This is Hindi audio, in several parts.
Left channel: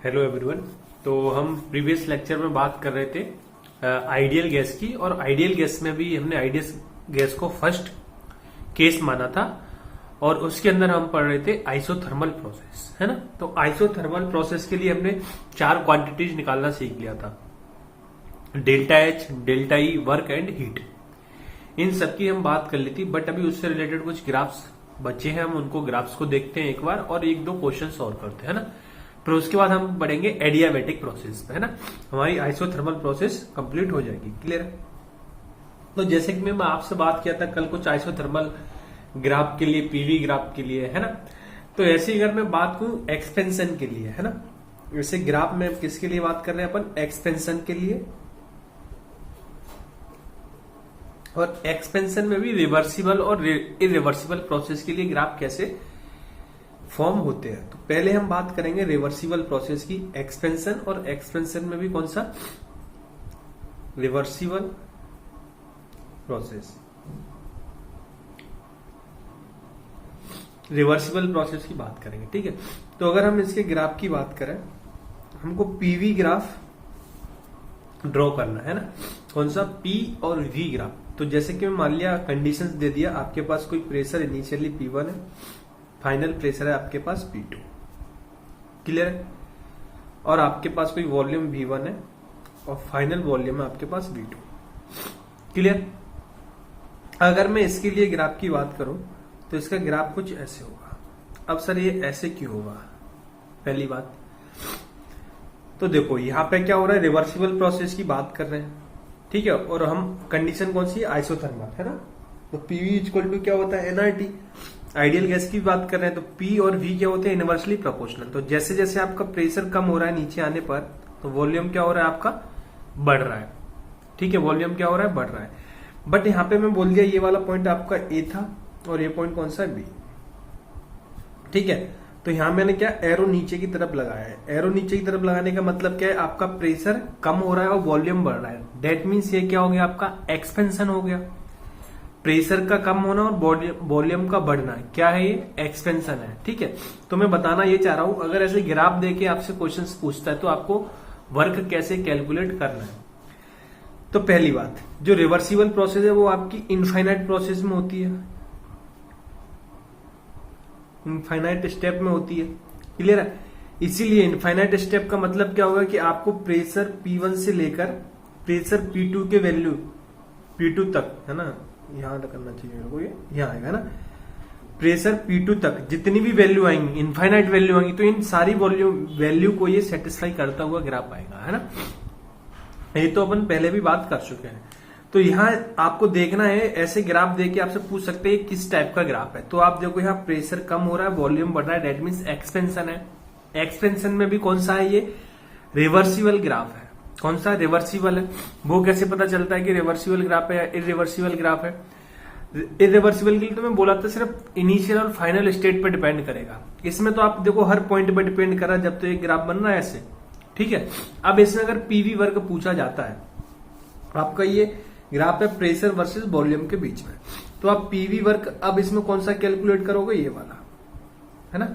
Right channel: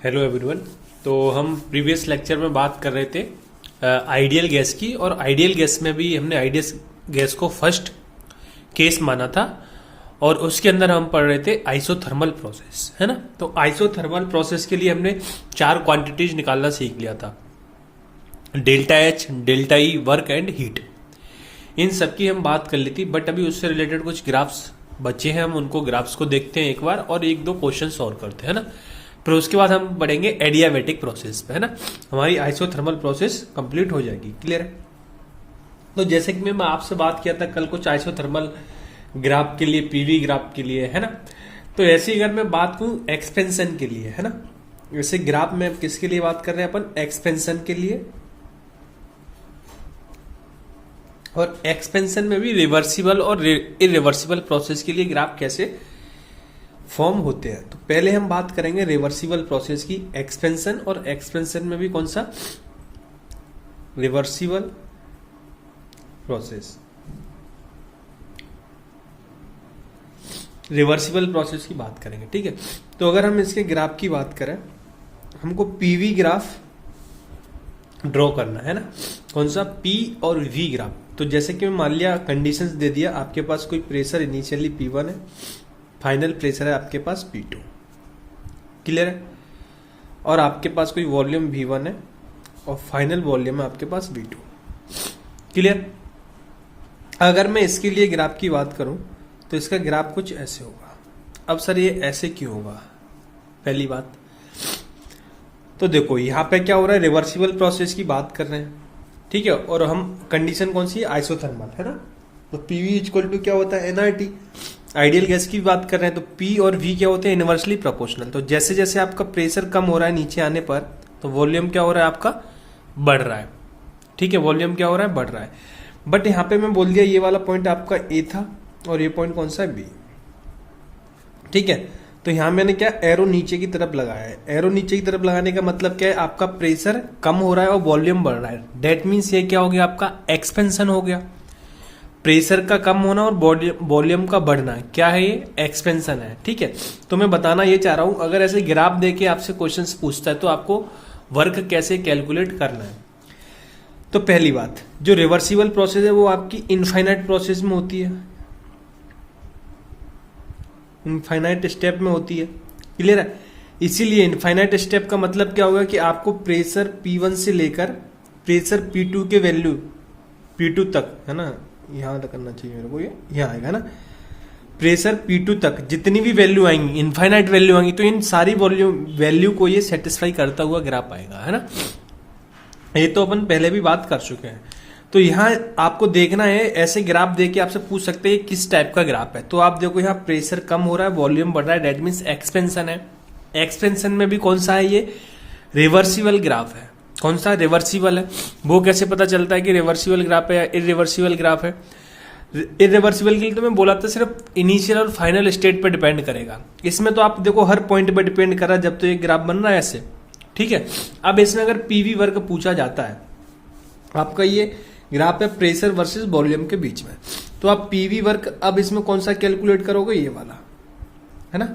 Hello everyone. तो हम प्रीवियस लेक्चर में बात कर रहे थे आइडियल गैस की, और आइडियल गैस में भी हमने आइडियल गैस को फर्स्ट केस माना था, और उसके अंदर हम पढ़ रहे थे आइसोथर्मल प्रोसेस, है ना। तो आइसोथर्मल प्रोसेस के लिए हमने 4 क्वांटिटीज निकालना सीख लिया था, delta H, delta E, work and heat. इन सब की हम बात कर ली थी, बट अभी उससे रिलेटेड कुछ ग्राफ्स बचे हैं, हम उनको ग्राफ्स को देखते हैं एक बार और एक दो क्वेश्चन सॉल्व करते हैं, है ना। फिर उसके बाद हम बढ़ेंगे एडियाबेटिक प्रोसेस पे, है ना। हमारी आइसोथर्मल प्रोसेस कंप्लीट हो जाएगी। क्लियर है। तो जैसे कि मैं आपसे बात किया था कल कुछ आइसोथर्मल ग्राफ के लिए, पीवी ग्राफ के लिए, है ना। तो ऐसे ही अगर मैं बात करूं एक्सपेंशन के लिए, है ना, वैसे ग्राफ में किसके लिए बात कर रहे हैं अपन, एक्सपेंशन के लिए। और एक्सपेंशन में भी रिवर्सिबल और इरिवर्सिबल प्रोसेस के लिए ग्राफ कैसे फॉर्म होते हैं। तो पहले हम बात करेंगे रिवर्सिबल प्रोसेस की, एक्सपेंशन, और एक्सपेंशन में भी कौन सा, रिवर्सिबल प्रोसेस। रिवर्सिबल प्रोसेस की बात करेंगे, ठीक है। तो अगर हम इसके ग्राफ की बात करें, हमको पीवी ग्राफ ड्रॉ करना है ना, कौन सा, पी और वी ग्राफ। तो जैसे कि मान लिया कंडीशंस दे दिया, आपके पास कोई प्रेशर इनिशियली P1 है, फाइनल प्रेशर है आपके पास P2। क्लियर है। और आपके पास कोई वॉल्यूम V1 है और फाइनल वॉल्यूम है आपके पास V2। क्लियर। अगर मैं इसके लिए ग्राफ की बात करूं तो इसका ग्राफ कुछ ऐसे होगा। अब सर ये ऐसे क्यों होगा, पहली बात तो देखो यहां पे क्या हो रहा है, रिवर्सिबल प्रोसेस की बात कर रहे हैं, ठीक है। और हम कंडीशन कौन सी है, आइसोथर्मल, है ना। तो पीवी इक्वल टू क्या होता है, एनआरटी। आइडियल गैस की बात कर रहे हैं तो पी और वी क्या होते हैं, इनवर्सली प्रोपोर्शनल। तो जैसे जैसे आपका प्रेशर कम हो रहा है नीचे आने पर, तो वॉल्यूम क्या हो रहा है आपका, बढ़ रहा है, ठीक है। वॉल्यूम क्या हो रहा है, बढ़ रहा है। बट यहां पे मैं बोल दिया ये वाला पॉइंट आपका ए था और ये पॉइंट कौन सा है, बी, ठीक है। तो यहां मैंने क्या, एरो नीचे की तरफ लगाया है। एरो नीचे की तरफ लगाने का मतलब क्या है, आपका प्रेशर कम हो रहा है और वॉल्यूम बढ़ रहा है। डेट मीन्स ये क्या हो गया, आपका एक्सपेंशन हो गया। प्रेशर का कम होना और वॉल्यूम का बढ़ना, क्या है ये, एक्सपेंशन है, ठीक है। तो मैं बताना ये चाह रहा हूं, अगर ऐसे ग्राफ देके आपसे क्वेश्चंस पूछता है तो आपको वर्क कैसे कैलकुलेट करना है। तो पहली बात, जो रिवर्सिबल प्रोसेस है वो आपकी इनफाइनाइट प्रोसेस में होती है, इनफाइनाइट स्टेप में होती है। क्लियर है। इसीलिए इनफाइनाइट स्टेप का मतलब क्या होगा कि आपको प्रेशर P1 से लेकर प्रेशर P2 के वैल्यू P2 तक, है ना, यहां करना चाहिए मेरे को, ये यहां आएगा ना, प्रेशर P2 तक जितनी भी वैल्यू आएंगी, इनफाइनाइट वैल्यू आएंगी, तो इन सारी वैल्यू को ये सेटिस्फाई करता हुआ ग्राफ आएगा, है ना। ये तो अपन पहले भी बात कर चुके हैं। तो यहाँ आपको देखना है, ऐसे ग्राफ देके आपसे पूछ सकते हैं किस टाइप का ग्राफ है। तो आप देखो यहाँ प्रेशर कम हो रहा है, वॉल्यूम बढ़ रहा है, डेट मीन्स एक्सपेंशन है। एक्सपेंशन में भी कौन सा है, ये रिवर्सिबल ग्राफ है। कौन सा, रिवर्सिबल है। वो कैसे पता चलता है कि रिवर्सिबल ग्राफ है या इरिवर्सिबल ग्राफ है। इरिवर्सिबल के लिए तो मैं बोला था सिर्फ इनिशियल और फाइनल स्टेट पे डिपेंड करेगा। इसमें तो आप देखो हर पॉइंट पे डिपेंड कर रहा है जब तो ये ग्राफ बन रहा है ऐसे, ठीक है। अब इसमें अगर पीवी वर्क पूछा जाता है, आपका ये ग्राफ है प्रेशर वर्सेस वॉल्यूम के बीच में, तो आप पीवी वर्क अब इसमें कौन सा कैलकुलेट करोगे, ये वाला, है ना।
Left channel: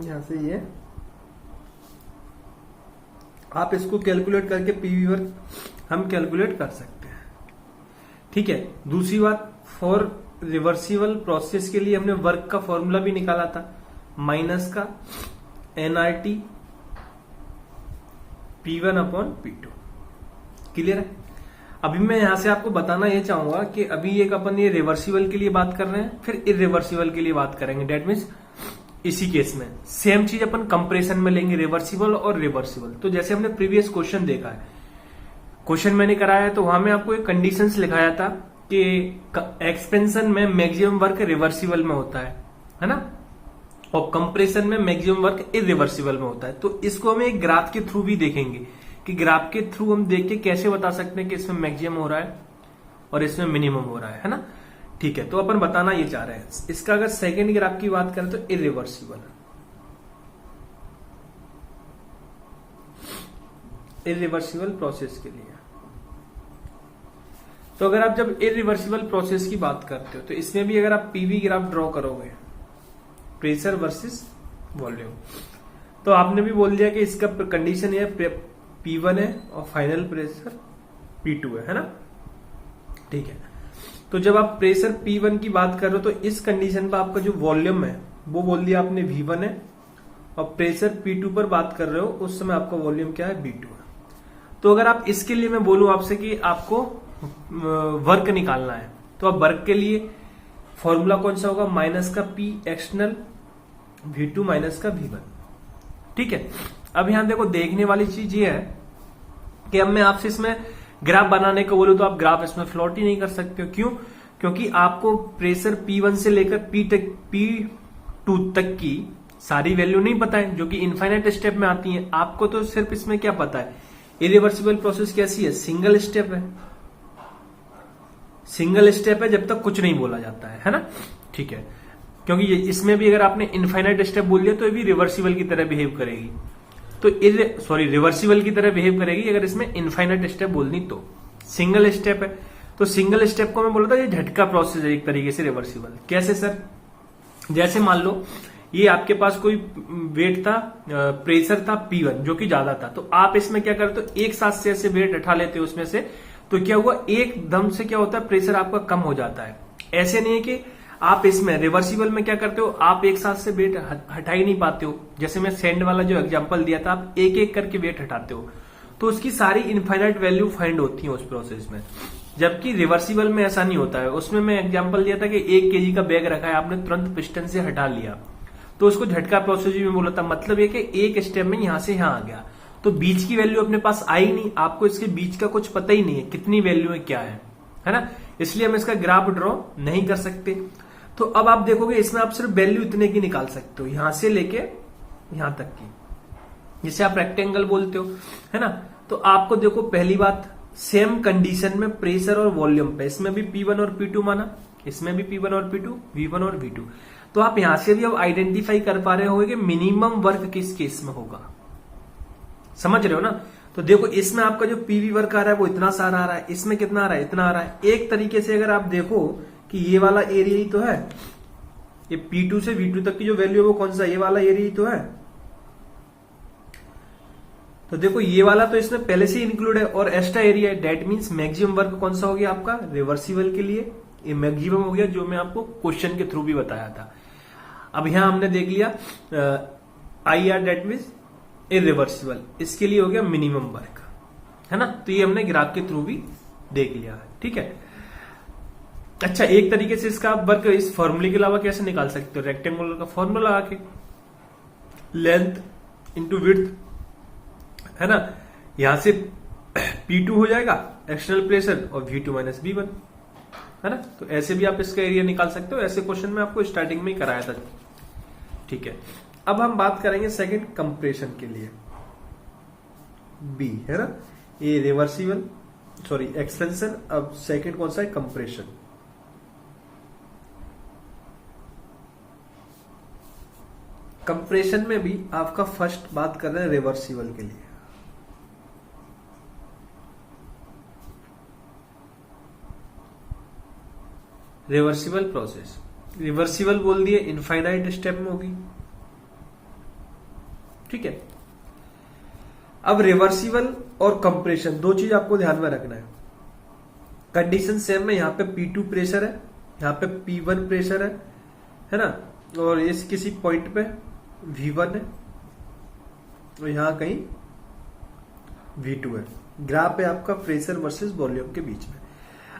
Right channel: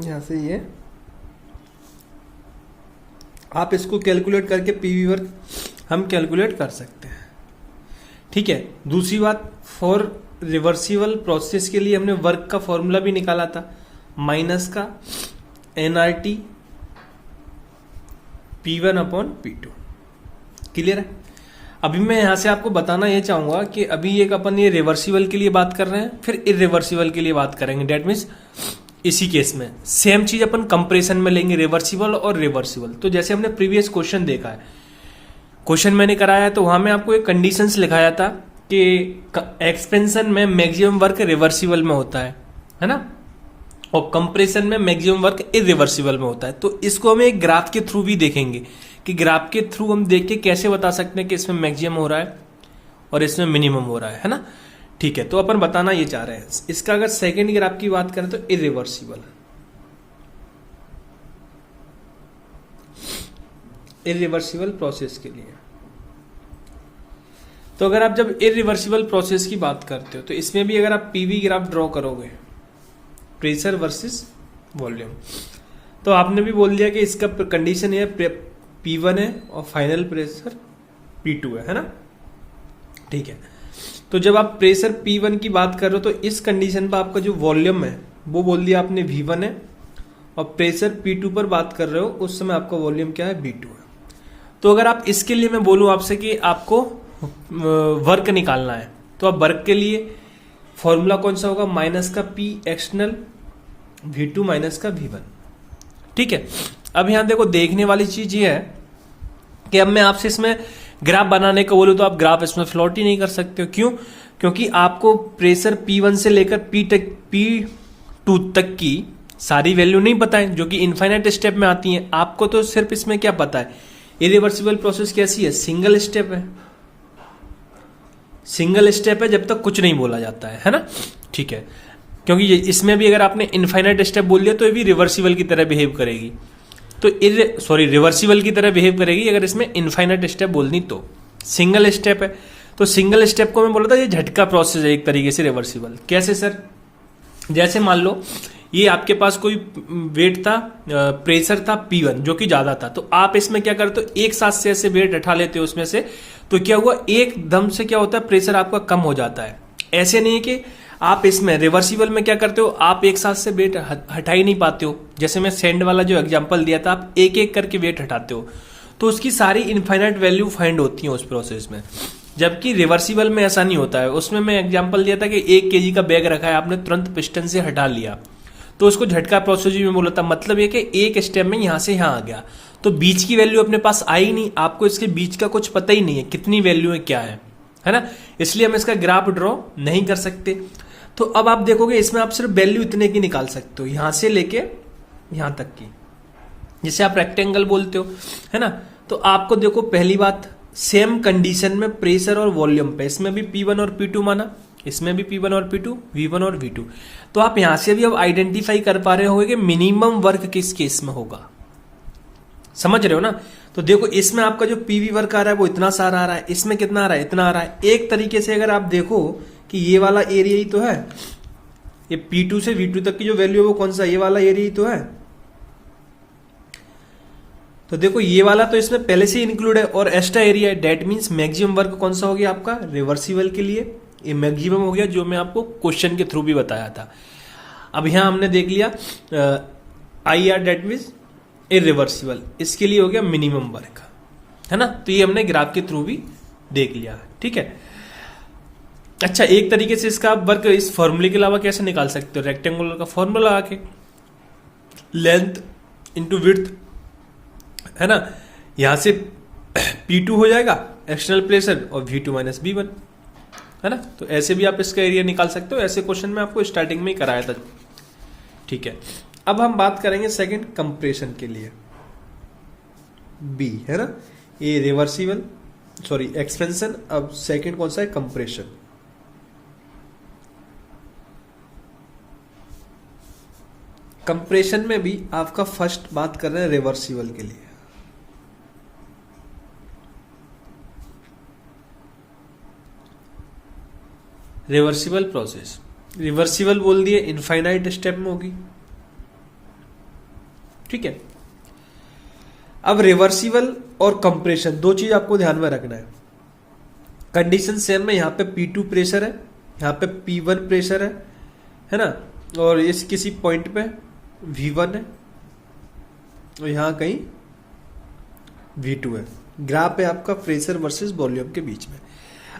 यहां से ये आप इसको कैलकुलेट करके पीवी वर्क हम कैलकुलेट कर सकते हैं, ठीक है। दूसरी बात, फॉर रिवर्सिबल प्रोसेस के लिए हमने वर्क का फॉर्मूला भी निकाला था, माइनस का NRT P1 upon P2। Clear है। अभी मैं यहां से आपको बताना यह चाहूंगा कि अभी एक अपन ये रिवर्सिबल के लिए बात कर रहे हैं, फिर इरिवर्सिबल के लिए बात करेंगे। डेट मीन्स इसी केस में सेम चीज अपन कंप्रेशन में लेंगे, रिवर्सिबल और रिवर्सिबल। तो जैसे हमने प्रीवियस क्वेश्चन देखा है, क्वेश्चन मैंने कराया है, तो वहां में आपको एक कंडीशंस लिखाया था कि एक्सपेंशन में मैक्सिमम वर्क रिवर्सिबल में होता है ना, और कंप्रेशन में मैक्सिमम वर्क इरिवर्सिबल में होता है। तो इसको हम एक ग्राफ के थ्रू भी देखेंगे कि ग्राफ के थ्रू हम देख के कैसे बता सकते हैं कि इसमें मैक्सिमम हो रहा है और इसमें मिनिमम हो रहा है ना, ठीक है। तो अपन बताना ये चाह रहे हैं, इसका अगर सेकेंड ग्राफ की बात करें तो इरिवर्सिबल, इरिवर्सिबल प्रोसेस के लिए। तो अगर आप जब इरिवर्सिबल प्रोसेस की बात करते हो तो इसमें भी अगर आप पीवी ग्राफ ड्रॉ करोगे प्रेशर वर्सेस वॉल्यूम। तो आपने भी बोल दिया कि इसका कंडीशन है P1 है और फाइनल प्रेशर P2 है ना। ठीक है, तो जब आप प्रेशर P1 की बात कर रहे हो तो इस कंडीशन पर आपका जो वॉल्यूम है वो बोल दिया आपने V1 है, और प्रेशर P2 पर बात कर रहे हो उस समय आपका वॉल्यूम क्या है, V2 है। तो अगर आप इसके लिए मैं बोलूं आपसे कि आपको वर्क निकालना है, तो अब वर्क के लिए फॉर्मूला कौन सा होगा, माइनस का P एक्सटर्नल V2 माइनस का V1। ठीक है, अब यहां देखो देखने वाली चीज ये है कि अब मैं आपसे इसमें ग्राफ बनाने को बोलूं तो आप ग्राफ इसमें प्लॉट ही नहीं कर सकते हो। क्यों? क्योंकि आपको प्रेशर P1 से लेकर P2 तक की सारी वैल्यू नहीं पता है, जो कि इनफाइनाइट स्टेप में आती है। आपको तो सिर्फ इसमें क्या पता है, इरिवर्सिबल प्रोसेस कैसी है, सिंगल स्टेप है, सिंगल स्टेप है जब तक कुछ नहीं बोला जाता है ना। ठीक है, क्योंकि इसमें भी अगर आपने इनफाइनाइट स्टेप बोल दिया तो ये भी रिवर्सिबल की तरह बिहेव करेगी, तो रिवर्सिबल की तरह बिहेव करेगी अगर इसमें इनफाइनाइट स्टेप बोलनी। तो सिंगल स्टेप है, तो सिंगल स्टेप को मैं बोला था ये झटका प्रोसेस है एक तरीके से रिवर्सिबल। कैसे सर? जैसे मान लो ये आपके पास कोई वेट था, प्रेशर था P1 जो कि ज्यादा था, तो आप इसमें क्या करते हो, एक साथ से ऐसे वेट उठा लेते हो उसमें से, तो क्या हुआ, एकदम से क्या होता है, प्रेशर आपका कम हो जाता है। ऐसे नहीं है कि आप इसमें रिवर्सिबल में क्या करते हो, आप एक साथ से वेट हटा ही नहीं पाते हो। जैसे मैं सैंड वाला जो एग्जांपल दिया था, आप एक एक करके वेट हटाते हो, तो उसकी सारी इनफाइनाइट वैल्यू फाइंड होती है उस प्रोसेस में। जबकि रिवर्सिबल में ऐसा नहीं होता है। उसमें मैं एग्जांपल दिया था कि 1 kg का बैग रखा है, आपने तुरंत पिस्टन से हटा लिया, तो उसको झटका प्रोसेस में बोला था। मतलब ये कि एक स्टेप में यहां से यहां आ गया, तो बीच की वैल्यू अपने पास आई नहीं, आपको इसके बीच का कुछ पता ही नहीं है कितनी वैल्यू है क्या है ना। इसलिए हम इसका ग्राफ ड्रॉ नहीं कर सकते। तो अब आप देखोगे इसमें आप सिर्फ वैल्यू इतने की निकाल सकते हो, यहां से लेके यहां तक की, जिसे आप रेक्टेंगल बोलते हो, है ना। तो आपको देखो पहली बात, सेम कंडीशन में प्रेशर और वॉल्यूम पे, इसमें भी P1 और P2 माना, इसमें भी P1 और P2, V1 और V2। तो आप यहां से भी अब आइडेंटिफाई कर पा रहे होंगे कि मिनिमम वर्क किस केस में होगा, समझ रहे हो ना। तो देखो इसमें आपका जो PV वर्क आ रहा है वो इतना सारा आ रहा है, इसमें कितना आ रहा है, इतना आ रहा है। एक तरीके से अगर आप देखो कि ये वाला एरिया ही तो है, ये P2 से V2 तक की जो वैल्यू है वो कौन सा, ये वाला एरिया ही तो है। तो देखो ये वाला तो इसमें पहले से ही इंक्लूड है, और एक्स्ट्रा एरिया है, डेट मींस मैक्सिमम वर्क कौन सा हो गया आपका, रिवर्सिबल के लिए ये मैक्सिमम हो गया, जो मैं आपको क्वेश्चन के थ्रू भी बताया था। अब यहां हमने देख लिया IR डेट मींस इरिवर्सिबल, इसके लिए हो गया मिनिमम वर्क, है ना। तो ये हमने ग्राफ के थ्रू भी देख लिया, ठीक है। अच्छा, एक तरीके से इसका आप वर्क इस फॉर्मूले के अलावा कैसे निकाल सकते हो, रेक्टेंगुलर का फॉर्मूला लगा के, लेंथ इंटू विड्थ, है ना। यहां से P2 हो जाएगा एक्सटर्नल प्रेशर और V2 माइनस V1, है ना। तो ऐसे भी आप इसका एरिया निकाल सकते हो, ऐसे क्वेश्चन में आपको स्टार्टिंग में ही कराया था, ठीक है। अब हम बात करेंगे सेकंड कंप्रेशन के लिए, B, है ना। ये रिवर्सिबल, सॉरी एक्सपेंशन। अब सेकंड कौन सा है, कंप्रेशन। कंप्रेशन में भी आपका फर्स्ट बात कर रहे हैं रिवर्सिबल के लिए। रिवर्सिबल प्रोसेस, रिवर्सिबल बोल दिए, इनफाइनाइट स्टेप में होगी, ठीक है। अब रिवर्सिबल और कंप्रेशन दो चीज आपको ध्यान में रखना है। कंडीशन सेम है, यहां पे P2 प्रेशर है, यहां पे P1 प्रेशर है ना, और इस किसी पॉइंट पे V1 है और यहां कहीं V2 है। ग्राफ है आपका प्रेशर वर्सेस वॉल्यूम के बीच में।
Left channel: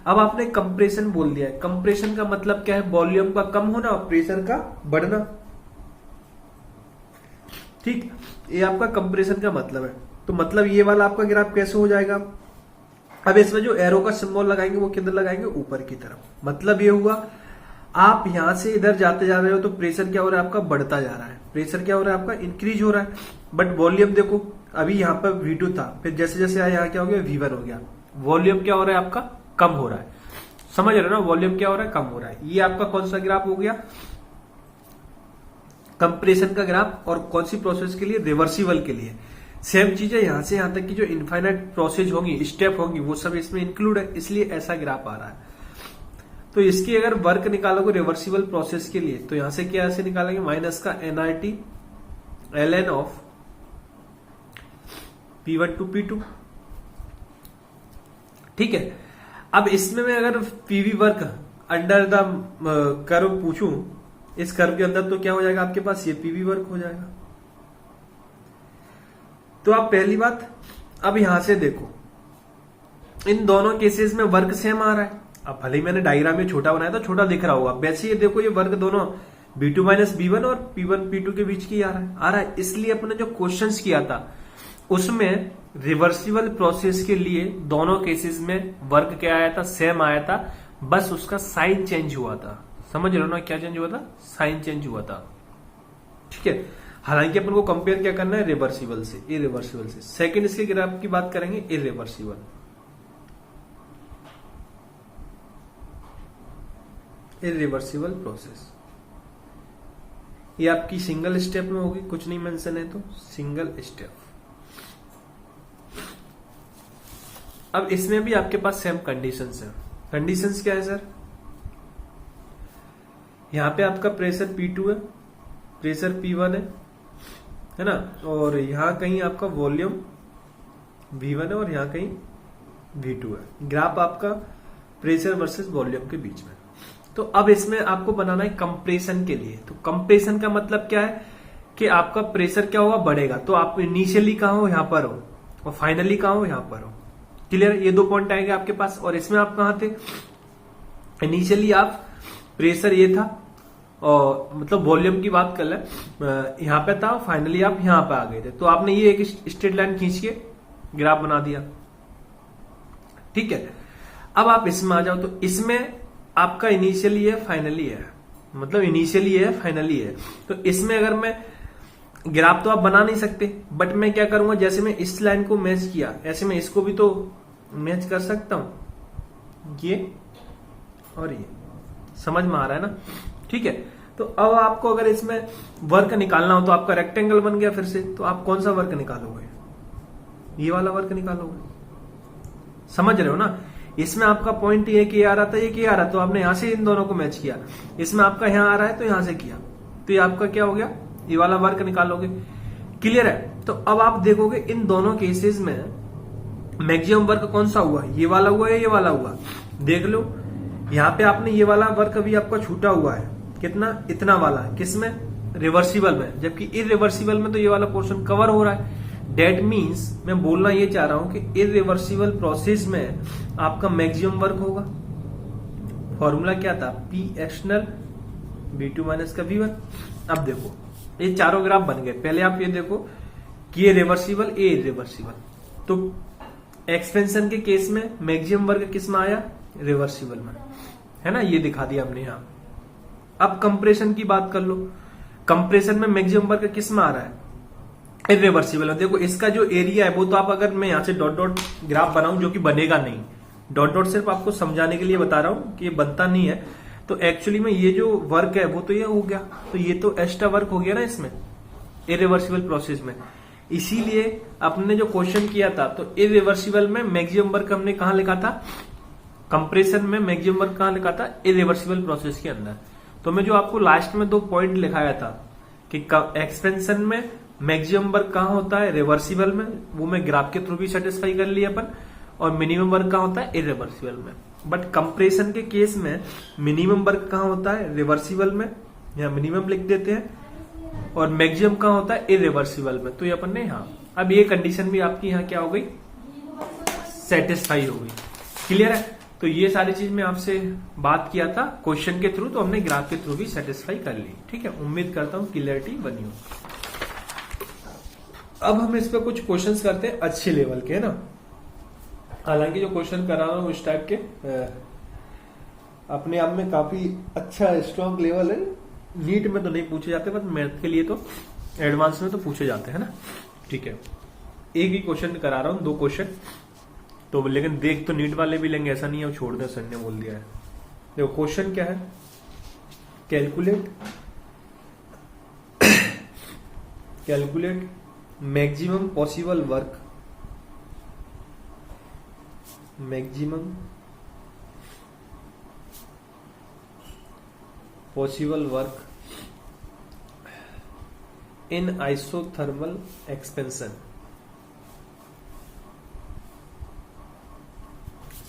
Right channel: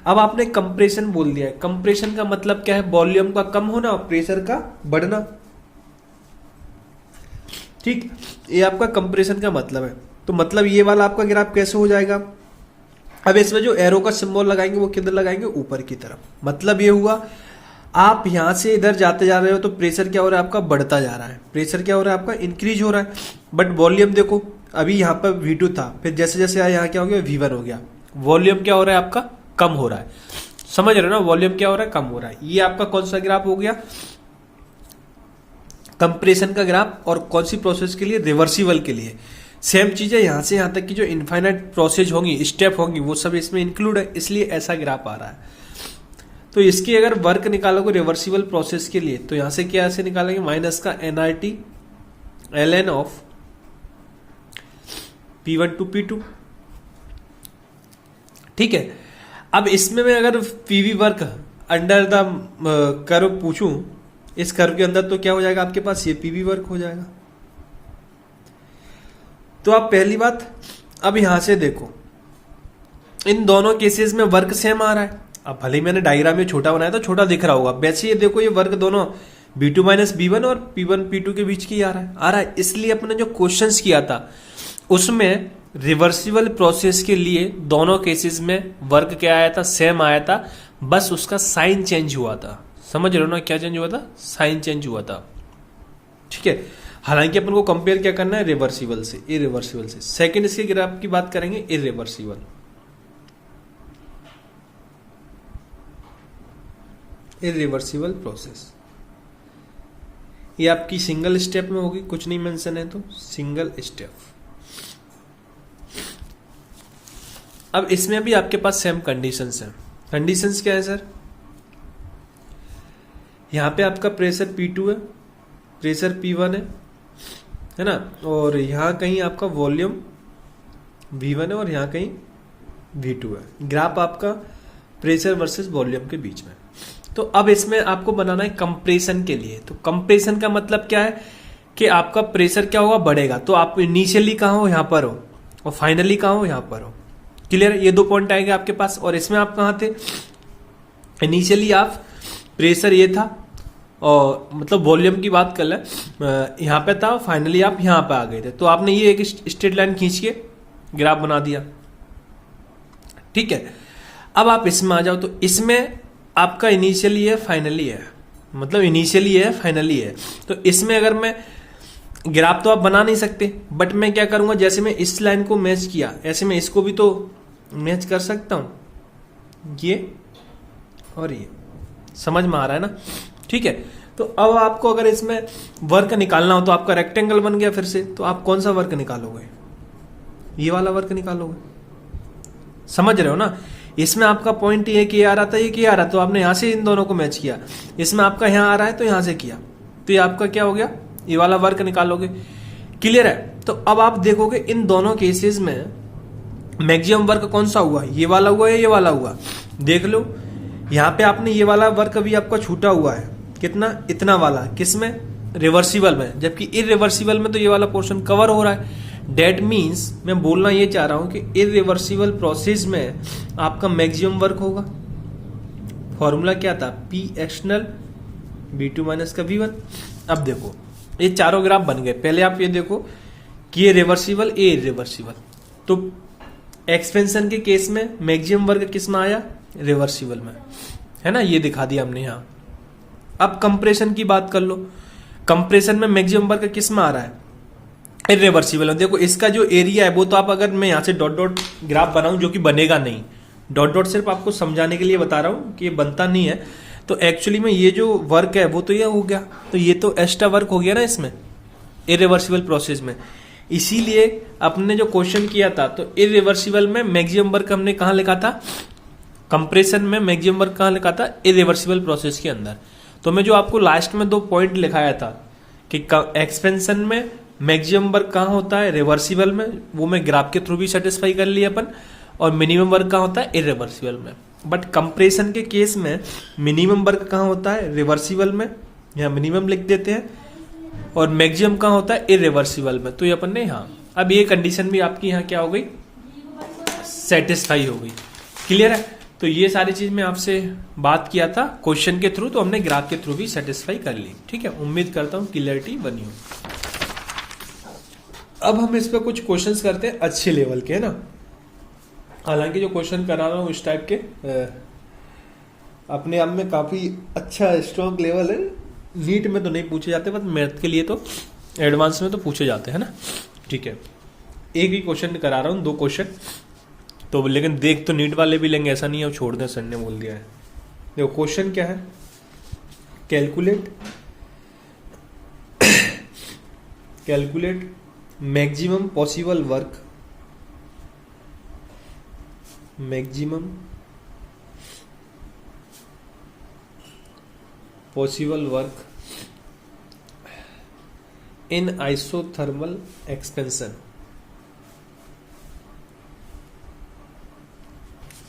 अब आपने कंप्रेशन बोल दिया है, कंप्रेशन का मतलब क्या है, वॉल्यूम का कम होना और प्रेशर का बढ़ना, ठीक। ये आपका कंप्रेशन का मतलब है। तो मतलब ये वाला आपका ग्राफ कैसे हो जाएगा, अब इसमें जो एरो का सिंबल लगाएंगे वो किधर लगाएंगे, ऊपर की तरफ। मतलब ये हुआ आप यहां से इधर जाते जा रहे हो तो प्रेशर क्या हो रहा है आपका, बढ़ता जा रहा है, प्रेशर क्या हो रहा है आपका, इंक्रीज हो रहा है। बट वॉल्यूम देखो, अभी यहाँ पर V2 था, फिर जैसे जैसे आया यहाँ क्या हो गया, V1 हो गया। वॉल्यूम क्या हो रहा है आपका, कम हो रहा है, समझ रहे हो ना, वॉल्यूम क्या हो रहा है, कम हो रहा है। ये आपका कौन सा ग्राफ हो गया, कंप्रेशन का ग्राफ। और कौन सी प्रोसेस के लिए, रिवर्सिबल के लिए। सेम चीज है, यहां से यहां तक की जो इनफाइनाइट प्रोसेस होंगी, स्टेप होंगी, वो सब इसमें इंक्लूड है, इसलिए ऐसा ग्राफ आ रहा है। तो इसकी अगर वर्क निकालोगे रिवर्सिबल प्रोसेस के लिए तो यहां से क्या ऐसे निकालेंगे, माइनस का NRT ln of P1 to P2। ठीक है, अब इसमें मैं अगर PV work under the curve पूछूं, इस कर्व के अंदर, तो क्या हो जाएगा आपके पास, ये पीवी वर्क हो जाएगा। तो आप पहली बात अब यहां से देखो, इन दोनों केसेस में वर्क सेम आ रहा है। अब भले ही मैंने डायग्राम में छोटा बनाया था, छोटा दिख रहा होगा, वैसे ये देखो ये वर्क दोनों B2 माइनस B1 और P1 P2 के बीच की आ रहा है। इसलिए अपने जो क्वेश्चंस किया था उसमें रिवर्सिबल प्रोसेस के लिए दोनों केसेस में वर्क क्या आया था, सेम आया था, बस उसका साइन चेंज हुआ था। समझ रहे हो ना, क्या चेंज हुआ था, साइन चेंज हुआ था। ठीक है, हालांकि अपन को कंपेयर क्या करना है, रिवर्सिबल से इरिवर्सिबल से। सेकंड इसके ग्राफ की बात करेंगे, इरिवर्सिबल। इरिवर्सिबल प्रोसेस ये आपकी सिंगल स्टेप में होगी, कुछ नहीं मेंशन है तो सिंगल स्टेप। अब इसमें भी आपके पास सेम कंडीशंस हैं। कंडीशंस क्या है सर, यहां पे आपका प्रेशर P2 है, प्रेशर P1 है ना, और यहां कहीं आपका वॉल्यूम V1 है और यहां कहीं V2 है। ग्राफ आपका प्रेशर वर्सेस वॉल्यूम के बीच में। तो अब इसमें आपको बनाना है कंप्रेशन के लिए। तो कंप्रेशन का मतलब क्या है कि आपका प्रेशर क्या होगा, बढ़ेगा। तो आप इनिशियली कहां हो, यहां पर हो, और फाइनली कहां हो, यहां पर हो। क्लियर, ये दो पॉइंट आएंगे आपके पास। और इसमें आप कहां थे, इनिशियली आप प्रेशर ये था, और मतलब वॉल्यूम की बात कर ले, यहां पे था, फाइनली आप यहां पे आ गए थे। तो आपने ये एक स्ट्रेट लाइन खींच के ग्राफ बना दिया। ठीक है, अब आप इसमें आ जाओ। तो इसमें आपका इनिशियली है, फाइनली है, मतलब इनिशियली है, फाइनली है। तो इसमें अगर मैं ग्राफ तो आप बना नहीं सकते, बट मैं क्या करूंगा, जैसे मैं इस लाइन को मैच किया, ऐसे मैं इसको भी तो मैच कर सकता हूं, ये और ये। समझ में आ रहा है ना। ठीक है, तो अब आपको अगर इसमें वर्क निकालना हो तो आपका रेक्टेंगल बन गया फिर से, तो आप कौन सा वर्क निकालोगे, ये वाला वर्क निकालोगे। समझ रहे हो ना, इसमें आपका पॉइंट ये कि आ रहा था, ये कि आ रहा, तो आपने यहां से इन दोनों को मैच किया। इसमें आपका यहां आ रहा है तो यहां से किया, तो ये आपका क्या हो गया, ये वाला वर्क निकालोगे। क्लियर है। तो अब आप देखोगे इन दोनों केसेस में मैक्सिमम वर्क कौन सा हुआ, ये वाला हुआ या ये वाला हुआ। देख लो यहां पे आपने ये वाला वर्क अभी आपका छूटा हुआ है, कितना, इतना वाला, किसमें, रिवर्सिबल में, जबकि इरिवर्सिबल में तो ये वाला पोर्शन कवर हो रहा है। डेट मीन्स मैं बोलना ये चाह रहा हूं कि इरिवर्सिबल प्रोसेस में आपका मैक्सिमम वर्क होगा। फॉर्मूला क्या था, P एक्सटर्नल B2 माइनस का V1। अब देखो ये चारों ग्राफ बन गए। पहले आप ये देखो कि ये रिवर्सिबल, ये इरिवर्सिबल। तो एक्सपेंशन के केस में मैक्सिमम वर्क किस में आया, रिवर्सिबल में, है ना, ये दिखा दिया हमने यहां। अब कंप्रेशन की बात कर लो, कंप्रेशन में मैक्सिमम वर्क किस में आ रहा है, इरिवर्सिबल है। देखो इसका जो एरिया है वो तो आप, अगर मैं यहां से डॉट डॉट ग्राफ बनाऊं, जो कि बनेगा नहीं, डॉट डॉट सिर्फ आपको समझाने के लिए बता रहा हूं कि ये बनता नहीं है। तो एक्चुअली में ये जो वर्क है वो तो ये हो गया, तो ये तो एक्स्ट्रा वर्क हो गया ना इसमें, इरिवर्सिबल प्रोसेस में। इसीलिए आपने जो क्वेश्चन किया था, तो इरिवर्सिबल में मैक्सिमम वर्क हमने कहां लिखा था, कंप्रेशन में मैक्सिमम वर्क कहां लिखा था, इरिवर्सिबल प्रोसेस के अंदर। तो मैं जो आपको लास्ट में 2 पॉइंट लिखाया था कि एक्सपेंशन में मैक्सिमम वर्क कहां होता है, रिवर्सिबल में, वो मैं ग्राफ के थ्रू भी सेटिस्फाई कर लिया अपन। और मिनिमम वर्क कहां होता है, इरिवर्सिबल में। बट कंप्रेशन के केस में मिनिमम वर्क कहां होता है, रिवर्सिबल में, यहां मिनिमम लिख देते हैं, और मैक्सिमम कहां होता है, इरिवर्सिबल में। तो ये अपन ने यहां, अब ये कंडीशन भी आपकी यहां क्या हो गई, सेटिस्फाई हो गई। क्लियर है। तो ये सारी चीज मैं आपसे बात किया था क्वेश्चन के थ्रू, तो हमने ग्राफ के थ्रू भी सेटिस्फाई कर ली। ठीक है, उम्मीद करता हूं क्लियरिटी बनी हो। अब हम इस पे कुछ क्वेश्चंस करते हैं अच्छे लेवल के, है ना। हालांकि जो क्वेश्चन करा रहा हूं इस टाइप के अपने आप में काफी अच्छा स्ट्रॉन्ग लेवल है। नीट में तो नहीं पूछे जाते, बट मैथ के लिए तो एडवांस में तो पूछे जाते हैं ना। ठीक है, एक ही क्वेश्चन करा रहा हूं, 2 क्वेश्चन तो, लेकिन देख तो नीट वाले भी लेंगे, ऐसा नहीं है छोड़ दें, सर ने बोल दिया है। देखो क्वेश्चन क्या है, calculate maximum possible work, maximum possible work in isothermal expansion,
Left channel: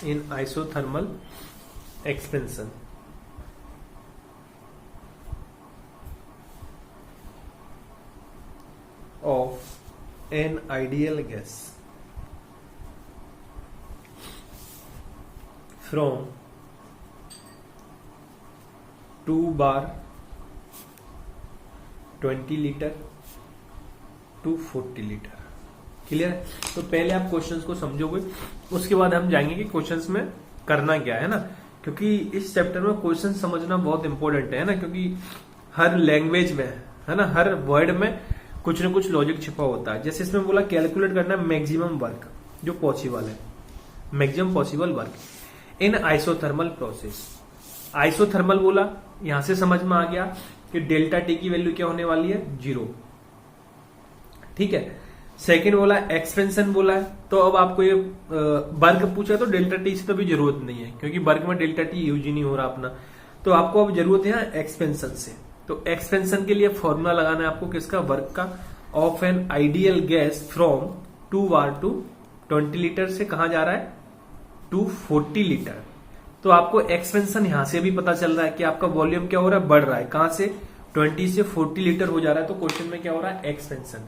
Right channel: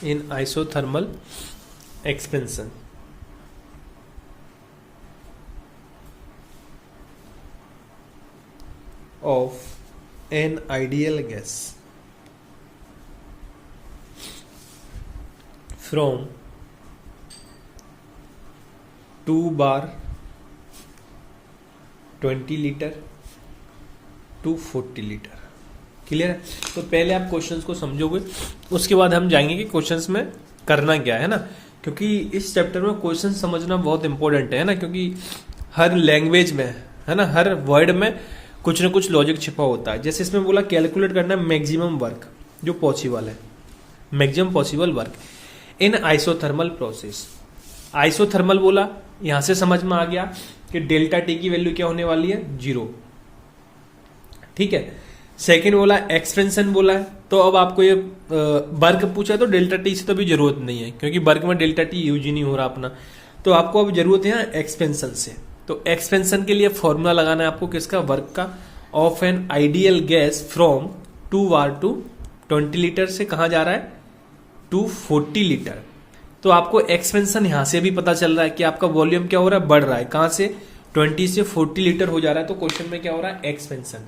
in isothermal expansion of an ideal gas from 2 bar 20 litre to 40 litre. Clear है? तो पहले आप क्वेश्चंस को समझोगे, उसके बाद हम जाएंगे कि क्वेश्चंस में करना क्या है ना, क्योंकि इस चैप्टर में क्वेश्चन समझना बहुत इंपॉर्टेंट है ना, क्योंकि हर लैंग्वेज में है ना, हर वर्ड में कुछ ना कुछ लॉजिक छिपा होता है। जैसे इसमें बोला कैलकुलेट करना है मैक्सिमम वर्क जो पॉसिबल है, maximum possible work in isothermal process. Isothermal बोला, यहां से समझ में आ गया कि डेल्टा टी की वैल्यू क्या होने वाली है, 0। ठीक है। सेकेंड बोला एक्सपेंशन बोला है, तो अब आपको ये वर्क पूछा तो डेल्टा टी से तो भी जरूरत नहीं है, क्योंकि वर्क में डेल्टा टी यूज ही नहीं हो रहा अपना, तो आपको अब जरूरत है एक्सपेंशन से। तो एक्सपेंशन के लिए फॉर्मूला लगाना है आपको किसका, वर्क का, of an ideal gas from 2 bar to 20 litre से कहां जा रहा है, टू 40 लीटर। तो आपको एक्सपेंशन यहां से भी पता चल रहा है कि आपका वॉल्यूम क्या हो रहा है, बढ़ रहा है, कहां से 20 से 40 लीटर हो जा रहा है। तो क्वेश्चन में क्या हो रहा है, एक्सपेंशन।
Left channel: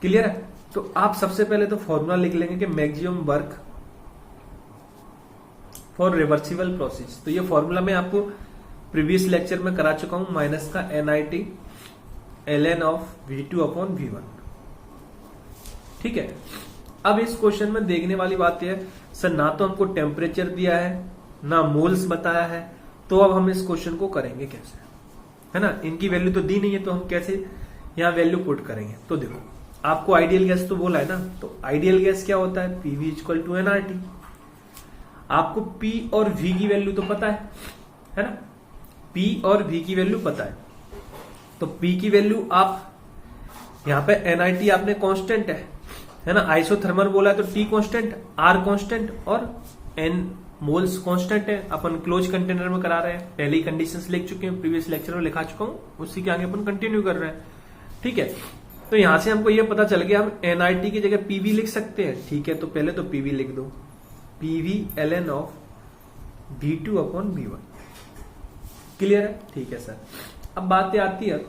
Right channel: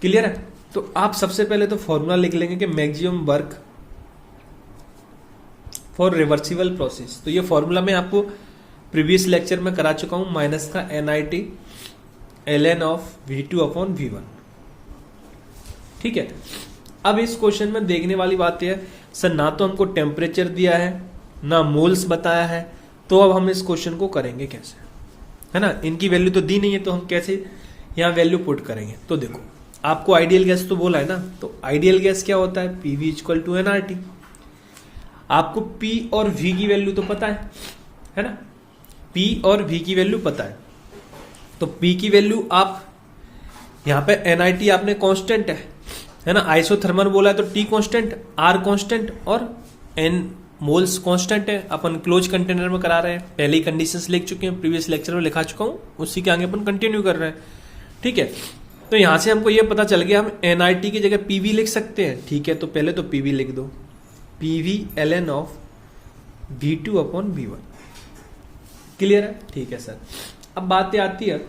क्लियर है? तो आप सबसे पहले तो फॉर्मूला लिख लेंगे कि maximum work for reversible process. तो ये फॉर्मूला मैं आपको प्रीवियस लेक्चर में करा चुका हूं, माइनस का NIT ln of V2 upon V1। ठीक है। अब इस क्वेश्चन में देखने वाली बात यह है, सर ना तो हमको टेम्परेचर दिया है ना मोल्स बताया है, तो अब हम इस क्वेश्चन को करेंगे कैसे, है ना। इनकी वैल्यू तो दी नहीं है, तो हम कैसे यहाँ वैल्यू पुट करेंगे। तो देखो, आपको आइडियल गैस तो बोला है ना, तो आइडियल गैस क्या होता है, PV इक्वल टू nRT। आपको P और V की वैल्यू तो पता है ना, P और V की वैल्यू पता है। तो P की वैल्यू आप यहाँ पे NIT आपने कांस्टेंट है ना, आइसोथर्मल बोला है तो T कांस्टेंट, R कांस्टेंट और N मोल्स कांस्टेंट है। अपन क्लोज कंटेनर में करा रहे हैं, पहले ही कंडीशंस लिख चुके हैं, प्रीवियस लेक्चर में लिखा चुका हूँ, उसी के आगे अपन कंटिन्यू कर रहे हैं। ठीक है। तो यहां से हमको ये पता चल गया हम NIT की जगह PV लिख सकते हैं। ठीक है, तो पहले तो PV लिख दो, PV ln of V2 upon V1। Clear है? ठीक है सर। अब बात आती है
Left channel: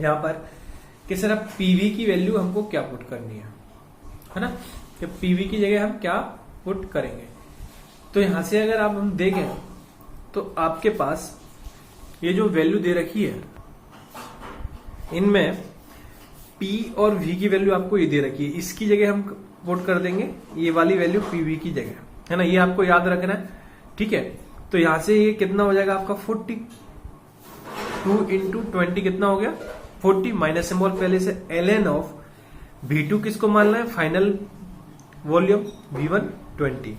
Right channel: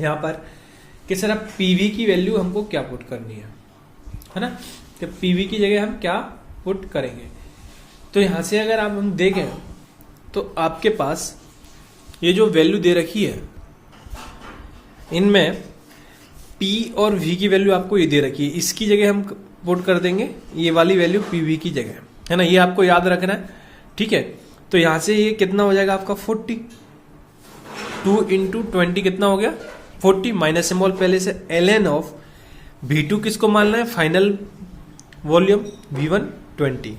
यहां पर कि सर अब PV की वैल्यू हमको क्या पुट करनी है ना, तो PV की जगह हम क्या पुट करेंगे। तो यहां से अगर आप हम देखें तो आपके पास ये जो वैल्यू दे रखी है, इनमें P और V की वैल्यू आपको ये दे रखी है, इसकी जगह हम पुट कर देंगे ये वाली वैल्यू PV की जगह, है ना, ये आपको याद रखना है। ठीक है। तो यहां से ये कितना हो जाएगा आपका 40, 2 इंटू 20 कितना हो गया 40, माइनस सिंबल पहले से ln ऑफ V2 किसको मानना है, फाइनल वॉल्यूम V1 20।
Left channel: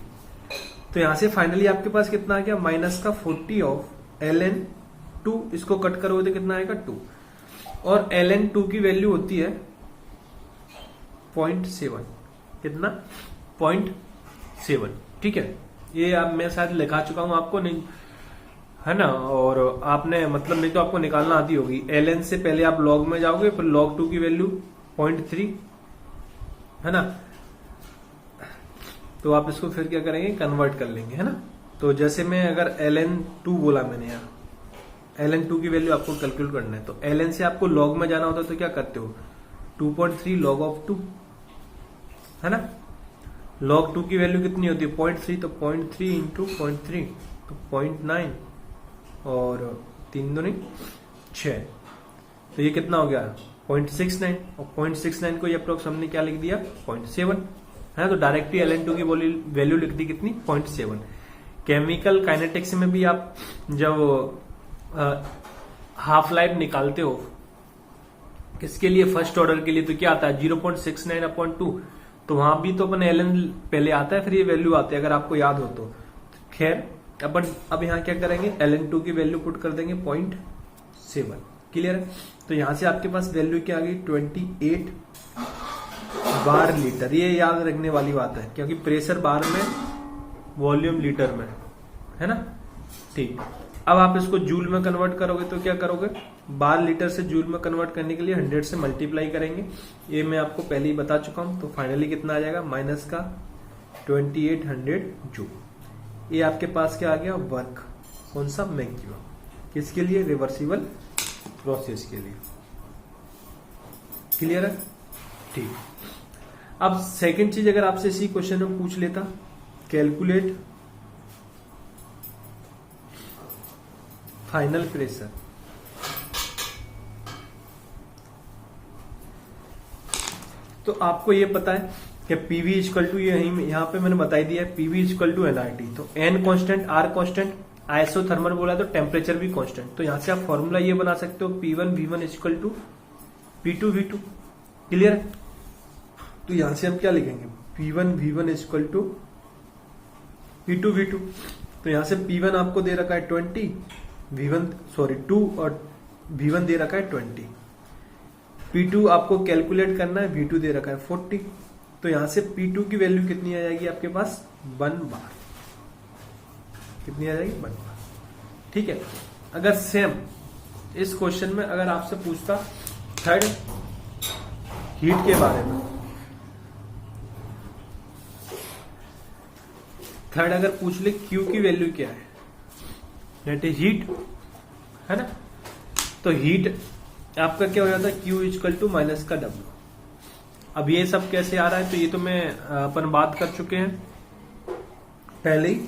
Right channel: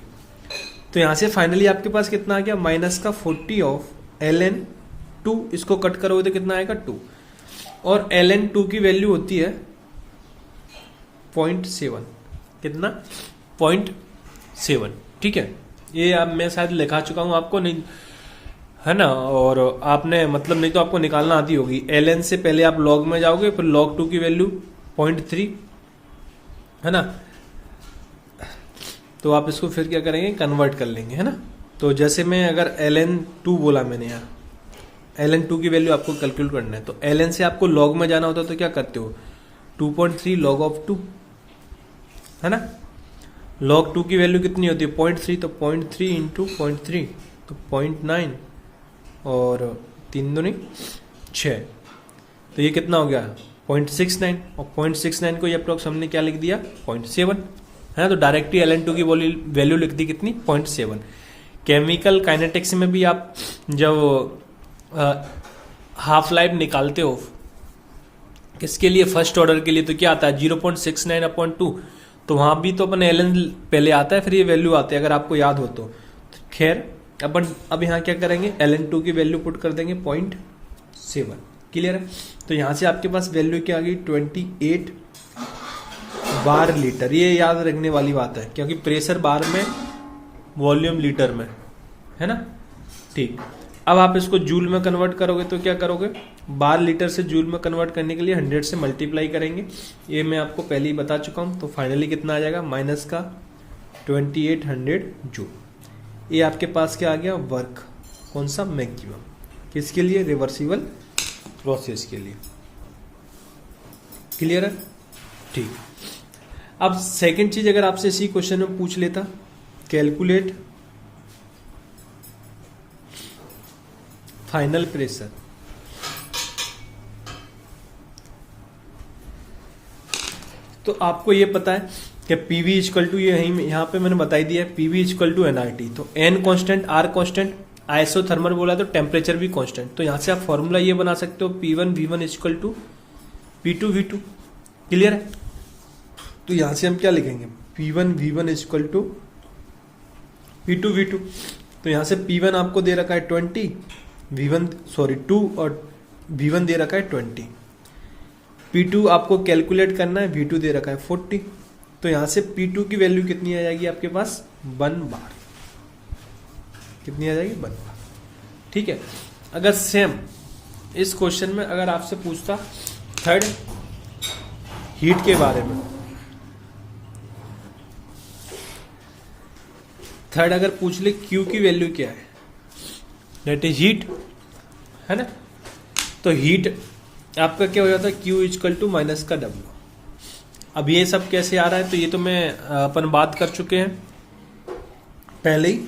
तो यहां से फाइनली आपके पास कितना आ गया, माइनस का 40 ऑफ ln 2, इसको कट करोगे तो कितना आएगा 2, और ln 2 की वैल्यू होती है 0.7, कितना 0.7। ठीक है। ये अब मैं शायद लिखा चुका हूं आपको, नहीं है ना, और आपने मतलब नहीं तो आपको निकालना आती होगी। ln से पहले आप log में जाओगे, फिर log 2 की वैल्यू 0.3, है ना, तो आप इसको फिर क्या करेंगे, कन्वर्ट कर लेंगे, है ना। तो जैसे मैं अगर ln 2 बोला मैंने यहाँ, ln 2 की वैल्यू आपको कैलकुलेट करना है, तो ln से आपको log में जाना होता है, तो क्या करते हो 2.3 log ऑफ 2, है ना। log 2 की वैल्यू कितनी होती है 0.3, तो 0.3 इंटू 0.3 तो 0.9 और 3 दूनी 6, तो ये कितना हो गया 0.69, और 0.69 को ये अप्रोक्स हमने क्या लिख दिया 0.7, है ना। तो डायरेक्टली ln2 की वैल्यू लिख दी कितनी 0.7। केमिकल काइनेटिक्स में भी आप जब हाफ लाइफ निकालते हो किसके लिए, फर्स्ट ऑर्डर के लिए, तो क्या आता है 0.69/2, तो वहां भी तो अपन ln पहले आता है, फिर ये वैल्यू आती है, अगर आपको याद हो तो। खैर अपन अब यहाँ क्या करेंगे, ln2 की वैल्यू पुट कर देंगे 0.7। क्लियर है? तो यहां से आपके पास वैल्यू क्या आ गई 28 बार लीटर। ये याद रखने वाली बात है, क्योंकि प्रेशर बार में, वॉल्यूम लीटर में, है ना। ठीक। अब आप इसको जूल में कन्वर्ट करोगे तो क्या करोगे, बार लीटर से जूल में कन्वर्ट करने के लिए 100 से मल्टीप्लाई करेंगे, ये मैं आपको पहले ही बता चुका हूं। तो फाइनली कितना आ जाएगा, माइनस का 2800 जूल। ये आपके पास क्या आ गया, वर्क। कौन सा, मैक्सिमम। किसके लिए, रिवर्सिबल प्रोसेस के लिए। क्लियर है, ठीक। अब सेकंड चीज अगर आपसे इसी क्वेश्चन में पूछ लेता, कैलकुलेट फाइनल प्रेशर, तो आपको ये पता है कि पीवी इक्वल टू, ये यहाँ पे मैंने बताई दिया है, पीवी इक्वल टू एनआरटी। तो N constant, R constant, isothermal बोला तो टेम्परेचर भी कांस्टेंट। तो यहां से आप फॉर्मूला ये बना सकते हो, P1 V1 equal to P2 V2। Clear है, तो यहां से हम क्या लिखेंगे, P1 V1 equal to P2 V2। तो यहां से P1 आपको दे रखा है 20, टू, और V1 दे रखा है 20। P2 आपको कैलकुलेट करना है, V2 दे रखा है 40। तो यहां से P2 की वैल्यू कितनी आ जाएगी आपके पास, 1 बार। कितनी आ जाएगी, 1 बार। ठीक है। अगर सेम इस क्वेश्चन में अगर आपसे पूछता थर्ड हीट के बारे में, थर्ड अगर पूछ ले Q की वैल्यू क्या है, दैट इज हीट, है ना। तो हीट आपका क्या हो जाता है, Q इक्वल टू माइनस का W। अब ये सब कैसे आ रहा है, तो ये तो मैं अपन बात कर चुके हैं पहले ही।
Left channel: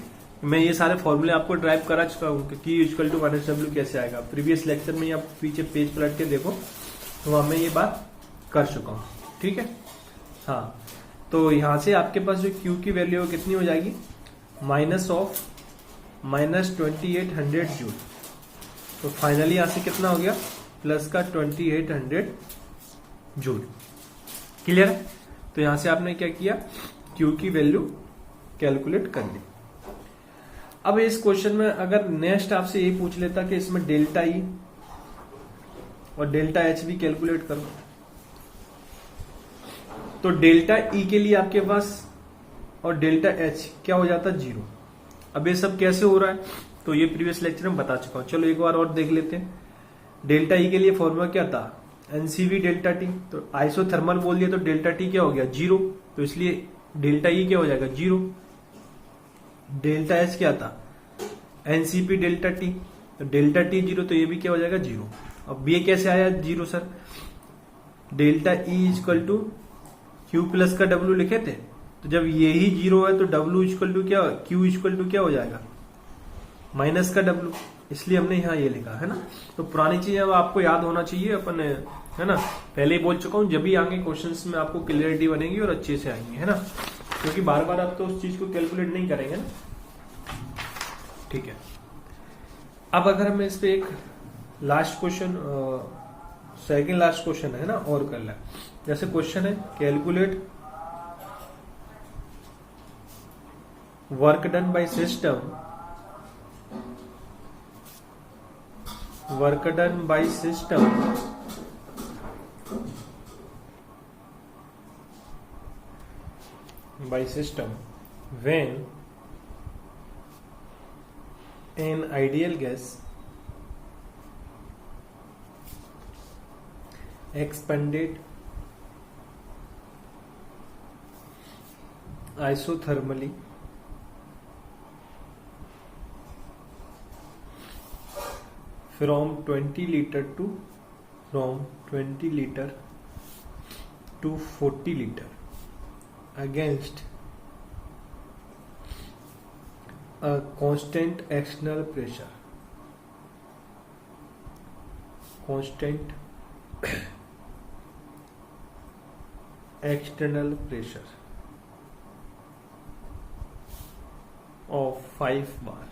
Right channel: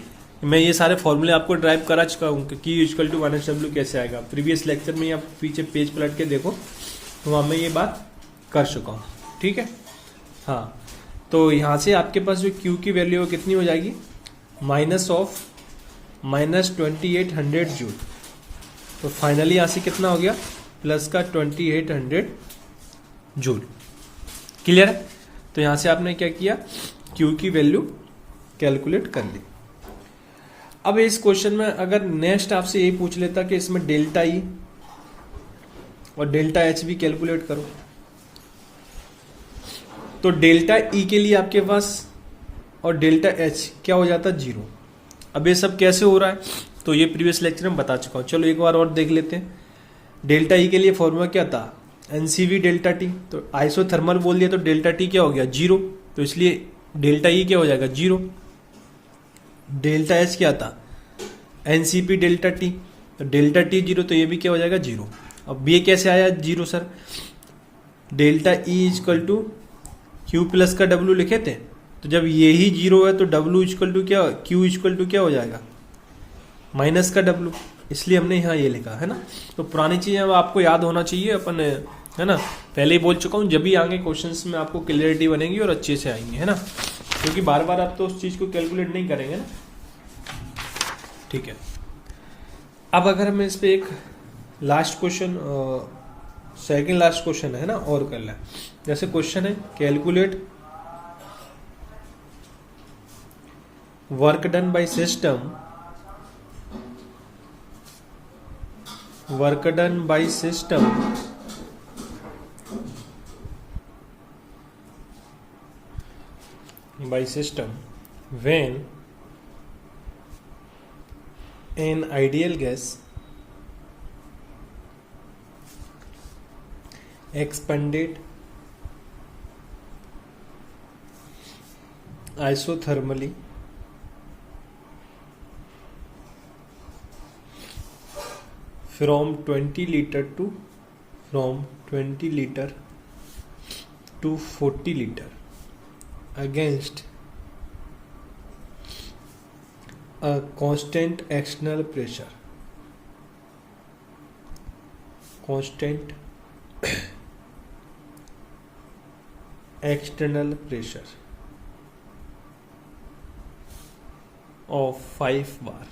मैं ये सारे फॉर्मूले आपको ड्राइव करा चुका हूँ कि Q equal to minus W कैसे आएगा। प्रीवियस लेक्चर में आप पीछे पेज पलट के देखो, तो वहां मैं ये बात कर चुका हूँ। ठीक है, हाँ। तो यहां से आपके पास जो Q की वैल्यू है कितनी हो जाएगी, माइनस 2800 जूल। तो फाइनली यहां से कितना हो गया, प्लस का 2800 जूल। क्लियर है। तो यहां से आपने क्या किया, Q की वैल्यू कैलकुलेट कर ली। अब इस क्वेश्चन में अगर नेक्स्ट आपसे ये पूछ लेता कि इसमें डेल्टा ई और डेल्टा एच भी कैलकुलेट करो, तो डेल्टा ई के लिए आपके पास और डेल्टा एच क्या हो जाता है, 0। अब ये सब कैसे हो रहा है, तो ये प्रीवियस लेक्चर में बता चुका हूं। चलो एक बार और देख लेते हैं। डेल्टा ई के लिए फॉर्मूला क्या था, एनसीवी डेल्टा टी। तो आइसोथर्मल बोल दिया तो डेल्टा टी क्या हो गया, 0। तो इसलिए डेल्टा ई क्या हो जाएगा, 0। डेल्टा एच क्या था, एनसीपी डेल्टा टी। तो डेल्टा टी 0, तो ये भी क्या हो जाएगा, 0। अब ये कैसे आया 0 sir, delta E equal to Q plus का डब्ल्यू लिखे थे। तो जब ये ही 0 है तो डब्ल्यू इक्वल टू क्या, क्यू इक्वल टू क्या हो जाएगा, माइनस का डब्ल्यू। इसलिए हमने यहाँ ये लिखा है ना। तो पुरानी चीजें अब आपको याद होना चाहिए अपन, है ना। पहले ही बोल चुका हूँ, जब भी आगे क्वेश्चंस में आपको क्लियरिटी बनेगी और अच्छे से आएंगी, है ना। क्योंकि बार बार आप तो उस चीज को कैलकुलेट नहीं करेंगे ना। ठीक है। अब अगर मैं इस पे एक last question, second last question है ना, और कर लें। जैसे क्वेश्चन है, calculate work done by system, work done by system when an ideal gas expanded isothermally from 20 liter to 40 liter against a constant external pressure, of 5 bar।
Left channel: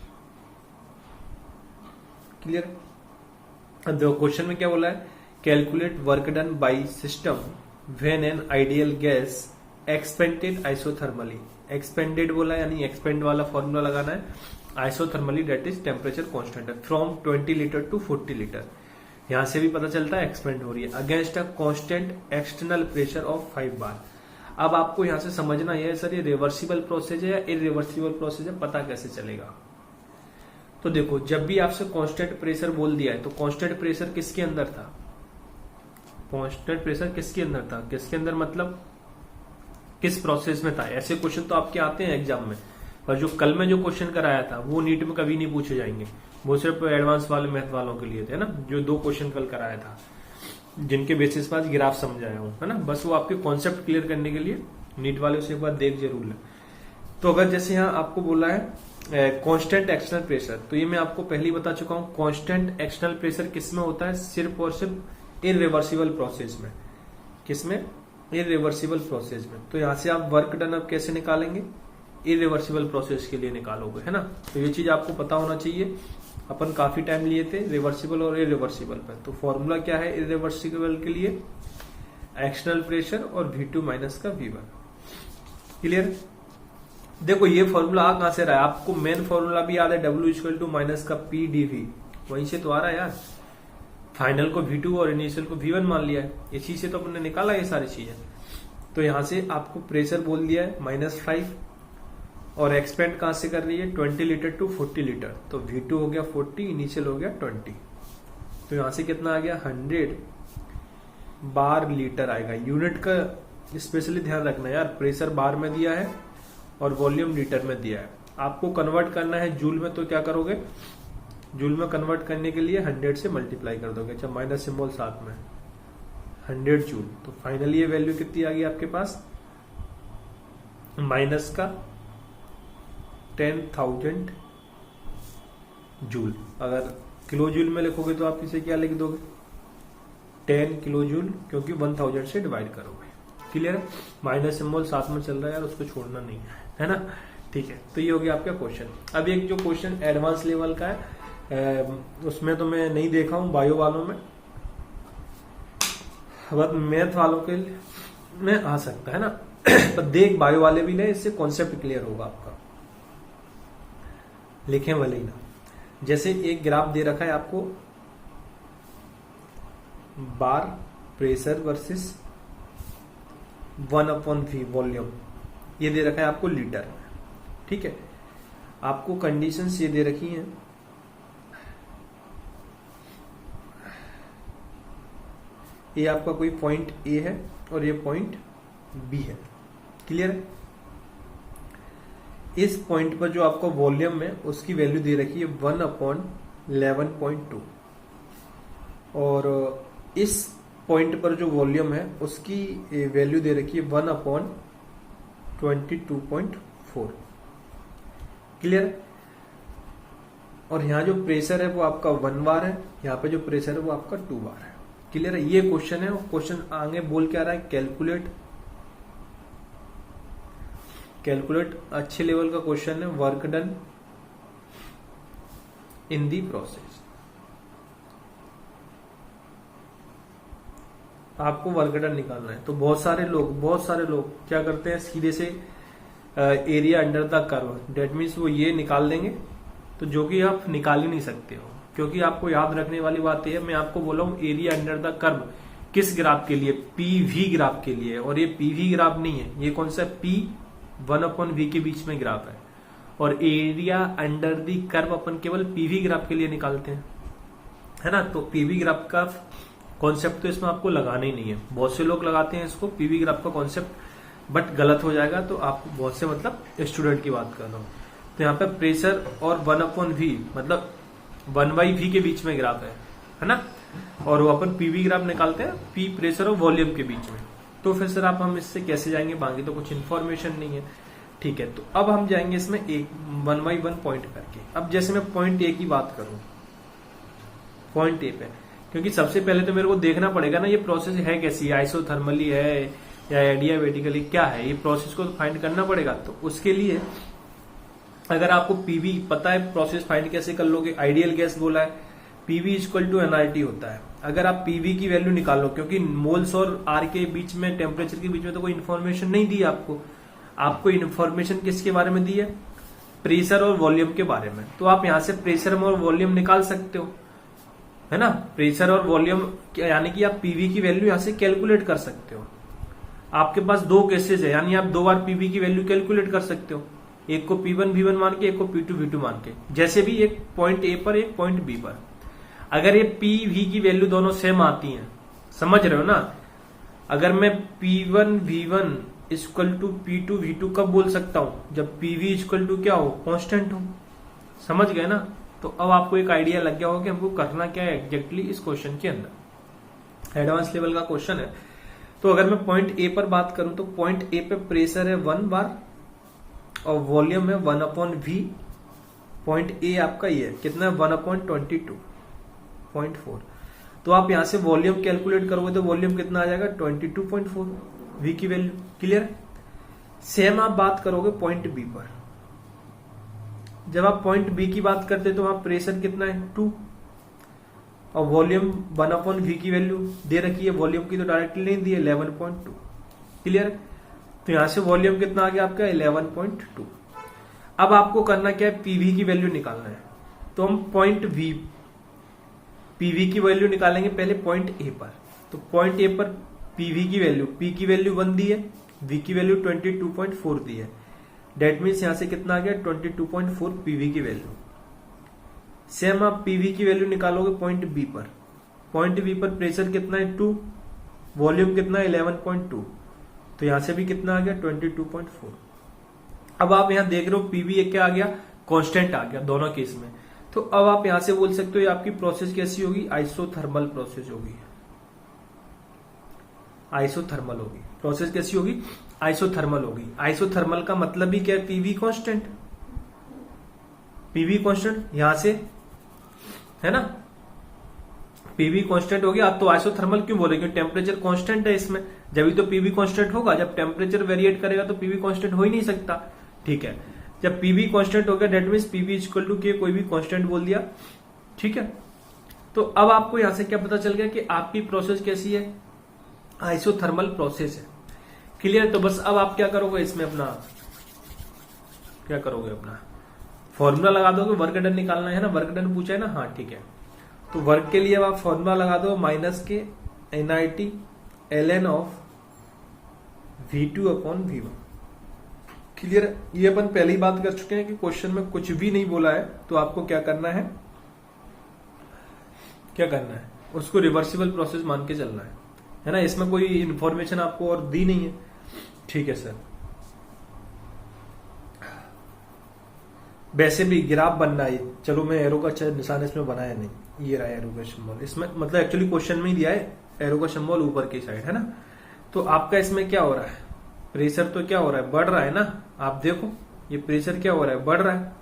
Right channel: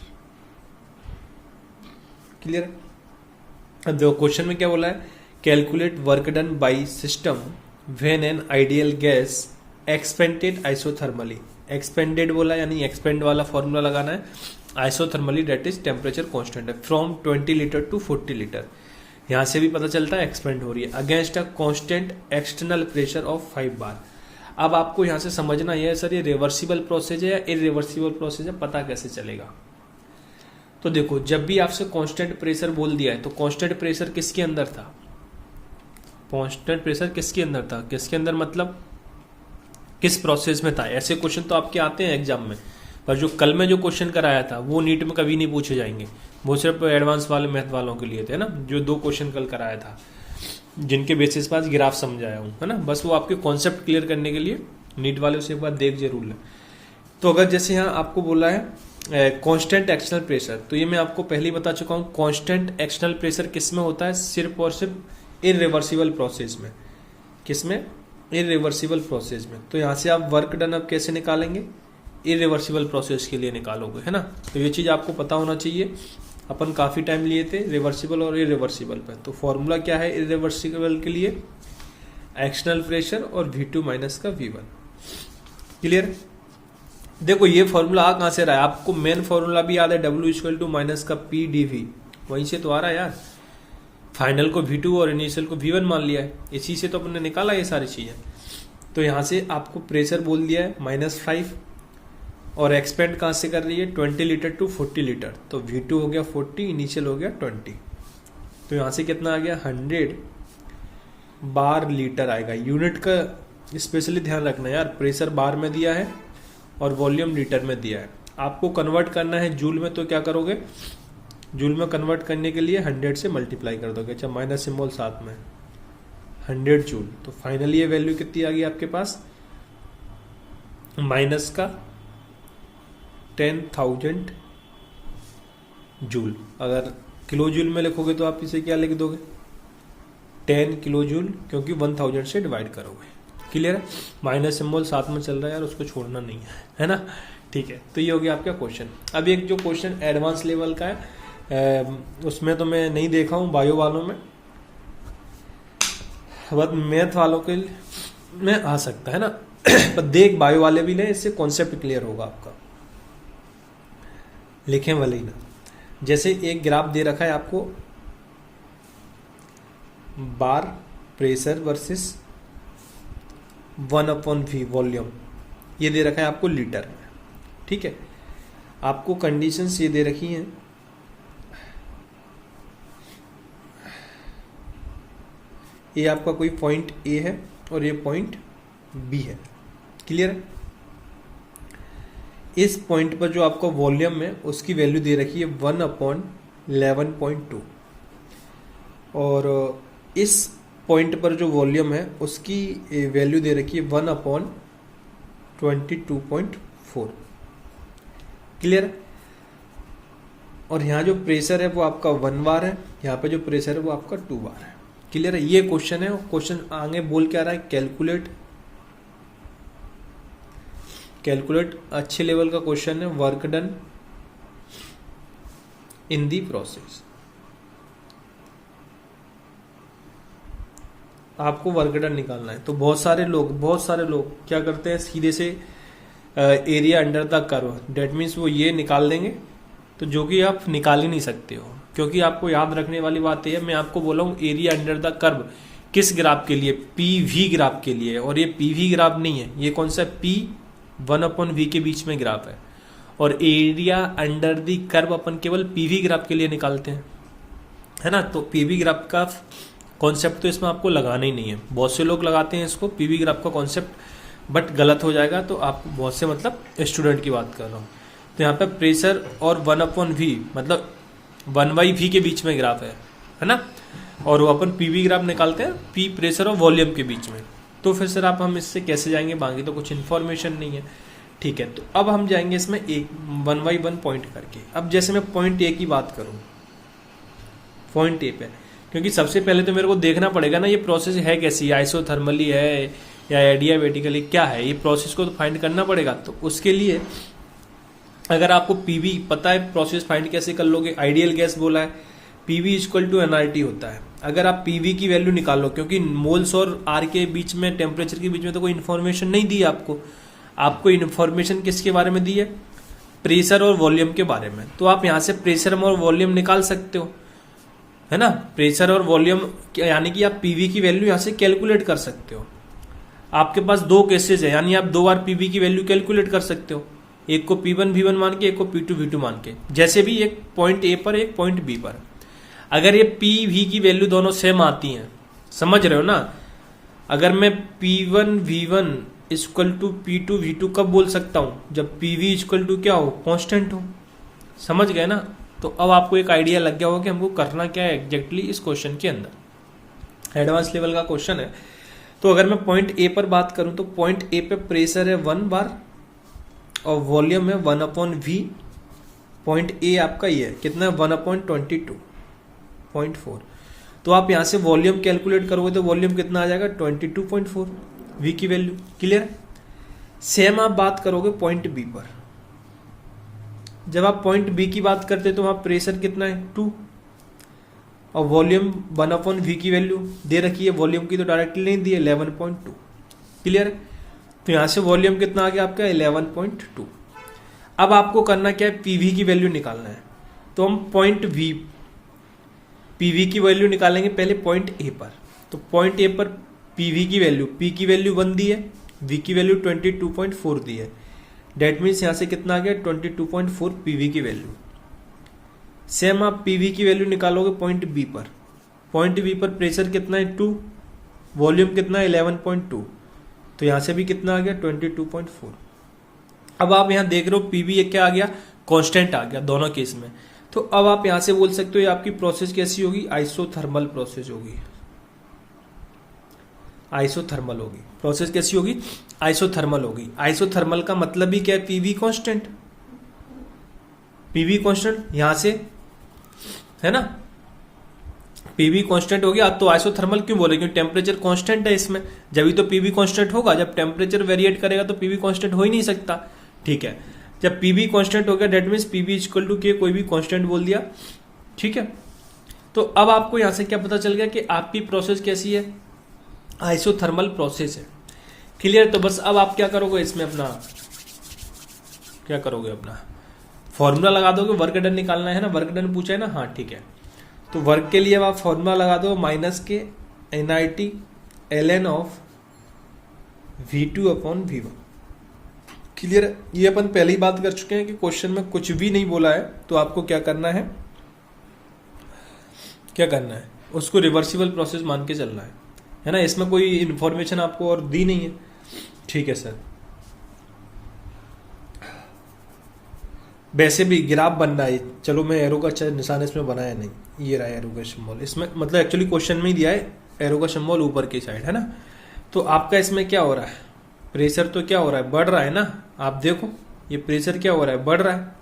Clear. देखो क्वेश्चन में क्या बोला है, calculate work done by system when an ideal gas expanded isothermally. Expanded बोला यानी एक्सपेंड वाला फॉर्मूला लगाना है, isothermally that is temperature constant है, फ्रॉम 20 लीटर टू 40 लीटर। यहां से भी पता चलता है एक्सपेंड हो रही है, against a constant external pressure of 5 बार। अब आपको यहां से समझना है सर ये रिवर्सिबल प्रोसेस है या इरिवर्सिबल प्रोसेस है, पता कैसे चलेगा। तो देखो जब भी आपसे कांस्टेंट प्रेशर बोल दिया है तो कांस्टेंट प्रेशर किसके अंदर था, कांस्टेंट प्रेशर किसके अंदर था, किसके अंदर मतलब किस प्रोसेस में था। ऐसे क्वेश्चन तो आपके आते हैं एग्जाम में, पर जो कल में जो क्वेश्चन कराया था वो नीट में कभी नहीं पूछे जाएंगे, वो सिर्फ एडवांस वाले मैथ वालों के लिए थे ना, जो 2 क्वेश्चन कल कराया था जिनके बेसिस पर आज ग्राफ समझाया हूँ, है ना। बस वो आपके कॉन्सेप्ट क्लियर करने के लिए नीट वाले उसे एक बार देख जरूर लें। तो अगर जैसे यहाँ आपको बोला है कांस्टेंट एक्सटर्नल प्रेशर, तो ये मैं आपको पहले ही बता चुका हूँ, कांस्टेंट एक्सटर्नल प्रेशर किस में होता है, सिर्फ और सिर्फ इरिवर्सिबल प्रोसेस में। किसमें, इरिवर्सिबल प्रोसेस में। तो यहाँ से आप वर्क डन अब कैसे निकालेंगे, इरिवर्सिबल प्रोसेस के लिए निकालोगे, है ना। तो ये चीज आपको पता होना चाहिए। अपन काफी टाइम लिए थे रिवर्सिबल और इरिवर्सिबल पे। तो फॉर्मूला क्या है इरिवर्सिबल के लिए, एक्सटर्नल प्रेशर और V2 माइनस का V1। क्लियर। देखो ये फॉर्मूला आ कहां से रहा है, आपको मेन फॉर्मूला भी याद है, W इक्वल टू माइनस का P dV, वहीं से तो आ रहा है यार। फाइनल को V2 और इनिशियल को V1 मान लिया है, इसी से तो अपने निकाला ये सारी चीजें। तो यहां से आपको प्रेशर बोल दिया है -5 और एक्सपेंड कहां से कर रही है 20 लीटर टू 40 लीटर। तो V2 हो गया 40, इनिशियल हो गया 20। तो यहां से कितना आ गया 100 बार लीटर आएगा। यूनिट का स्पेशली ध्यान रखना यार, प्रेशर बार में दिया है और वॉल्यूम लीटर में दिया है। आपको कन्वर्ट करना है जूल में, तो क्या करोगे, जूल में कन्वर्ट करने के लिए 100 से मल्टीप्लाई कर दोगे। अच्छा माइनस सिंबल साथ में 100 जूल। तो फाइनली ये वैल्यू कितनी आ गई आपके पास, माइनस का 10,000 जूल। अगर किलो जूल में लिखोगे तो आप इसे क्या लिख दोगे 10 किलो जूल, क्योंकि 1000 से डिवाइड करोगे। क्लियर है, माइनस सिंबल साथ में चल रहा है यार, उसको छोड़ना नहीं है ना। ठीक है, तो ये हो गया आपका क्वेश्चन। अब एक जो क्वेश्चन एडवांस लेवल का है उसमें तो मैं नहीं देखा हूँ बायो वालों में, बट मैथ वालों के में आ सकता है ना। पर देख बायो वाले भी ले, इससे कॉन्सेप्ट क्लियर होगा आपका, लिखें वाले ही ना। जैसे एक ग्राफ दे रखा है आपको, बार प्रेशर वर्सेस 1/V वॉल्यूम, ये दे रखा है आपको लीटर में। ठीक है, आपको कंडीशंस ये दे रखी हैं, ये आपका कोई पॉइंट ए है और ये पॉइंट बी है। क्लियर है, इस पॉइंट पर जो आपका वॉल्यूम है उसकी वैल्यू दे रखी है 1/11.2 और इस पॉइंट पर जो वॉल्यूम है उसकी वैल्यू दे रखी है 1/22.4। क्लियर। और यहाँ जो प्रेशर है वो आपका 1 बार है, यहाँ पे जो प्रेशर है वो आपका 2 बार है। क्लियर है, ये क्वेश्चन है। क्वेश्चन आगे बोल के आ रहा है कैलकुलेट अच्छे लेवल का क्वेश्चन है, work done in the process. आपको वर्क डन निकालना है। तो बहुत सारे लोग क्या करते हैं, सीधे से area under the curve, that means वो ये निकाल देंगे, तो जो कि आप निकाल ही नहीं सकते हो। क्योंकि आपको याद रखने वाली बात यह है, मैं आपको बोला हूं एरिया अंडर द कर्व किस ग्राफ के लिए, पीवी ग्राफ के लिए। और ये पीवी ग्राफ नहीं है, ये कौन सा P1/V के बीच में ग्राफ है। और एरिया अंडर द कर्व अपन केवल पीवी ग्राफ के लिए निकालते हैं, है ना। तो पीवी ग्राफ का कॉन्सेप्ट तो इसमें आपको लगाना ही नहीं है। बहुत से लोग लगाते हैं इसको पीवी ग्राफ का कॉन्सेप्ट, बट गलत हो जाएगा। तो आप बहुत से मतलब स्टूडेंट की बात कर रहा हूँ। तो यहाँ पे प्रेशर और 1/V मतलब 1/V के बीच में ग्राफ है ना। और वो अपन पीवी ग्राफ निकालते हैं पी प्रेशर और वॉल्यूम के बीच में। तो फिर सर आप हम इससे कैसे जाएंगे, बाकी तो कुछ इन्फॉर्मेशन नहीं है। ठीक है, तो अब हम जाएंगे इसमें एक 1/1 पॉइंट करके। अब जैसे मैं पॉइंट ए की बात करूं, पॉइंट ए पे, क्योंकि सबसे पहले तो मेरे को देखना पड़ेगा ना ये प्रोसेस है कैसी, आइसोथर्मली है या एडियाबेटिकली क्या है, ये प्रोसेस को तो फाइंड करना पड़ेगा। तो उसके लिए अगर आपको पीवी पता है, प्रोसेस फाइंड कैसे कर लोगे, आइडियल गैस बोला है पीवी इक्वल टू एनआरटी होता है। अगर आप पीवी की वैल्यू निकालो, क्योंकि मोल्स और आर के बीच में, टेम्परेचर के बीच में तो कोई इन्फॉर्मेशन नहीं दी आपको इन्फॉर्मेशन किसके बारे में दी है, प्रेशर और वॉल्यूम के बारे में। तो आप यहाँ से प्रेशर और वॉल्यूम निकाल सकते हो, है ना। प्रेशर और वॉल्यूम यानी कि आप पीवी की वैल्यू यहाँ से कैलकुलेट कर सकते हो। आपके पास 2 केसेस है, यानी आप 2 बार पीवी की वैल्यू कैलकुलेट कर सकते हो, एक को P1 V1 मान के, एक को P2 V2 मान के, जैसे भी एक पॉइंट ए पर एक पॉइंट बी पर। अगर ये P V की वैल्यू दोनों सेम आती हैं, समझ रहे हो ना, अगर मैं P1 V1 equal to P2 V2 कब बोल सकता हूं, जब PV इक्वल टू क्या हो, कांस्टेंट हो। समझ गए ना। तो अब आपको एक आइडिया लग गया होगा कि हमको करना क्या है एग्जैक्टली इस क्वेश्चन के अंदर। एडवांस लेवल का क्वेश्चन है। तो अगर मैं पॉइंट ए पर बात करूं तो पॉइंट ए पे प्रेशर है 1 बार और वॉल्यूम है 1/V। पॉइंट ए आपका ये है कितना है, 1/22.4। तो आप यहां से वॉल्यूम कैलकुलेट करोगे तो वॉल्यूम कितना आ जाएगा, 22.4 V की वैल्यू। क्लियर। सेम आप बात करोगे पॉइंट बी पर। जब आप पॉइंट बी की बात करते हैं तो वहां प्रेशर कितना है, 2 और वॉल्यूम 1/V की वैल्यू दे रखी है, वॉल्यूम की तो डायरेक्टली नहीं दी है, 11.2। क्लियर। तो यहां से वॉल्यूम कितना आ गया आपका, 11.2। अब आपको करना क्या है, पीवी की वैल्यू निकालना है। तो हम पॉइंट वी पीवी की वैल्यू निकालेंगे पहले पॉइंट ए पर। तो पॉइंट ए पर पीवी की वैल्यू, पी की वैल्यू 1 दी है, वी की वैल्यू 22.4 दी है। डेट मीन्स यहां से कितना आ गया, 22.4 पीवी की वैल्यू। सेम आप पीवी की वैल्यू निकालोगे पॉइंट बी पर। पॉइंट बी पर प्रेशर कितना है, 2, वॉल्यूम कितना है, 11.2। तो यहां से भी कितना आ गया, 22.4। अब आप यहां देख रहे हो पीवी क्या आ गया, कांस्टेंट आ गया दोनों केस में। तो अब आप यहां से बोल सकते हो ये आपकी प्रोसेस कैसी होगी, आइसोथर्मल प्रोसेस होगी। आइसोथर्मल होगी प्रोसेस, कैसी होगी, आइसोथर्मल होगी। आइसोथर्मल का मतलब भी क्या है, पीवी कांस्टेंट। पीवी कांस्टेंट यहां से है ना, पीवी कांस्टेंट हो गया। आप तो आइसोथर्मल क्यों बोले, क्योंकि टेम्परेचर कांस्टेंट है इसमें, जब भी तो पीवी कांस्टेंट होगा। जब टेम्परेचर वेरिएट करेगा तो पीवी कांस्टेंट हो ही नहीं सकता। ठीक है, जब पीवी कांस्टेंट हो गया that means PV equal to K कोई भी कांस्टेंट बोल दिया। ठीक है, तो अब आपको यहां से क्या पता चल गया कि आपकी प्रोसेस कैसी है, आइसोथर्मल प्रोसेस है। क्लियर। तो बस अब आप क्या करोगे इसमें, अपना क्या करोगे, अपना फॉर्मूला लगा दोगे। वर्क डन निकालना है ना, वर्क डन पूछा है ना, हाँ ठीक है। तो वर्क के लिए अब आप फॉर्मूला लगा दो, माइनस के NIT ln of V2/V1। Clear. ये अपन पहले ही बात कर चुके हैं कि क्वेश्चन में कुछ भी नहीं बोला है तो आपको क्या करना है, क्या करना है, उसको रिवर्सिबल प्रोसेस मान के चलना है ना। इसमें कोई इंफॉर्मेशन आपको और दी नहीं है। ठीक है सर। वैसे भी ग्राफ बनना है, चलो मैं एरो का निशान इसमें बनाया नहीं, ये रहा एरो का सिंबल इसमें, मतलब एक्चुअली क्वेश्चन में ही दिया है एरो का सिंबल ऊपर की साइड है ना। तो आपका इसमें क्या हो रहा है, प्रेशर तो क्या हो रहा है, बढ़ रहा है ना। आप देखो ये प्रेशर क्या हो रहा है, बढ़ रहा है।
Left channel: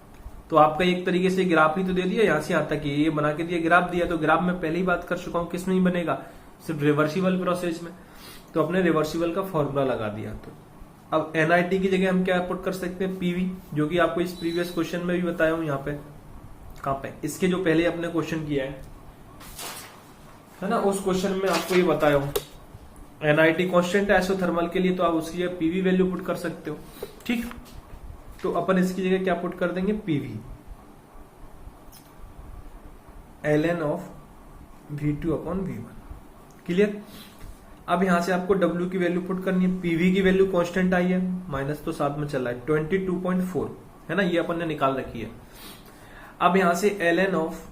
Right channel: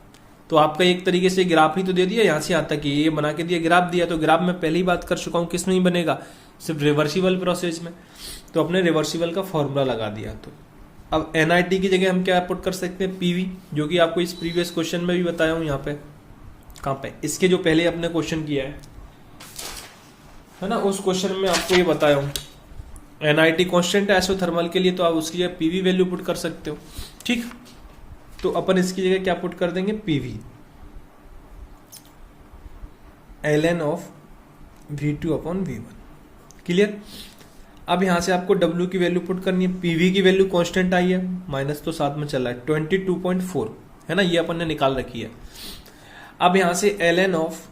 तो आपका एक तरीके से ग्राफ ही तो दे दिया, यहां से यहां तक ये बना के दिया, ग्राफ दिया। तो ग्राफ में पहले ही बात कर चुका हूं किस में ही बनेगा, सिर्फ रिवर्सिबल प्रोसेस में। तो अपने रिवर्सिबल का फॉर्मूला लगा दिया। तो अब NIT की जगह हम क्या पुट कर सकते हैं, पीवी, जो कि आपको इस प्रीवियस क्वेश्चन में भी बताया हूं। यहाँ पे कहां पे, इसके जो पहले अपने क्वेश्चन किया है ना, उस क्वेश्चन में आपको ये बताया हूं। NIT कांस्टेंट है आइसोथर्मल के लिए, तो आप उसकी जगह पीवी वैल्यू पुट कर सकते हो। ठीक। तो अपन इसकी जगह क्या पुट कर देंगे, PV ln of V2/V1। Clear. अब यहां से आपको W की वैल्यू पुट करनी है। पीवी की वैल्यू कांस्टेंट आई है, माइनस तो साथ में चल रहा है, 22.4 है ना, ये अपन ने निकाल रखी है। अब यहां से ln ऑफ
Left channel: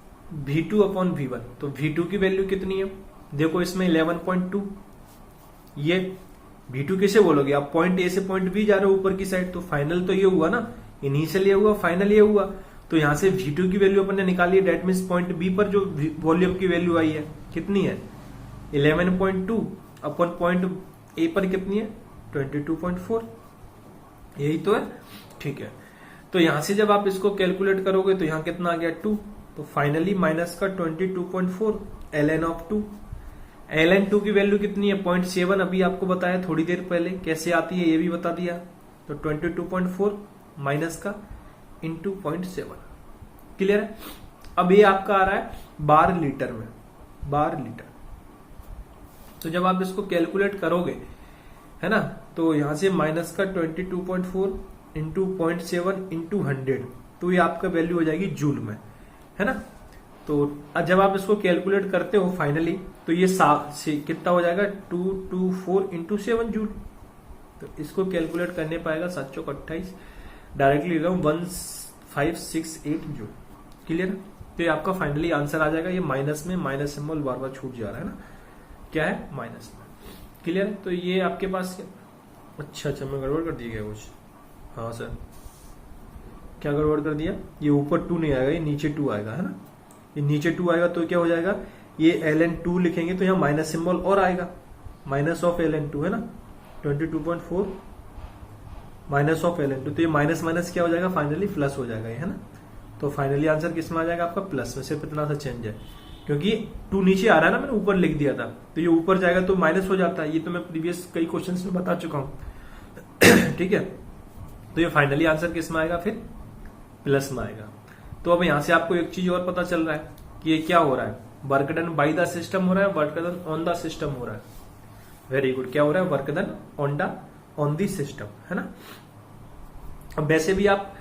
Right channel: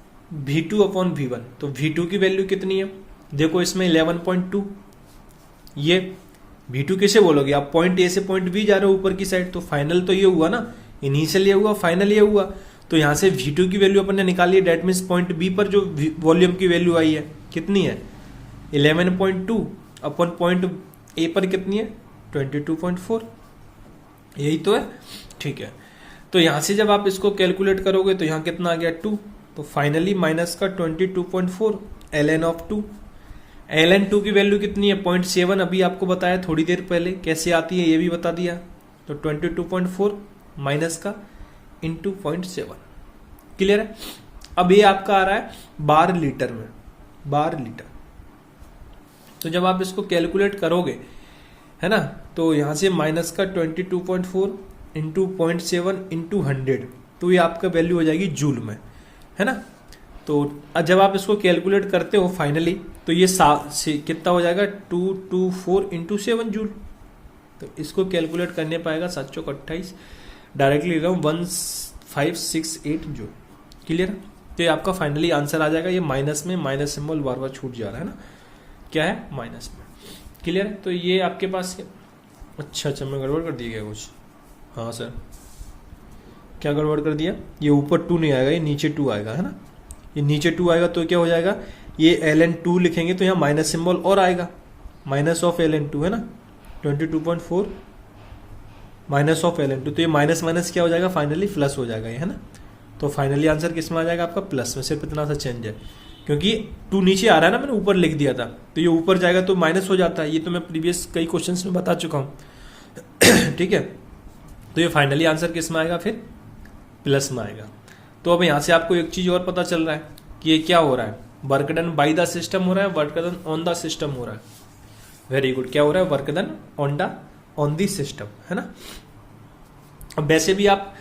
V2/V1, तो V2 की वैल्यू कितनी है, देखो इसमें 11.2। ये V2 किसे बोलोगे, आप पॉइंट ए से पॉइंट बी जा रहे हो ऊपर की साइड, तो फाइनल तो ये हुआ ना, इनिशियल ये हुआ, फाइनल ये हुआ। तो यहां से V2 की वैल्यू अपन ने निकाली है, डेट मीन्स पॉइंट बी पर जो वॉल्यूम की वैल्यू आई है कितनी है, 11.2 अपन पॉइंट ए पर कितनी है, 22.4। यही तो है। ठीक है। तो यहां से जब आप इसको कैलकुलेट करोगे तो यहां कितना आ गया, 2। तो फाइनली माइनस का 22.4 ln ऑफ 2। ln 2 की वैल्यू कितनी है, 0.7। अभी आपको बताया थोड़ी देर पहले कैसे आती है, ये भी बता दिया। तो 22.4 माइनस का इंटू 0.7। क्लियर है। अब ये आपका आ रहा है बार लीटर में, बार लीटर। तो जब आप इसको कैलकुलेट करोगे है ना, तो यहां से माइनस का 22.4 इंटू 0.7 इंटू 100, तो ये आपका वैल्यू हो जाएगी जूल में, है ना। तो जब आप इसको कैलकुलेट करते हो फाइनली, तो ये कितना हो जाएगा, 224 इंटू 7 जूल। तो इसको कैलकुलेट करने पाएगा 728 डायरेक्टली ले रहा हूँ 1568 जूल। क्लियर? तो ये आपका फाइनली आंसर आ जाएगा। ये माइनस में माइनस सिंबल बार बार छूट जा रहा है ना, क्या है माइनस में। क्लियर? तो ये आपके पास अच्छा मैं गड़बड़ कर दिया गया कुछ। हाँ सर, क्या गड़बड़ कर दिया? ये ऊपर 2 नहीं आएगा, ये नीचे 2 आएगा, है ना। ये नीचे 2 आएगा तो क्या हो जाएगा, ये ln2 लिखेंगे तो यहाँ माइनस सिंबल और आएगा, माइनस ऑफ ln2 है ना, 22.4 माइनस ऑफ ln2। तो ये माइनस माइनस क्या हो जाएगा, फाइनली प्लस हो जाएगा, ये है ना। तो फाइनली आंसर किस में आ जाएगा आपका, प्लस में। सिर्फ इतना सा चेंज है, क्योंकि 2 नीचे आ रहा है ना, मैंने ऊपर लिख दिया था, तो ये ऊपर जाएगा तो माइनस हो जाता है। ये तो मैं प्रीवियस कई क्वेश्चंस में बता चुका हूँ। ठीक है, तो ये फाइनली आंसर किस में आएगा, फिर प्लस में आएगा। तो अब यहाँ से आपको एक चीज और पता चल रहा है कि ये क्या हो रहा है, work done by the system हो रहा है, work done on the system हो रहा है। वेरी गुड, क्या हो रहा है, work done on the system, है ना। अब वैसे भी आप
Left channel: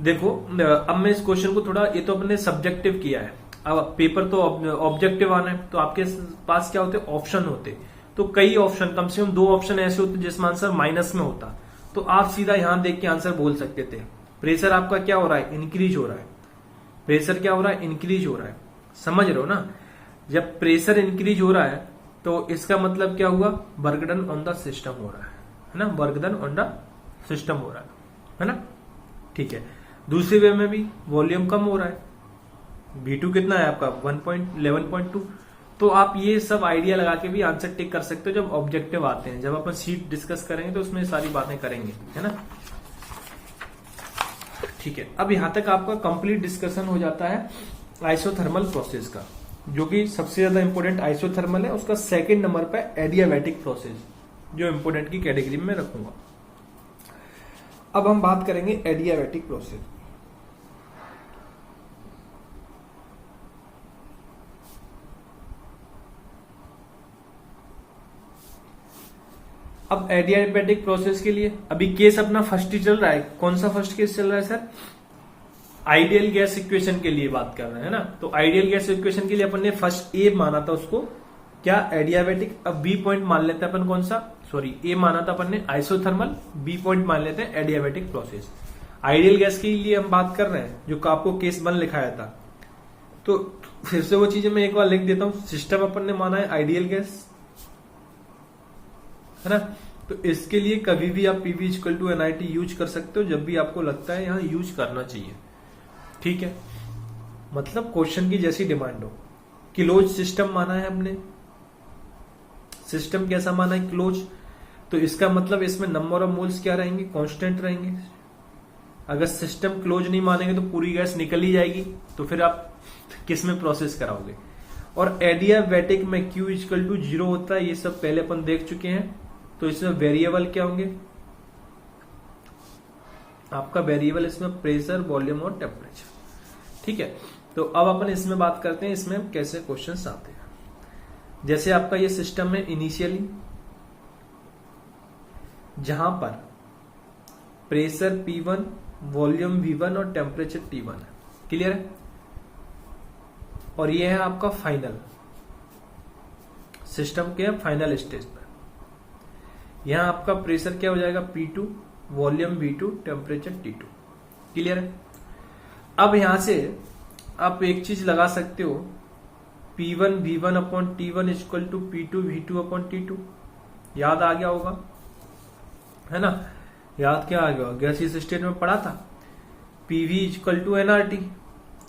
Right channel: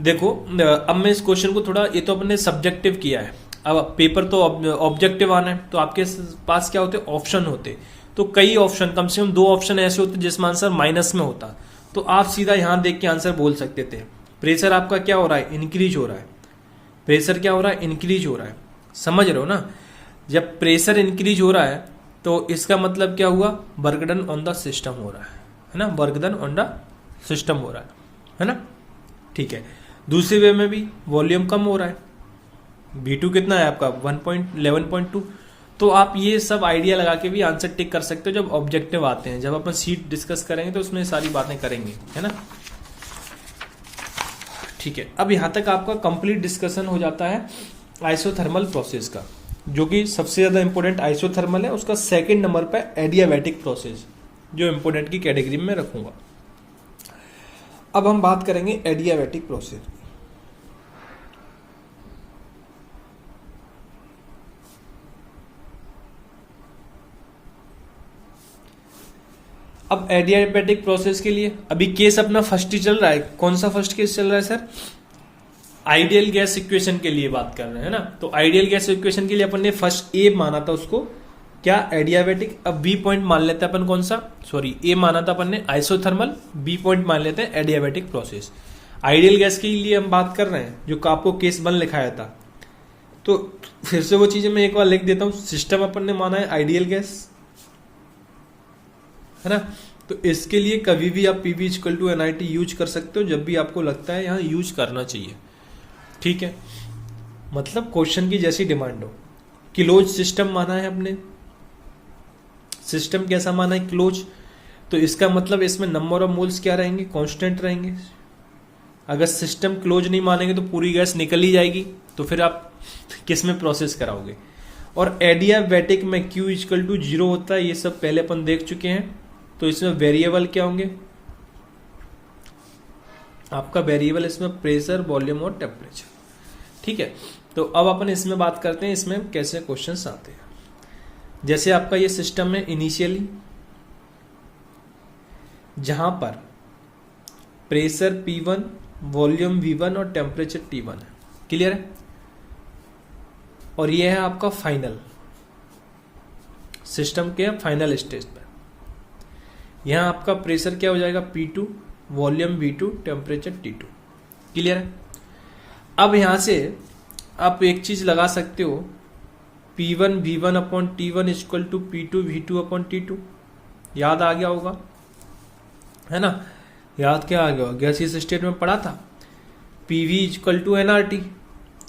देखो, अब मैं इस क्वेश्चन को थोड़ा, ये तो अपने सब्जेक्टिव किया है, अब पेपर तो ऑब्जेक्टिव आना है, तो आपके पास क्या होते, ऑप्शन होते। तो कई ऑप्शन, कम से कम 2 ऑप्शन ऐसे होते जिसमें आंसर माइनस में होता, तो आप सीधा यहां देख के आंसर बोल सकते थे। प्रेशर आपका क्या हो रहा है, इंक्रीज हो रहा है। प्रेशर क्या हो रहा है, इंक्रीज हो रहा है। समझ रहे हो ना, जब प्रेशर इंक्रीज हो रहा है तो इसका मतलब क्या हुआ, work done on the system हो रहा है ना, work done on the system हो रहा है ना। ठीक है, दूसरे वे में भी वॉल्यूम कम हो रहा है, V2 कितना है आपका 11.2। तो आप ये सब आइडिया लगा के भी आंसर टिक कर सकते हो जब ऑब्जेक्टिव आते हैं। जब अपन सीट डिस्कस करेंगे तो उसमें सारी बातें करेंगे, है ना। ठीक है, अब यहां तक आपका कंप्लीट डिस्कशन हो जाता है आइसोथर्मल प्रोसेस का, जो कि सबसे ज्यादा इंपॉर्टेंट आइसोथर्मल है। उसका सेकंड नंबर पे एडियाबैटिक प्रोसेस, जो इंपॉर्टेंट की कैटेगरी में रखूंगा। अब हम बात करेंगे एडियाबैटिक प्रोसेस। अब एडियाबैटिक प्रोसेस के लिए अभी केस अपना फर्स्ट ही चल रहा है। कौन सा फर्स्ट केस चल रहा है सर, आइडियल गैस इक्वेशन के लिए बात कर रहे हैं ना। तो आइडियल गैस इक्वेशन के लिए अपन ने फर्स्ट ए माना था उसको क्या, एडियाबैटिक। अब बी पॉइंट मान लेते हैं अपन, कौन सा, सॉरी ए माना था अपन ने आइसोथर्मल, बी पॉइंट मान लेते हैं एडियाबैटिक प्रोसेस। आइडियल गैस के लिए हम बात कर रहे हैं, जो आपको केस 1 लिखाया था। तो फिर से वो चीजें मैं एक बार लिख देता हूं। सिस्टम अपन ने माना है आइडियल गैस, है ना। तो इसके लिए कभी भी आप PV = NIT यूज कर सकते हो, जब भी आपको लगता है यहाँ यूज करना चाहिए। ठीक है, मतलब क्वेश्चन की जैसी डिमांड हो। क्लोज सिस्टम माना है हमने, सिस्टम कैसा माना है, क्लोज। तो इसका मतलब इसमें नंबर ऑफ मोल्स क्या रहेंगे, कांस्टेंट रहेंगे। अगर सिस्टम क्लोज नहीं मानेंगे तो पूरी गैस निकल ही जाएगी, तो फिर आप किस में प्रोसेस कराओगे। और एडियाबैटिक में Q = 0 होता है, ये सब पहले अपन देख चुके हैं। तो इसमें वेरिएबल क्या होंगे आपका, वेरिएबल इसमें प्रेशर, वॉल्यूम और टेम्परेचर। ठीक है, तो अब अपन इसमें बात करते हैं इसमें कैसे क्वेश्चंस आते हैं। जैसे आपका ये सिस्टम है इनिशियली, जहां पर प्रेशर P1, वॉल्यूम V1 और टेम्परेचर T1 है। क्लियर है। और ये है आपका फाइनल सिस्टम के फाइनल स्टेज पर। यहां आपका प्रेशर क्या हो जाएगा, P2, volume V2, temperature T2। Clear है। अब यहां से आप एक चीज लगा सकते हो, P1 V1/T1 = P2 V2/T2। याद आ गया होगा, है ना। याद क्या आ गया, गैसियस स्टेट में पढ़ा था, PV = nRT।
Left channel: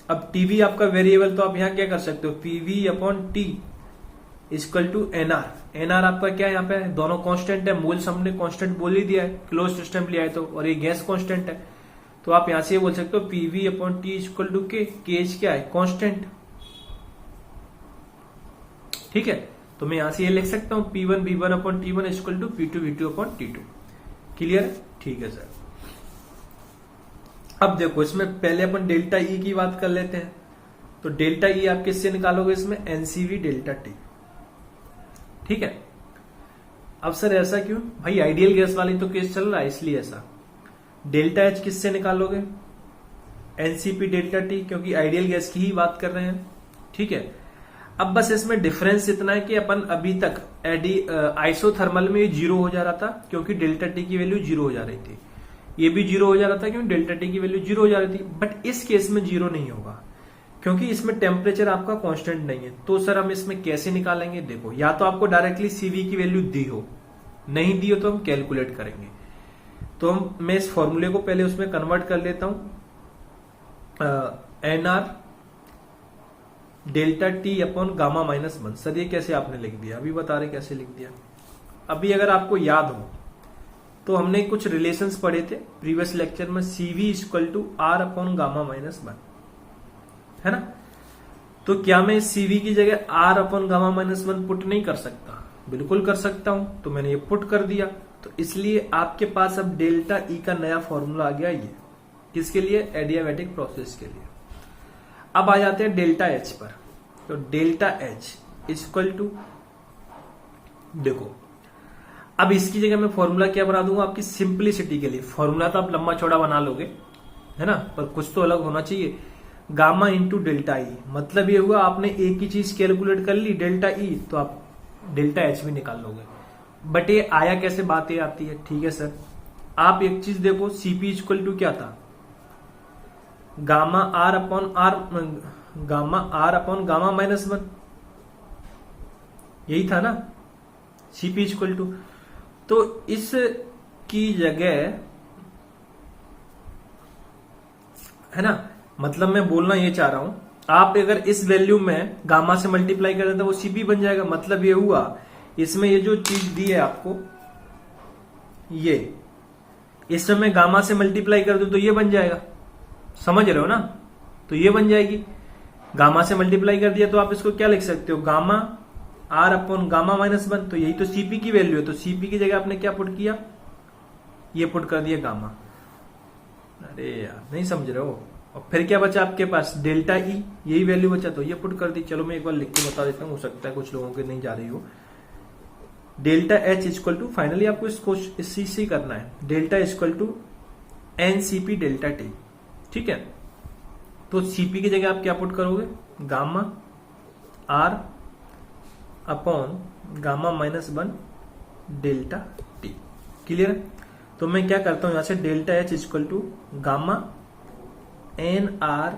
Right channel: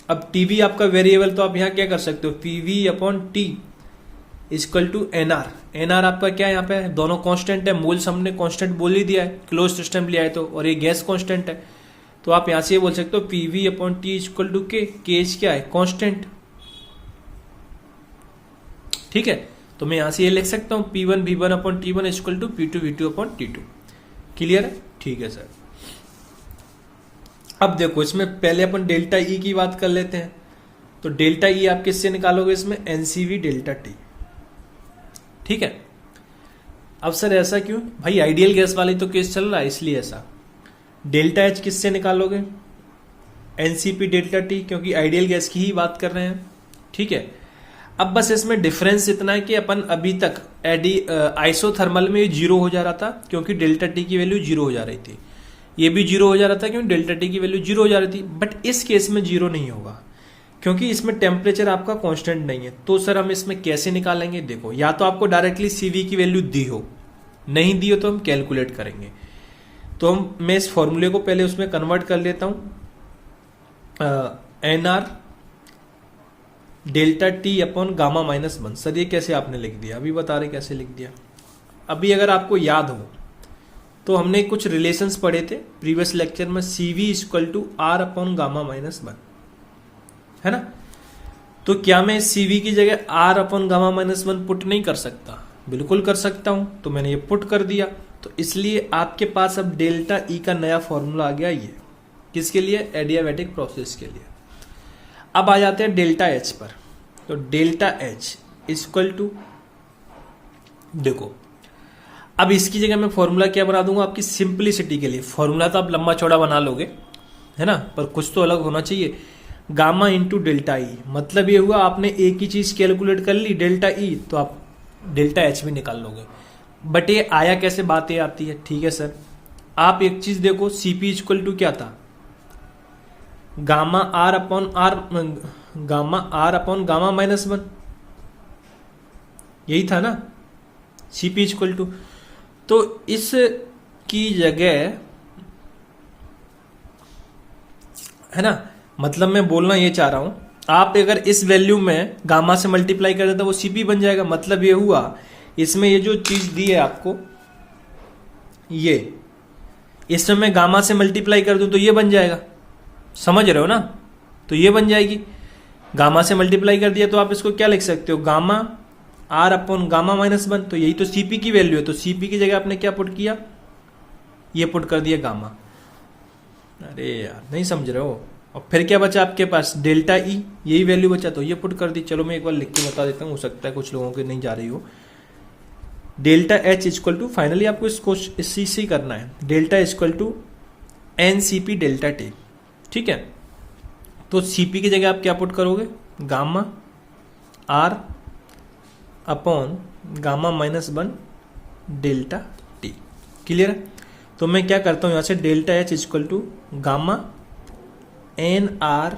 अब TB आपका वेरिएबल, तो आप यहां क्या कर सकते हो, PV/T = NR। NR आपका क्या है, यहाँ पे दोनों कांस्टेंट है, मोल्स हमने कांस्टेंट बोल ही दिया है, क्लोज सिस्टम लिया है तो, और ये गैस कांस्टेंट है। तो आप यहां से ये बोल सकते हो PV/T = K। K क्या है, कांस्टेंट। ठीक है, तो मैं यहां से ये लिख सकता हूं P1 V1/T1 = P2 V2/T2। Clear है। ठीक है सर। अब देखो, इसमें पहले अपन डेल्टा E की बात कर लेते हैं। तो डेल्टा E आप किससे निकालोगे, इसमें NCV∆T। ठीक है। अब सर ऐसा क्यों, भाई आइडियल गैस वाली तो केस चल रहा है इसलिए ऐसा। डेल्टा H किससे निकालोगे, NCP∆T, क्योंकि आइडियल गैस की ही बात कर रहे हैं। ठीक है। अब बस इसमें डिफरेंस इतना है कि अपन अभी तक आइसोथर्मल में 0 हो जा रहा था, क्योंकि ∆T की वैल्यू 0 हो जा रही थी। ये भी जीरो हो जा रहा था, क्योंकि डेल्टा टी की वैल्यू जीरो हो जा रही थी। बट इस केस में जीरो नहीं होगा, क्योंकि इसमें टेम्परेचर आपका कांस्टेंट नहीं है। तो सर हम इसमें कैसे निकालेंगे? देखो, या तो आपको डायरेक्टली सीवी की वैल्यू दी हो, नहीं दी हो तो हम कैलकुलेट करेंगे। तो मैं इस फॉर्मूले को पहले उसमें कन्वर्ट कर लेता हूं, N R delta T upon gamma minus one. Sir ये कैसे आपने लिख दिया? अभी बता रहे कैसे लिख दिया। अभी अगर आपको याद हो तो हमने कुछ रिलेशंस पढ़े थे प्रीवियस लेक्चर में, CV equal to R upon gamma minus one, है ना। तो क्या मैं सीवी की जगह R upon gamma minus one put नहीं कर सकता? बिल्कुल कर सकता हूं। तो मैंने ये पुट कर दिया, तो इसलिए आपके पास अब डेल्टा ई का नया फॉर्मूला आ गया। ये किसके लिए? एडियाबैटिक प्रोसेस के लिए। अब आ जाते हैं डेल्टा एच पर। तो डेल्टा एच इक्वल टू, देखो अब इसकी जगह मैं फॉर्मूला क्या बना दूंगा आपकी सिंपलिसिटी के लिए। फॉर्मूला तो आप लंबा चौड़ा बना लोगे, है ना, पर कुछ तो अलग होना चाहिए। गामा इंटू डेल्टा ई, मतलब ये हुआ आपने एक ही चीज कैलकुलेट कर ली डेल्टा ई, तो आप डेल्टा एच भी निकाल लोगे। बट ये आया कैसे, बात ये आती है। ठीक है सर, आप एक चीज देखो, सीपी इक्वल टू क्या था? Gamma R upon gamma minus one, यही था ना सीपी इक्वल टू। तो इस की जगह, है ना, मतलब मैं बोलना ये चाह रहा हूं, आप अगर इस वैल्यू में गामा से मल्टीप्लाई कर देते तो वो सीपी बन जाएगा। मतलब ये हुआ इसमें ये जो चीज दी है आपको, ये इसमें मैं गामा से मल्टीप्लाई कर दूं तो ये बन जाएगा, समझ रहे हो ना। तो ये बन जाएगी, गामा से मल्टीप्लाई कर दिया तो आप इसको क्या लिख सकते हो? Gamma R upon gamma minus one. तो यही तो सीपी की वैल्यू है। तो सीपी की जगह आपने क्या पुट किया? ये पुट कर दिया गामा। अरे यार नहीं समझ रहे हो। और फिर क्या बचा आपके पास? डेल्टा ई, यही वैल्यू बचा, तो ये पुट कर दी। चलो मैं एक बार लिख के बता देता हूँ, हो सकता है कुछ लोगों के नहीं जा रही हो। Delta H equal to, finally आपको इसको इसी करना है, delta equal to N C P delta T. ठीक है, तो सीपी की जगह आप क्या पुट करोगे? Gamma R upon gamma minus one delta T. Clear है? तो मैं क्या करता हूं यहां से, delta H equal to gamma N R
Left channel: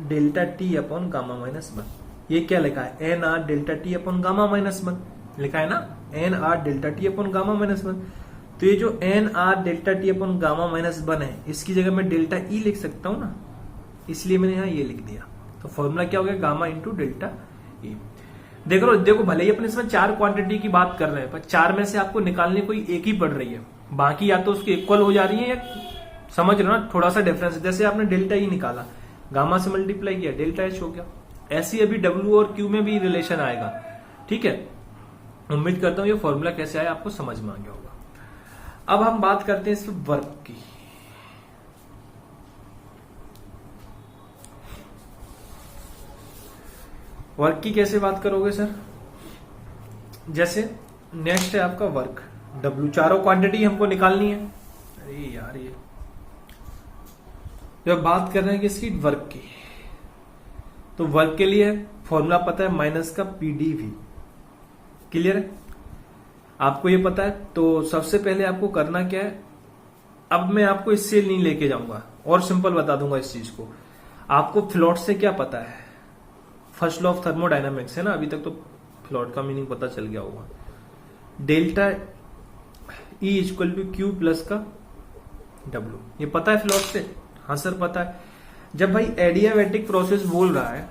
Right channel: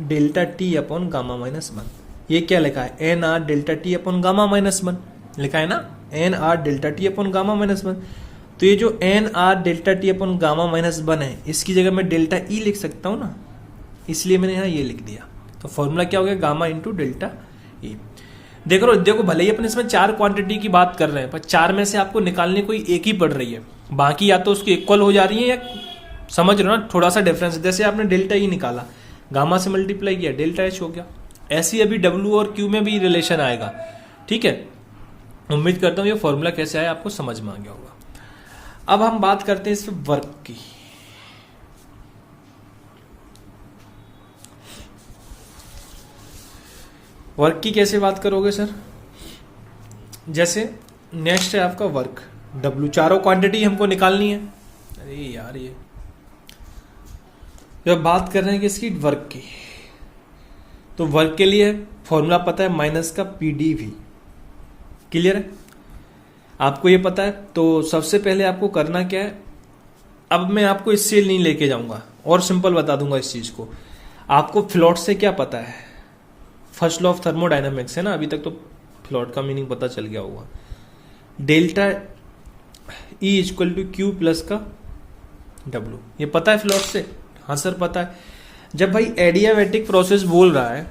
delta T upon gamma minus one. ये क्या लिखा है? N R delta T upon gamma minus one लिखा है ना, N R delta T upon gamma minus one. तो ये जो N R delta T upon gamma minus one है, इसकी जगह मैं डेल्टा ई लिख सकता हूं ना, इसलिए मैंने यहां ये लिख दिया। तो फॉर्मूला क्या हो गया? गामा इंटू डेल्टा ई। देखो भले ही अपने इसमें चार क्वांटिटी की बात कर रहे हैं, पर चार में से आपको निकालने कोई एक ही पड़ रही है, बाकी या तो उसकी इक्वल हो जा रही है, या समझ रहे हो ना, थोड़ा सा डिफरेंस है। जैसे आपने डेल्टा ई निकाला, गामा से मल्टीप्लाई किया, डेल्टा एच हो गया। ऐसे अभी डब्ल्यू और क्यू में भी रिलेशन आएगा। ठीक है, उम्मीद करता हूं ये फॉर्मूला कैसे आया आपको समझ में आ गया होगा। अब हम बात करते हैं इस वर्क की। वर्क की कैसे बात करोगे सर? जैसे नेक्स्ट है आपका वर्क, डब्ल्यू, चारों क्वांटिटी हमको निकालनी है। अरे यार, ये जब बात कर रहे हैं किसकी? वर्क की, तो वर्क के लिए फॉर्मूला पता है, माइनस का पीडीवी। क्लियर है? आपको ये पता है। तो सबसे पहले आपको करना क्या है, अब मैं आपको इससे नहीं लेके जाऊंगा और सिंपल बता दूंगा इस चीज को। आपको फ्लोट से क्या पता है? फर्स्ट लॉ ऑफ थर्मोडायनामिक्स है ना, अभी तक तो फ्लोट का मीनिंग पता चल गया होगा। Delta E equal to Q plus का डब्ल्यू, ये पता है फ्लोट से? हाँ सर पता है। जब भाई एडियाबैटिक प्रोसेस बोल रहा है,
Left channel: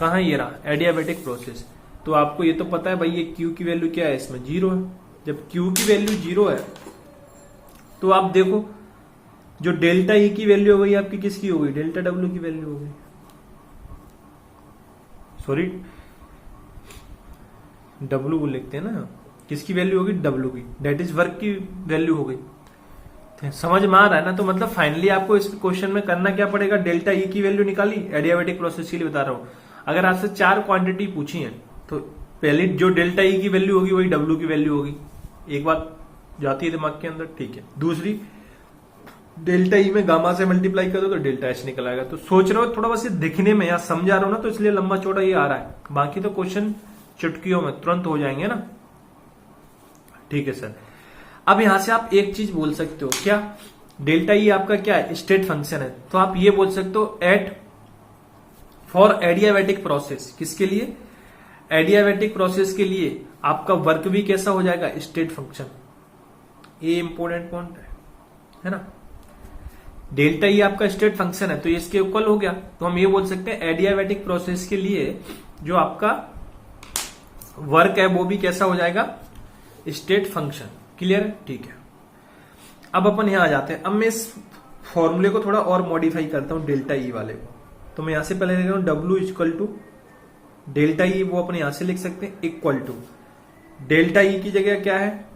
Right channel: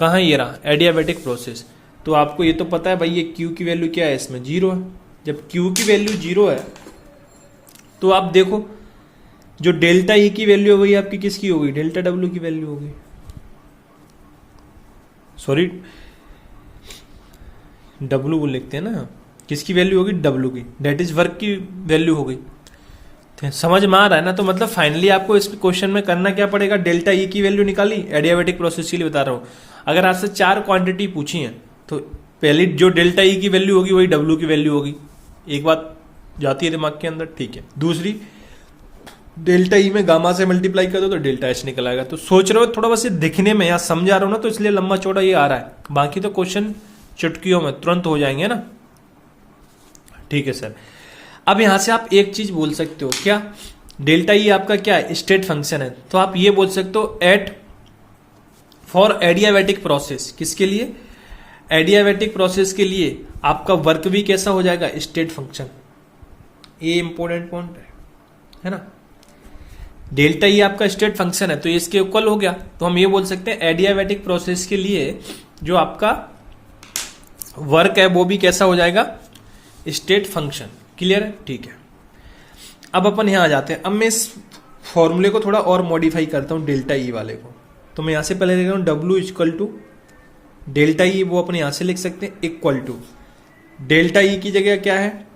कहाँ ये रहा एडियाबैटिक प्रोसेस, तो आपको ये तो पता है भाई ये क्यू की वैल्यू क्या है, इसमें जीरो है। जब क्यू की वैल्यू जीरो है तो आप देखो जो डेल्टा ई की वैल्यू हो गई आपकी किसकी हो गई? डेल्टा डब्ल्यू की वैल्यू हो गई। सॉरी, डब्ल्यू को लिखते हैं ना, किसकी वैल्यू होगी? डब्ल्यू की, डेट इज वर्क की वैल्यू हो गई। समझ में आ रहा है ना? तो मतलब फाइनली आपको इस क्वेश्चन में करना क्या पड़ेगा? डेल्टा ई की वैल्यू निकाली, एडियाबैटिक प्रोसेस के लिए बता रहा हूं। अगर आपसे चार क्वांटिटी पूछी है तो पहली जो डेल्टा ई की वैल्यू होगी वही डब्ल्यू की वैल्यू होगी। एक बात जाती है दिमाग के अंदर, ठीक है। दूसरी, डेल्टा ई में गामा से मल्टीप्लाई कर दो तो डेल्टा एच निकल आएगा। तो सोच रहे हो थोड़ा बस ये दिखने में यहाँ समझा रहा हूं ना, तो इसलिए लंबा चौड़ा ये आ रहा है, बाकी तो क्वेश्चन चुटकियों में तुरंत हो जाएंगे ना। ठीक है सर। अब यहां से आप एक चीज बोल सकते हो क्या, डेल्टा ई आपका क्या है, स्टेट फंक्शन है। तो आप ये बोल सकते हो एट फॉर एडियाबैटिक प्रोसेस, किसके लिए, एडियाबैटिक प्रोसेस के लिए आपका वर्क भी कैसा हो जाएगा, स्टेट फंक्शन। ये इंपॉर्टेंट पॉइंट है ना। डेल्टा ई आपका स्टेट फंक्शन है तो ये इसके इक्वल हो गया। तो हम ये बोल सकते हैं एडियाबैटिक प्रोसेस के लिए जो आपका वर्क है वो भी कैसा हो जाएगा, स्टेट फंक्शन। क्लियर है, ठीक है। अब अपन यहां आ जाते हैं। अब मैं इस फॉर्मूले को थोड़ा और मॉडिफाई करता हूं डेल्टा ई वाले को। तो मैं यहां से पहले लिख रहा हूं W equal to delta E, वो अपने यहां से लिख सकते हैं इक्वल टू डेल्टा ई की जगह क्या है,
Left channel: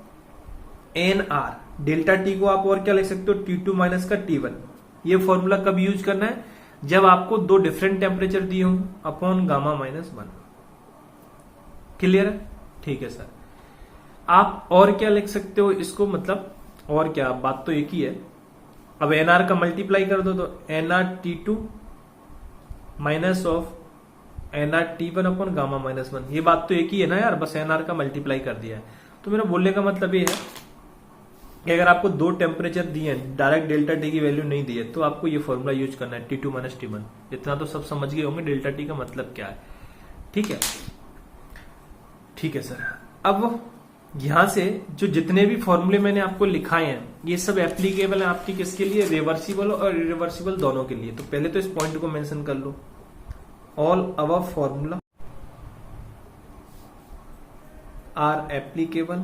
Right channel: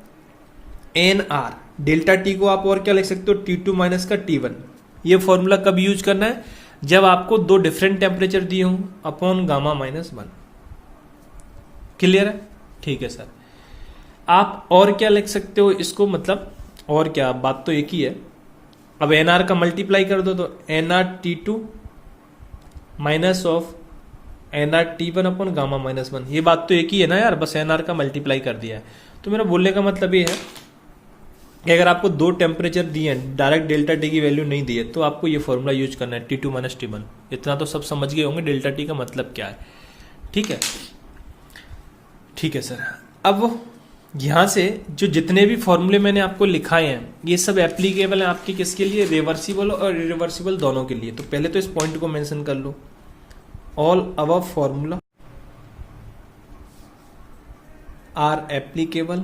एन आर। डेल्टा टी को आप और क्या लिख सकते हो, टी टू माइनस का टी वन। ये फॉर्मूला कब यूज करना है, जब आपको दो डिफरेंट टेम्परेचर दिए हों, upon gamma minus one. Clear है, ठीक है सर। आप और क्या लिख सकते हो इसको, मतलब और क्या, बात तो एक ही है। अब एनआर का मल्टीप्लाई कर दो तो NR T two minus of NR T one upon gamma minus one. ये बात तो एक ही है ना यार, बस एनआर का मल्टीप्लाई कर दिया है। तो मेरा बोलने का मतलब ये है कि अगर आपको दो टेम्परेचर दिए हैं, डायरेक्ट डेल्टा टी की वैल्यू नहीं दी है, तो आपको ये फॉर्मूला यूज करना है, T two minus T one. इतना तो सब समझ गए होंगे डेल्टा टी का मतलब क्या है। ठीक है, ठीक है सर। अब यहां से जो जितने भी फॉर्मूले मैंने आपको लिखाए हैं ये सब एप्लीकेबल है आपके किसके लिए, रिवर्सिबल और इरिवर्सिबल दोनों के लिए। तो पहले तो इस पॉइंट को मेंशन कर लो, all above formula are applicable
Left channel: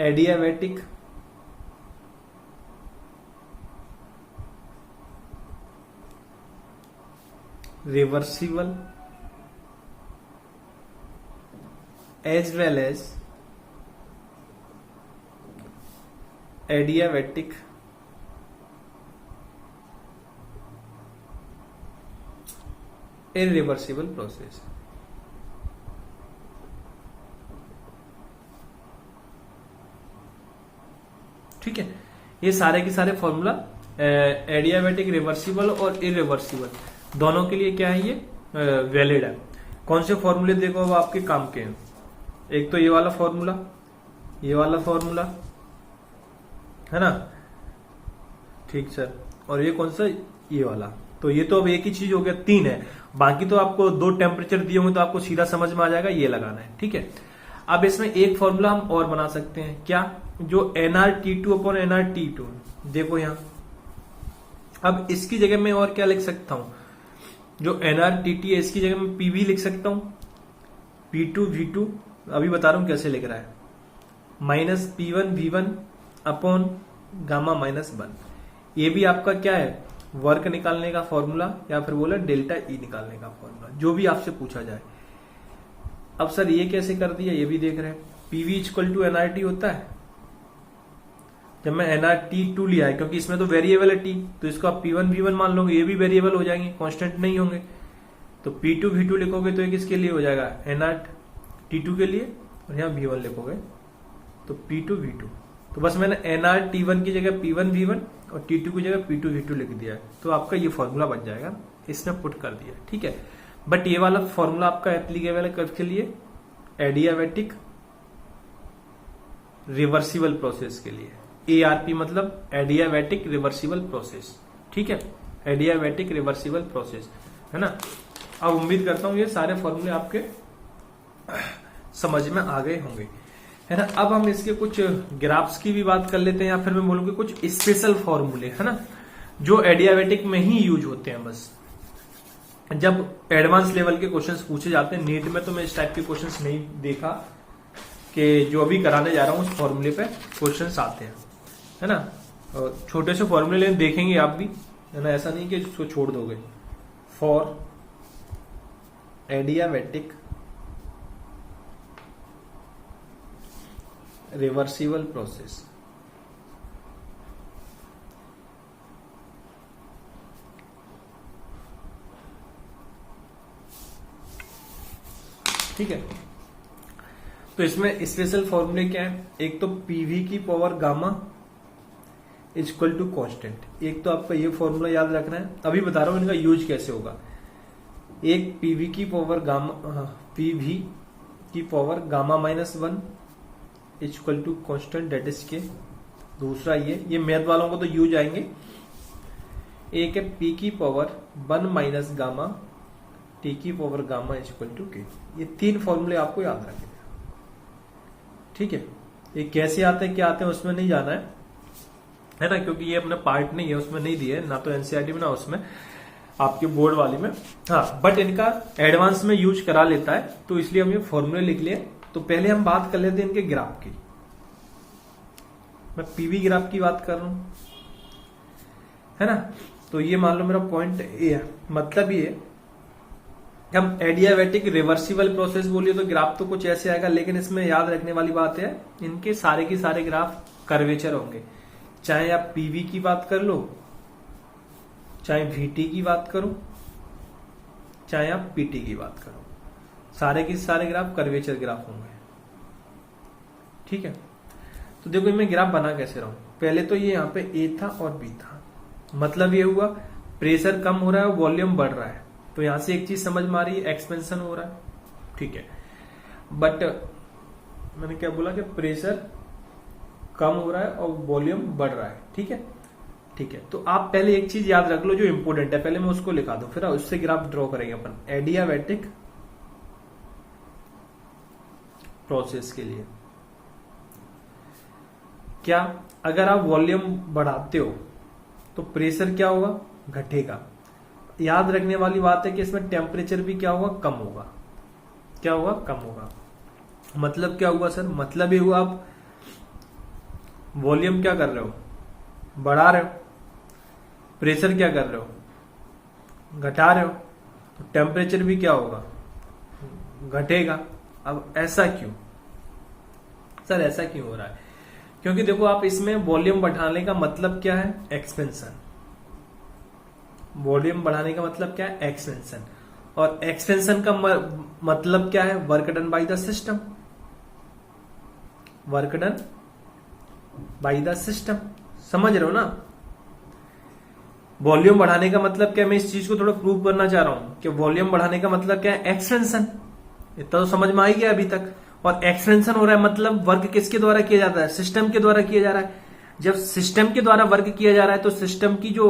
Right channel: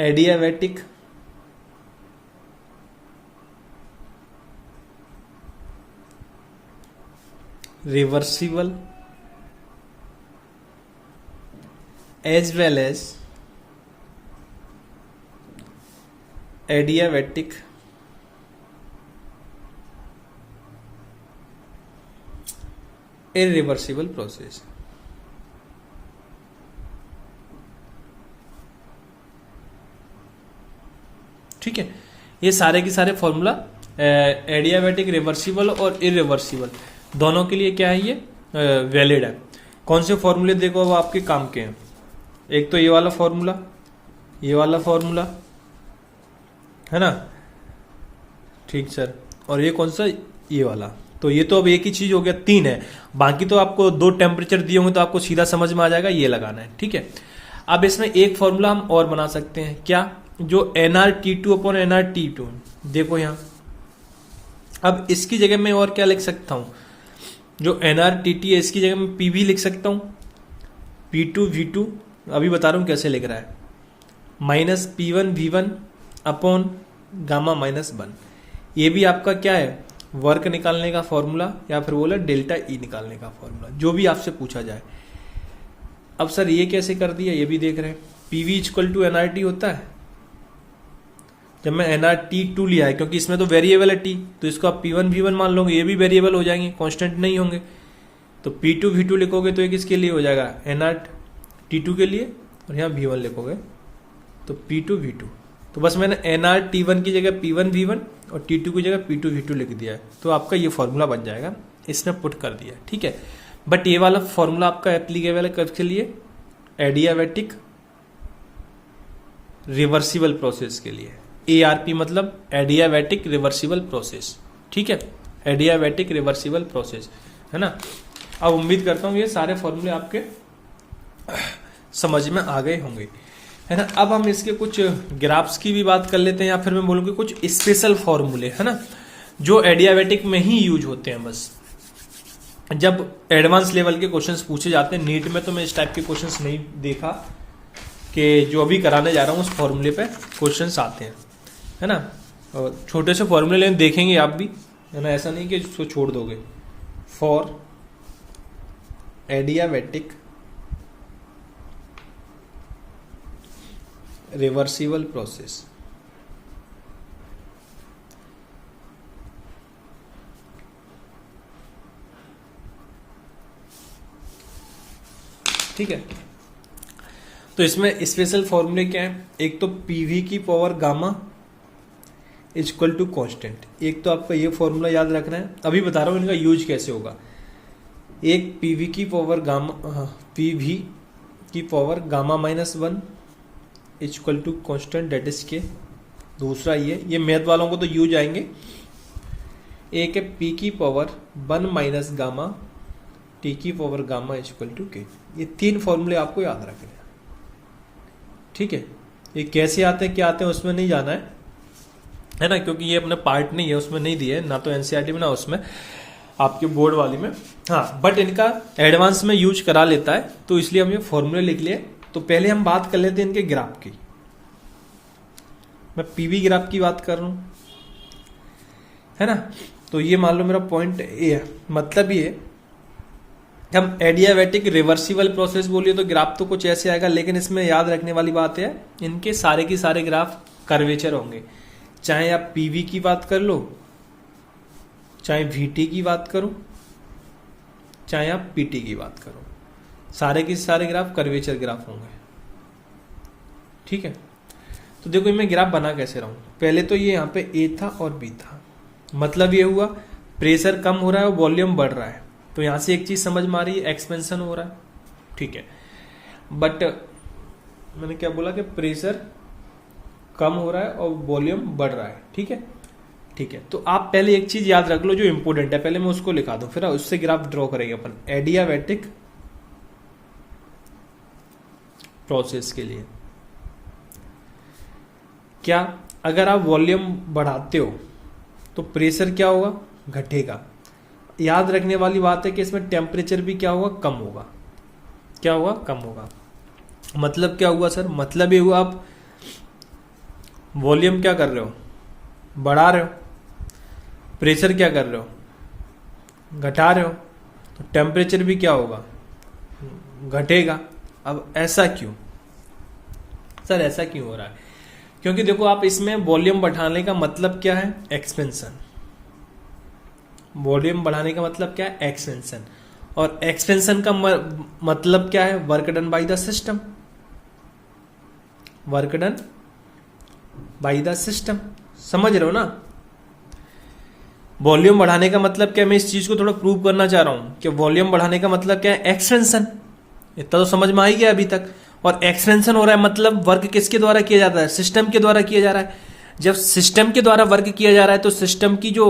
adiabatic reversible as well as adiabatic irreversible process। ठीक है, ये सारे के सारे फॉर्मूला एडियाबैटिक, रिवर्सिबल और इरिवर्सिबल दोनों के लिए क्या है, ये वैलिड है। कौन से फॉर्मूले देखो वो आपके काम के हैं, एक तो ये वाला फॉर्मूला, ये वाला फॉर्मूला है ना, ठीक सर, और ये कौन सा, ये वाला। तो ये तो अब एक ही चीज हो गया, तीन है। बाकी तो आपको दो टेम्परेचर दिए होंगे तो आपको सीधा समझ में आ जाएगा, ये लगाना है। ठीक है, अब इसमें एक फॉर्मूला हम और बना सकते हैं, क्या, जो NR T two upon NR T two. देखो यहां, अब इसकी जगह मैं और क्या लिख सकता हूं, जो एनआर टी टी है इसकी जगह मैं पी वी लिख सकता हूं, पी टू वी टू, अभी बता रहा हूं कैसे लिख रहा है, minus P one V one upon gamma minus one. ये भी आपका क्या है, वर्क निकालने का फॉर्मूला, या फिर बोला डेल्टा ई निकालने का फॉर्मूला, जो भी आपसे पूछा जाए। अब सर ये कैसे कर दिया, ये भी देख रहे हैं, PV equal to NR T होता है। जब मैं एनआर टी टू लिया है, क्योंकि इसमें तो वेरिएबल है टी, तो इसको आप पी वन वी वन मान लोगे, ये भी वेरिएबल हो जाएंगे, कांस्टेंट नहीं होंगे। तो पी टू वी टू लिखोगे तो ये किसके लिए हो जाएगा, एनआर टी टू के लिए, और यहाँ वी वन लिखोगे तो पी टू वी टू। तो बस मैंने एनआर टी वन की जगह पी वन वी वन और टी टू की जगह पी टू वी टू लिख दिया है, तो आपका ये फॉर्मूला बन जाएगा, इसमें पुट कर दिया। ठीक है, बट ये वाला फॉर्मूला आपका एप्लीकेबल है किसके लिए, एडियाबैटिक रिवर्सिबल प्रोसेस के लिए। एआरपी मतलब एडियाबैटिक रिवर्सिबल प्रोसेस। ठीक है, एडियाबैटिक रिवर्सिबल प्रोसेस, है ना। अब उम्मीद करता हूं ये सारे फॉर्मूले आपके समझ में आ गए होंगे, है ना। अब हम इसके कुछ ग्राफ्स की भी बात कर लेते हैं, या फिर मैं बोलूँगी कुछ स्पेशल फॉर्मूले, है ना, जो एडियाबैटिक में ही यूज होते हैं। बस जब एडवांस लेवल के क्वेश्चंस पूछे जाते हैं, नीट में तो मैं इस टाइप के क्वेश्चंस नहीं देखा, कि जो अभी कराने जा रहा हूँ उस फॉर्मूले पे क्वेश्चंस आते हैं, है ना। और छोटे से फॉर्मूले लेकिन देखेंगे आप भी, है ना, ऐसा नहीं कि इसको छोड़ दोगे। फॉर एडियाबैटिक रिवर्सिबल प्रोसेस, ठीक है। तो इसमें स्पेशल फॉर्मूले क्या है, एक तो पीवी की power gamma equal to constant. एक तो आपका ये फॉर्मूला याद रखना है, अभी बता रहा हूं इनका यूज कैसे होगा। एक पीवी की पावर गामा, पीवी की power gamma minus one equal to constant that is K. दूसरा ये मैथ वालों को तो यूज आएंगे। एक है पी की power one minus gamma T की पावर गामा इक्वल टू के। ये 3 फॉर्मूले आपको याद रखने हैं, ठीक है। ये कैसे आते हैं क्या आते हैं उसमें नहीं जाना है ना, क्योंकि ये अपना पार्ट नहीं है, उसमें नहीं दिए ना तो एनसीईआरटी में ना उसमें आपके बोर्ड वाली में। हाँ, बट इनका एडवांस में यूज करा लेता है, तो इसलिए हम ये फॉर्मूले लिख लिए। तो पहले हम बात कर लेते हैं इनके ग्राफ की। मैं पीवी ग्राफ की बात कर रहा हूं, है ना। तो ये मान लो मेरा पॉइंट ए है, मतलब ये हम एडियाबैटिक रिवर्सिबल प्रोसेस बोलिए तो ग्राफ तो कुछ ऐसे आएगा, लेकिन इसमें याद रखने वाली बात है इनके सारे के सारे ग्राफ कर्वेचर होंगे। चाहे आप पीवी की बात कर लो, चाहे वीटी की बात करो, चाहे आप पीटी की बात करो, सारे के सारे ग्राफ कर्वेचर ग्राफ होंगे, ठीक है। तो देखो मैं ग्राफ बना कैसे रहा हूं। पहले तो ये यहाँ पे ए था और बी था, मतलब ये हुआ प्रेशर कम हो रहा है और वॉल्यूम बढ़ रहा है। तो यहां से एक चीज समझ में आ रही है, एक्सपेंशन हो रहा है, ठीक है। बट मैंने क्या बोला कि प्रेशर कम हो रहा है और वॉल्यूम बढ़ रहा है, ठीक है, ठीक है। तो आप पहले एक चीज याद रख लो जो इंपोर्टेंट है, पहले मैं उसको लिखा दूं, फिर उससे ग्राफ ड्रॉ करेंगे अपन एडियाबैटिक प्रोसेस के लिए। क्या अगर आप वॉल्यूम बढ़ाते हो तो प्रेशर क्या होगा, घटेगा। याद रखने वाली बात है कि इसमें टेम्परेचर भी क्या होगा, कम होगा। क्या होगा, कम होगा। मतलब क्या हुआ सर, मतलब ये हुआ आप वॉल्यूम क्या कर रहे हो, बढ़ा रहे हो, प्रेशर क्या कर रहे हो, घटा रहे हो, तो टेम्परेचर भी क्या होगा, घटेगा। अब ऐसा क्यों सर, ऐसा क्यों हो रहा है? क्योंकि देखो आप इसमें वॉल्यूम बढ़ाने का मतलब क्या है, एक्सपेंशन। वॉल्यूम बढ़ाने का मतलब क्या है, एक्सपेंशन। और एक्सपेंशन का मतलब क्या है, work done by the system. Work done by the system, समझ रहे हो ना। वॉल्यूम बढ़ाने का मतलब क्या है, मैं इस चीज को थोड़ा प्रूव करना चाह रहा हूं कि वॉल्यूम बढ़ाने का मतलब क्या है, एक्सपेंशन। इतना तो समझ में आ ही गया अभी तक। और एक्सपेंशन हो रहा है मतलब वर्क किसके द्वारा किया जाता है, सिस्टम के द्वारा किया जा रहा है। जब सिस्टम के द्वारा वर्क किया जा रहा है तो सिस्टम की जो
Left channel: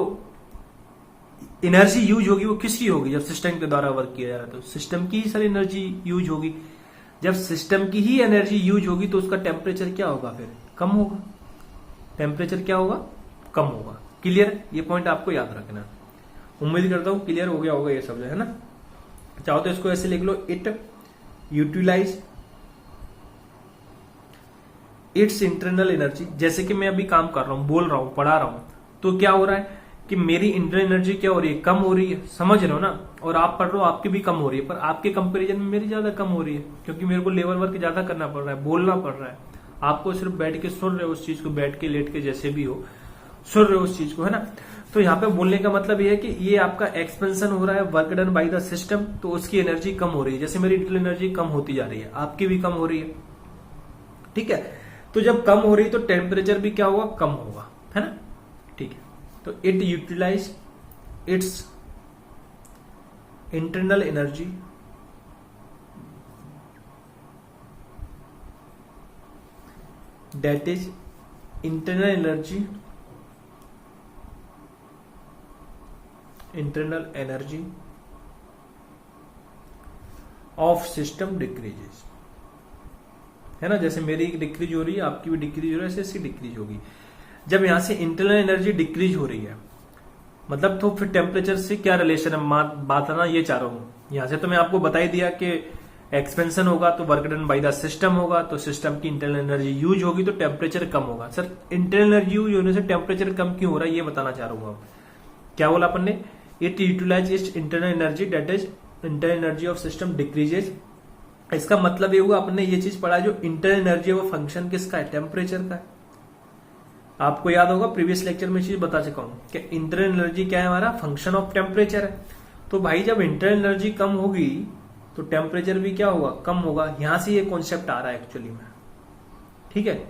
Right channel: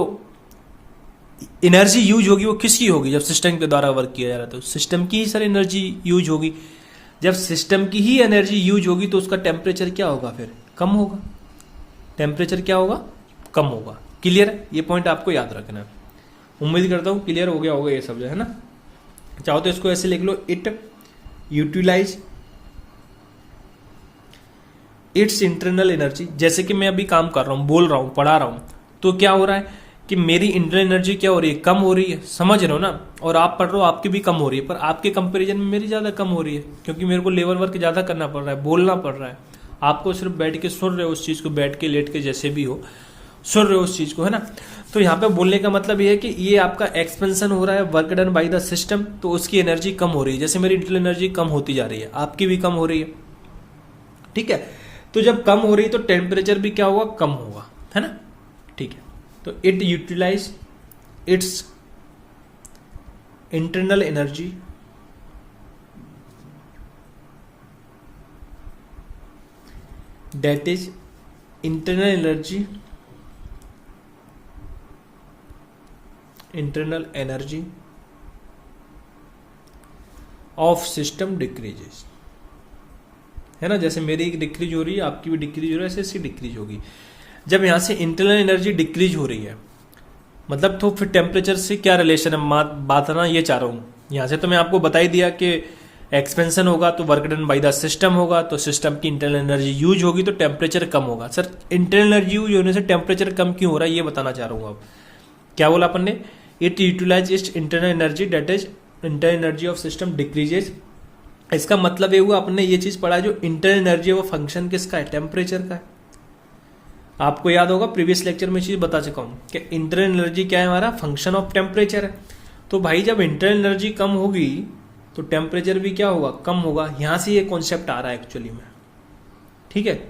एनर्जी यूज होगी वो किसकी होगी, जब सिस्टम के द्वारा वर्क किया जा रहा है तो सिस्टम की ही सर एनर्जी यूज होगी। जब सिस्टम की ही एनर्जी यूज होगी तो उसका टेम्परेचर क्या होगा, फिर कम होगा। टेम्परेचर क्या होगा, कम होगा। क्लियर, ये पॉइंट आपको याद रखना है। उम्मीद करता हूं क्लियर हो गया होगा ये सब, है ना। चाहो तो इसको ऐसे लिख लो, it utilise its internal energy. जैसे कि मैं अभी काम कर रहा हूं, बोल रहा हूं, पढ़ा रहा हूं, तो क्या हो रहा है कि मेरी इंटरनल एनर्जी क्या हो रही है, कम हो रही है, समझ रहे हो ना। और आप पढ़ रहे हो, आपकी भी कम हो रही है, पर आपके कंपैरिजन में मेरी ज्यादा कम हो रही है, क्योंकि मेरे को लेबर वर्क ज्यादा करना पड़ रहा है, बोलना पड़ रहा है। आपको सिर्फ बैठ के सुन रहे हो उस चीज को, बैठ के लेट के जैसे भी हो सुन रहे हो उस चीज को, है ना। तो यहाँ पे बोलने का मतलब ये है कि ये आपका एक्सपेंशन हो रहा है, work done by the system, तो उसकी एनर्जी कम हो रही है। जैसे मेरी इंटरनल एनर्जी कम होती जा रही है, आपकी भी कम हो रही है, ठीक है। तो जब कम हो रही है तो टेम्परेचर भी क्या होगा, कम होगा, है ना, ठीक है। तो it utilise its internal energy that is internal energy of system decreases, है ना। जैसे मेरी एक डिक्रीज हो रही है, आपकी भी डिक्रीज हो रही है, ऐसे इसकी डिक्रीज होगी। जब यहां से इंटरनल एनर्जी डिक्रीज हो रही है मतलब, तो फिर टेम्परेचर से क्या रिलेशन है, बात करना ये चाह रहा हूं। यहां से तो मैं आपको बता ही दिया कि एक्सपेंशन होगा तो work done by the system होगा, तो सिस्टम की इंटरनल एनर्जी यूज होगी तो टेम्परेचर कम होगा। सर इंटरनल एनर्जी यूज होने से टेम्परेचर कम क्यों हो रहा है, ये बताना चाह रहा हूँ। क्या बोला अपन ने, it utilise its internal energy that is internal energy of system decreases. इसका मतलब ये हुआ, अपने ये चीज पढ़ा, जो इंटरनल एनर्जी वो फंक्शन किसका है, टेम्परेचर का है। आपको याद होगा प्रीवियस लेक्चर में चीज बता चुका हूं कि इंटरनल एनर्जी क्या है, हमारा फंक्शन ऑफ टेम्परेचर है। तो भाई जब इंटरनल एनर्जी कम होगी तो टेम्परेचर भी क्या होगा, कम होगा। यहां से ये कॉन्सेप्ट आ रहा है एक्चुअली में, ठीक है,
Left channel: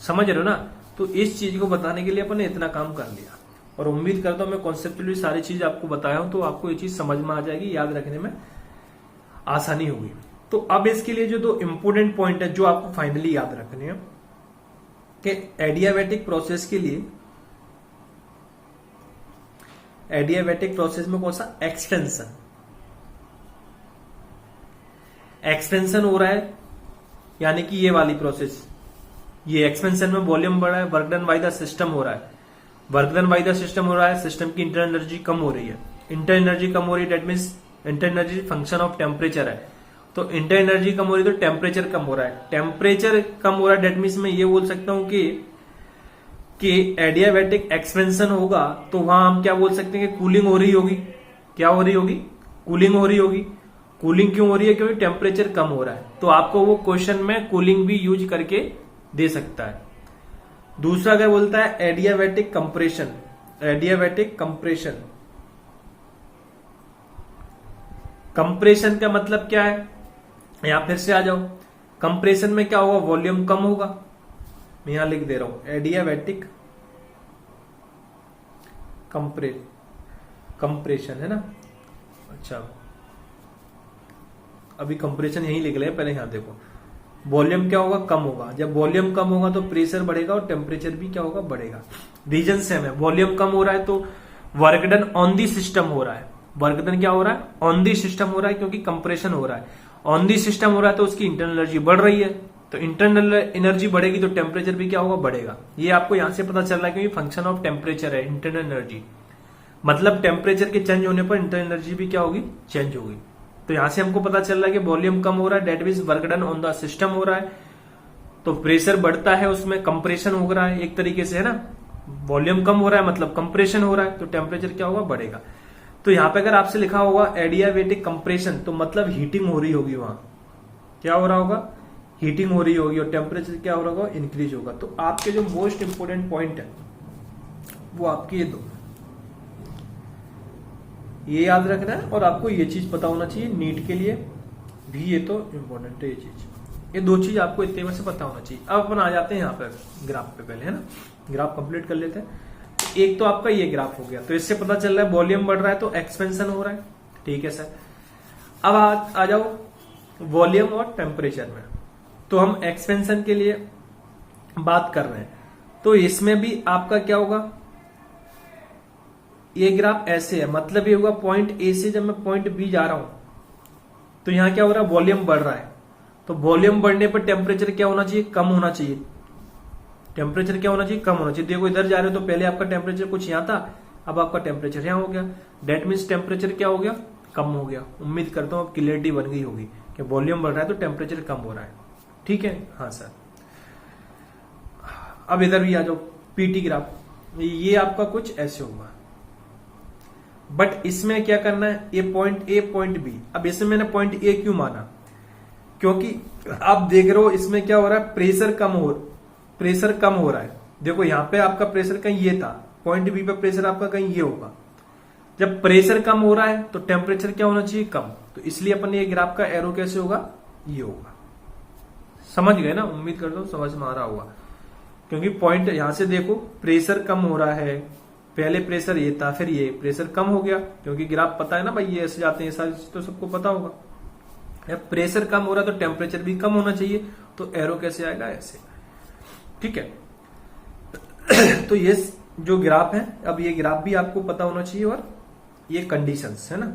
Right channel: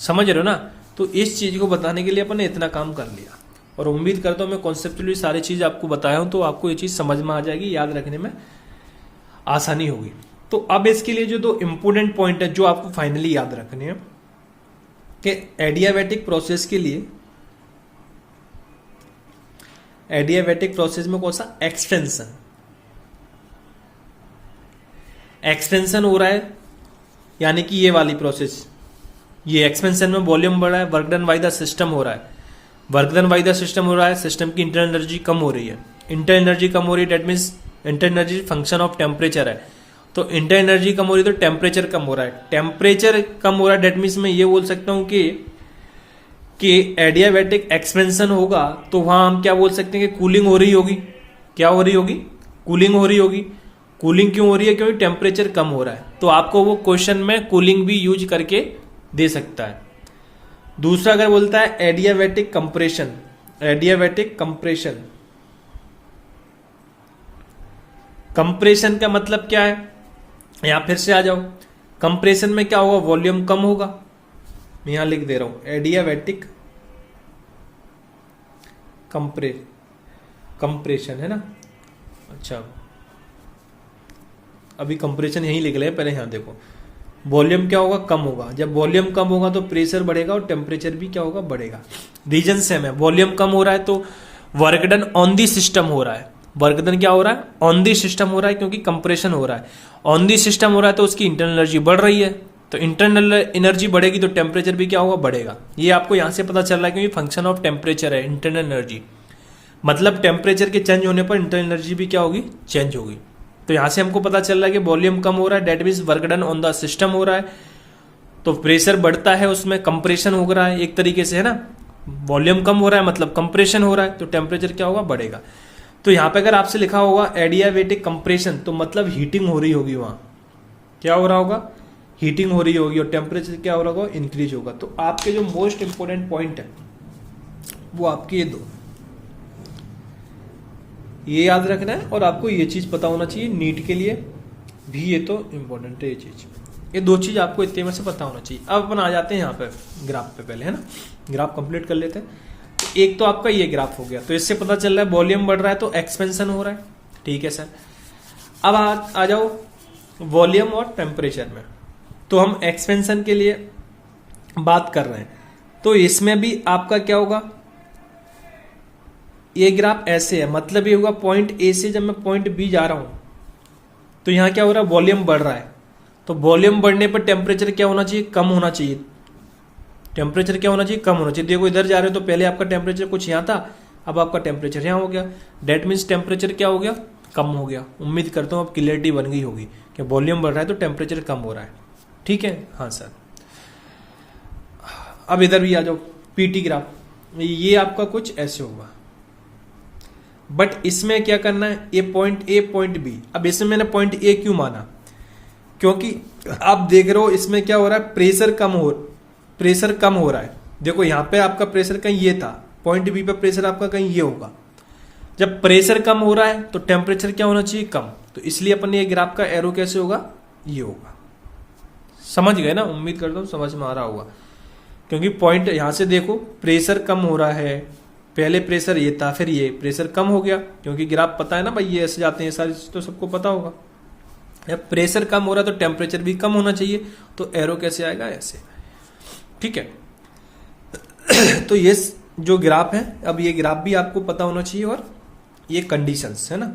समझ रहे हो ना। तो इस चीज को बताने के लिए अपन ने इतना काम कर लिया, और उम्मीद करता हूं मैं कॉन्सेप्चुअली सारी चीज आपको बताया हूं तो आपको ये चीज समझ में आ जाएगी, याद रखने में आसानी होगी। तो अब इसके लिए जो दो इंपोर्टेंट पॉइंट है जो आपको फाइनली याद रखने हैं कि एडियाबैटिक प्रोसेस के लिए, एडियाबैटिक प्रोसेस में कौन सा एक्सपेंशन, एक्सपेंशन हो रहा है, यानी कि ये वाली प्रोसेस, ये एक्सपेंशन में वॉल्यूम बढ़ रहा है, work done by the system हो रहा है, work done by the system हो रहा है, सिस्टम की इंटरनल एनर्जी कम हो रही है, इंटरनल एनर्जी कम हो रही है, that means internal energy function of temperature है, तो इंटरनल एनर्जी कम हो रही है तो टेम्परेचर कम हो रहा है, टेम्परेचर कम हो रहा है, डेट मीन्स मैं ये बोल सकता हूं कि एडियाबैटिक एक्सपेंशन होगा तो वहां हम क्या बोल सकते हैं कि कूलिंग हो रही होगी, क्या हो रही होगी, कूलिंग हो रही होगी। कूलिंग क्यों हो रही है, क्योंकि टेम्परेचर कम हो रहा है, तो आपको वो क्वेश्चन में कूलिंग भी यूज करके दे सकता है। दूसरा अगर बोलता है adiabatic compression, adiabatic compression, compression का मतलब क्या है, यहां फिर से आ जाओ, कंप्रेशन में क्या होगा, वॉल्यूम कम होगा, मैं यहां लिख दे रहा हूं एडियाबैटिक कंप्रेशन है ना। अच्छा अभी कंप्रेशन यही लिख ले, पहले यहां देखो, वॉल्यूम क्या होगा, कम होगा, जब वॉल्यूम कम होगा तो प्रेशर बढ़ेगा और टेम्परेचर भी क्या होगा, बढ़ेगा। रीजन सेम है, वॉल्यूम कम हो रहा है तो work done on the system हो रहा है, वर्क डन क्या हो रहा है, ऑन दी सिस्टम हो रहा है, क्योंकि कंप्रेशन हो रहा है, ऑन दी सिस्टम हो रहा है तो उसकी इंटरनल एनर्जी बढ़ रही है, तो इंटरनल एनर्जी बढ़ेगी तो टेम्परेचर भी क्या होगा, बढ़ेगा। ये आपको यहां से पता चल रहा है क्योंकि फंक्शन ऑफ टेम्परेचर है, इंटरनल एनर्जी, मतलब टेम्परेचर के चेंज होने पर इंटरनल एनर्जी भी क्या होगी, चेंज होगी। तो यहां से हमको पता चल रहा है कि वॉल्यूम कम हो रहा है, that means work done on the system हो रहा है, तो प्रेशर बढ़ता है, उसमें कंप्रेशन हो रहा है एक तरीके से, है ना, वॉल्यूम कम हो रहा है मतलब कंप्रेशन हो रहा है, तो टेम्परेचर क्या होगा, बढ़ेगा। तो यहां पे अगर आपसे लिखा होगा एडियाबैटिक कंप्रेशन तो मतलब हीटिंग हो रही होगी, वहां क्या हो रहा होगा, हीटिंग हो रही होगी और टेम्परेचर क्या हो रहा होगा, इंक्रीज होगा। तो आपके जो मोस्ट इंपोर्टेंट पॉइंट है वो आपके ये दो, ये याद रखना है और आपको ये चीज पता होना चाहिए, नीट के लिए भी ये तो इंपॉर्टेंट है, ये चीज, ये दो चीज आपको इतने में से पता होना चाहिए। अब अपन आ जाते हैं यहाँ पे ग्राफ पे, पहले है ना ग्राफ कंप्लीट कर लेते हैं। एक तो आपका ये ग्राफ हो गया, तो इससे पता चल रहा है वॉल्यूम बढ़ रहा है तो एक्सपेंशन हो रहा है, ठीक है सर। अब आ जाओ वॉल्यूम और टेम्परेचर में, तो हम एक्सपेंशन के लिए बात कर रहे हैं, तो इसमें भी आपका क्या होगा, ये ग्राफ ऐसे है, मतलब ये होगा पॉइंट ए से जब मैं पॉइंट बी जा रहा हूं तो यहां क्या हो रहा है, वॉल्यूम बढ़ रहा है, तो वॉल्यूम बढ़ने पर टेम्परेचर क्या होना चाहिए, कम होना चाहिए, टेम्परेचर क्या होना चाहिए, कम होना चाहिए। देखो इधर जा रहे हो तो पहले आपका टेम्परेचर कुछ यहां था, अब आपका टेम्परेचर यहां हो गया, डेट मीन्स टेम्परेचर क्या हो गया, कम हो गया। उम्मीद करता हूं अब क्लियरिटी बन गई होगी कि वॉल्यूम बढ़ रहा है तो टेम्परेचर कम हो रहा है, ठीक है, हाँ सर। अब इधर भी आ जाओ, पीटी ग्राफ, ये आपका कुछ ऐसे होगा, बट इसमें क्या करना है, ये पॉइंट ए पॉइंट बी। अब इसमें मैंने पॉइंट ए क्यों माना, क्योंकि आप देख रहे हो इसमें क्या हो रहा है, प्रेशर कम हो रहा है। देखो यहां पे आपका प्रेशर कहीं ये था, पॉइंट बी पे प्रेशर आपका कहीं ये होगा, जब प्रेशर कम हो रहा है तो टेम्परेचर क्या होना चाहिए, कम, तो इसलिए अपन ये ग्राफ का एरो कैसे होगा, ये होगा। समझ गए ना, उम्मीद करता हूं समझ में आ रहा होगा, क्योंकि पॉइंट यहां से देखो प्रेशर कम हो रहा है, पहले प्रेशर ये था फिर ये प्रेशर कम हो गया, क्योंकि ग्राफ पता है ना भाई, ये ऐसे जाते हैं, सारी चीज तो सबको पता होगा। जब प्रेशर कम हो रहा है तो टेम्परेचर भी कम होना चाहिए, तो एरो कैसे आएगा, ऐसे, ठीक है। तो ये जो ग्राफ है, अब ये ग्राफ भी आपको पता होना चाहिए, और ये कंडीशंस है ना,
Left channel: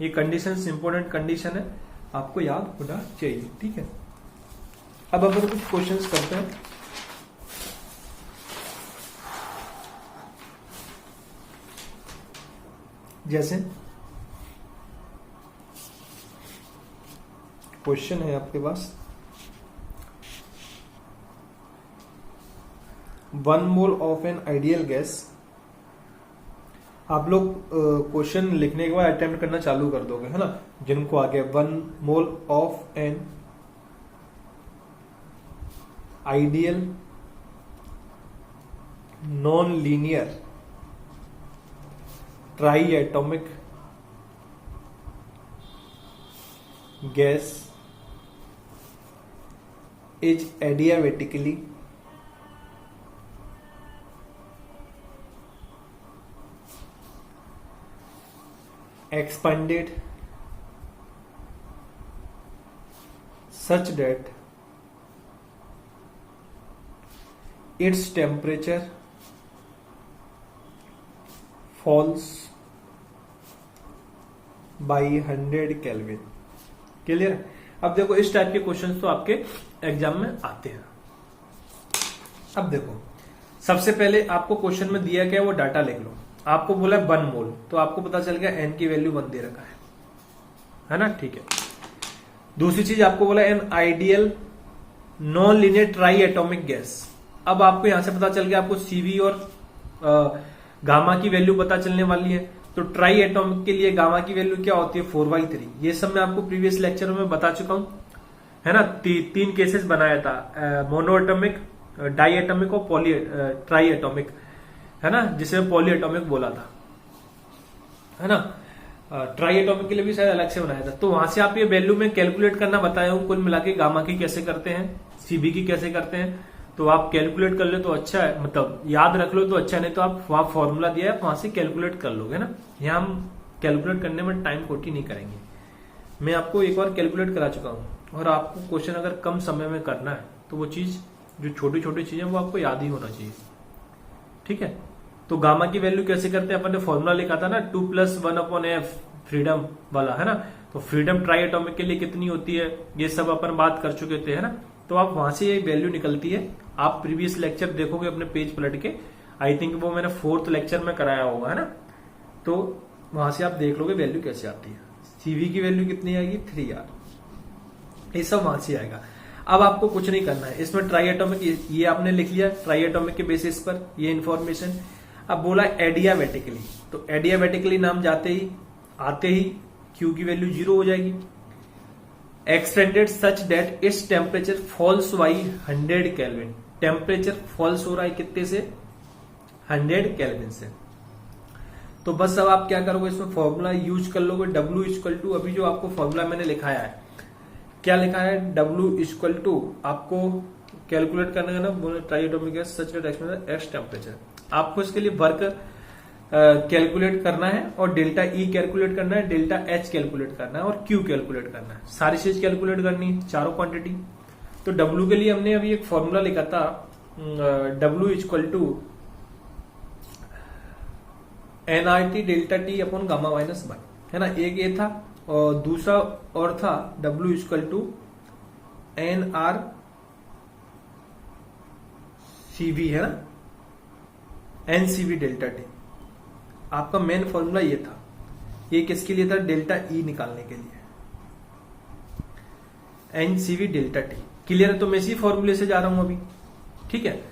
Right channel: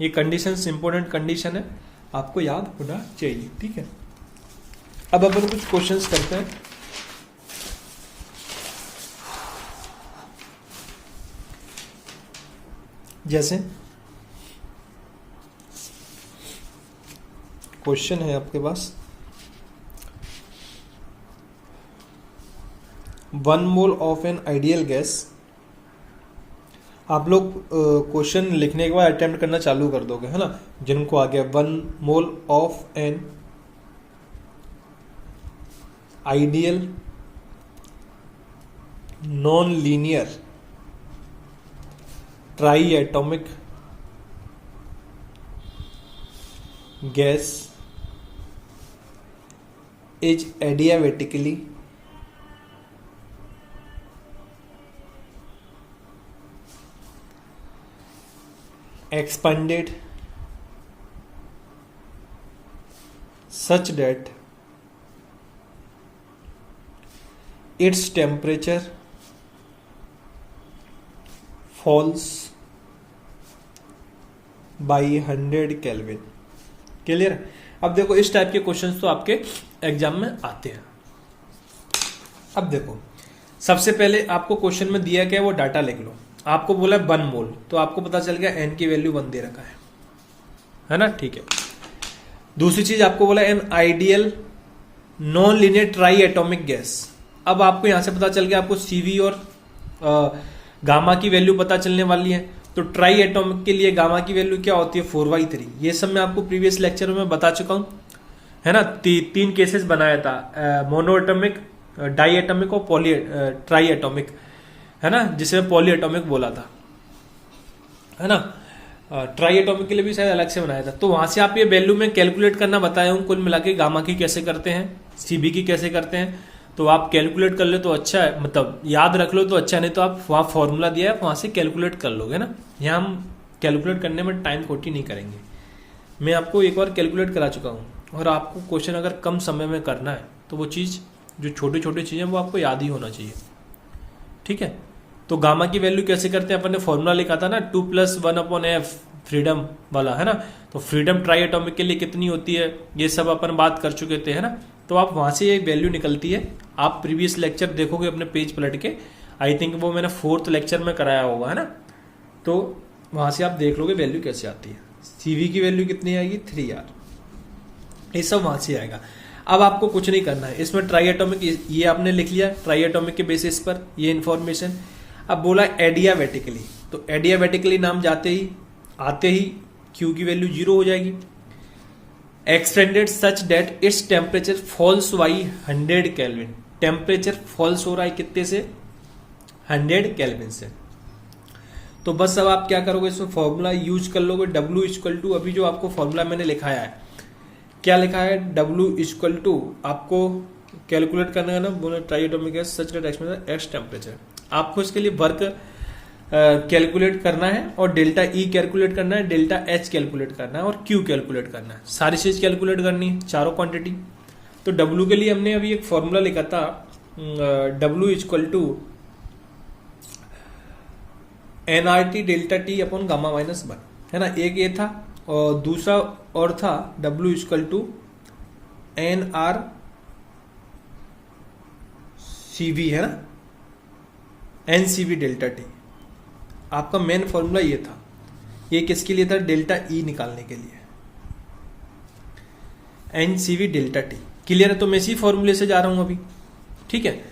ये कंडीशंस इंपॉर्टेंट कंडीशन है, आपको याद होना चाहिए, ठीक है। अब अपन कुछ क्वेश्चंस करते हैं, जैसे क्वेश्चन है आपके पास, 1 mole of an ideal gas. आप लोग क्वेश्चन लिखने के बाद अटेम्प्ट करना चालू कर दोगे, है ना, जिनको आ गया 1 mole of an ideal non linear try atomic gas is adiabatically expanded such that its temperature falls by 100 kelvin. Clear? अब देखो इस टाइप के क्वेश्चंस तो आपके एग्जाम में आते हैं। अब देखो सबसे पहले आपको क्वेश्चन में दिया क्या है वो डाटा लिख लो। आपको बोला है 1 मोल, तो आपको पता चल गया एन की वैल्यू 1 दे रखा है ना? ठीक है। दूसरी चीज आपको बोला an ideal non linear try atomic gas. अब आपको यहां से पता चल गया आपको सीवी और गामा की वैल्यू पता चलने वाली है। तो ट्राई एटॉमिक के लिए गामा की वैल्यू क्या होती है 4/3। ये सब मैं आपको प्रीवियस लेक्चर में बता चुका हूं, है ना? 3 केसेस बनाया था, मोनो एटॉमिक, डाई एटॉमिक और ट्राई एटॉमिक, है ना, जिसे पॉली एटॉमिक बोला था, है ना? ट्राई एटॉमिक के लिए भी शायद अलग से बनाया था। तो वहां से आप ये वैल्यू में कैलकुलेट करना बताया हूं, कुल मिला के गामा की कैसे करते हैं, सीबी की कैसे करते हैं। तो आप कैलकुलेट कर ले तो अच्छा है, मतलब याद रख लो तो अच्छा, नहीं तो आप वहां फॉर्मूला दिया है वहां से कैलकुलेट कर लोगे ना। यहाँ हम कैलकुलेट करने में टाइम खोटी नहीं करेंगे। मैं आपको एक बार कैलकुलेट करा चुका हूँ, और आपको क्वेश्चन अगर कम समय में करना है तो वो चीज़ जो छोटी छोटी चीज़ें वो आपको याद ही होना चाहिए। ठीक है? तो गामा की वैल्यू कैसे करते हैं, अपन ने फॉर्मूला लिखा था ना 2+1/f फ्रीडम वाला, है ना? तो फ्रीडम ट्राई एटॉमिक के लिए कितनी होती है ये सब अपन बात कर चुके थे, है ना? तो आप वहां से ये वैल्यू निकलती है। आप प्रीवियस लेक्चर देखोगे अपने पेज पलट के, आई थिंक वो मैंने 4th लेक्चर में कराया होगा, है ना? तो वहां से आप देख लोगे वैल्यू कैसे आती है। सीवी की वैल्यू कितनी आएगी 3R, ये सब वहां से आएगा। अब आपको कुछ नहीं करना है इसमें। ट्राई एटॉमिक ये आपने लिख लिया ट्राई एटॉमिक के बेसिस पर ये इंफॉर्मेशन। अब बोला एडियाबेटिकली, तो एडियाबेटिकली नाम आते ही क्यू की वैल्यू 0 हो जाएगी। Extended such that its temperature falls by 100 kelvin. Temperature falls हो रहा है कितने से 100 केल्विन से। तो बस अब आप क्या करोगे, इसमें फॉर्मूला यूज कर लोगे। W इक्वल टू, अभी जो आपको फॉर्मूला मैंने लिखाया है, क्या लिखा है, W इक्वल टू आपको कैलकुलेट करना है ना, बोले ट्राई एटॉमिक गैस सच डेट एक्स टेम्परेचर। आपको इसके लिए वर्क कैलकुलेट करना है, और डेल्टा ई कैलकुलेट करना है, डेल्टा एच कैलकुलेट करना है, और क्यू कैलकुलेट करना है। सारी चीज कैलकुलेट करनी है, चारों क्वांटिटी। तो डब्ल्यू के लिए हमने अभी एक फॉर्मूला लिखा था, W equal to nRT delta T upon gamma -1, है ना? एक ये था, और दूसरा और था W equal to NR CV, है ना, NCV डेल्टा टी। आपका मेन फॉर्मूला ये था। ये किसके लिए था, डेल्टा ई निकालने के लिए, NCV डेल्टा टी। क्लियर है? तो मैं इसी फॉर्मूले से जा रहा हूं अभी। ठीक है,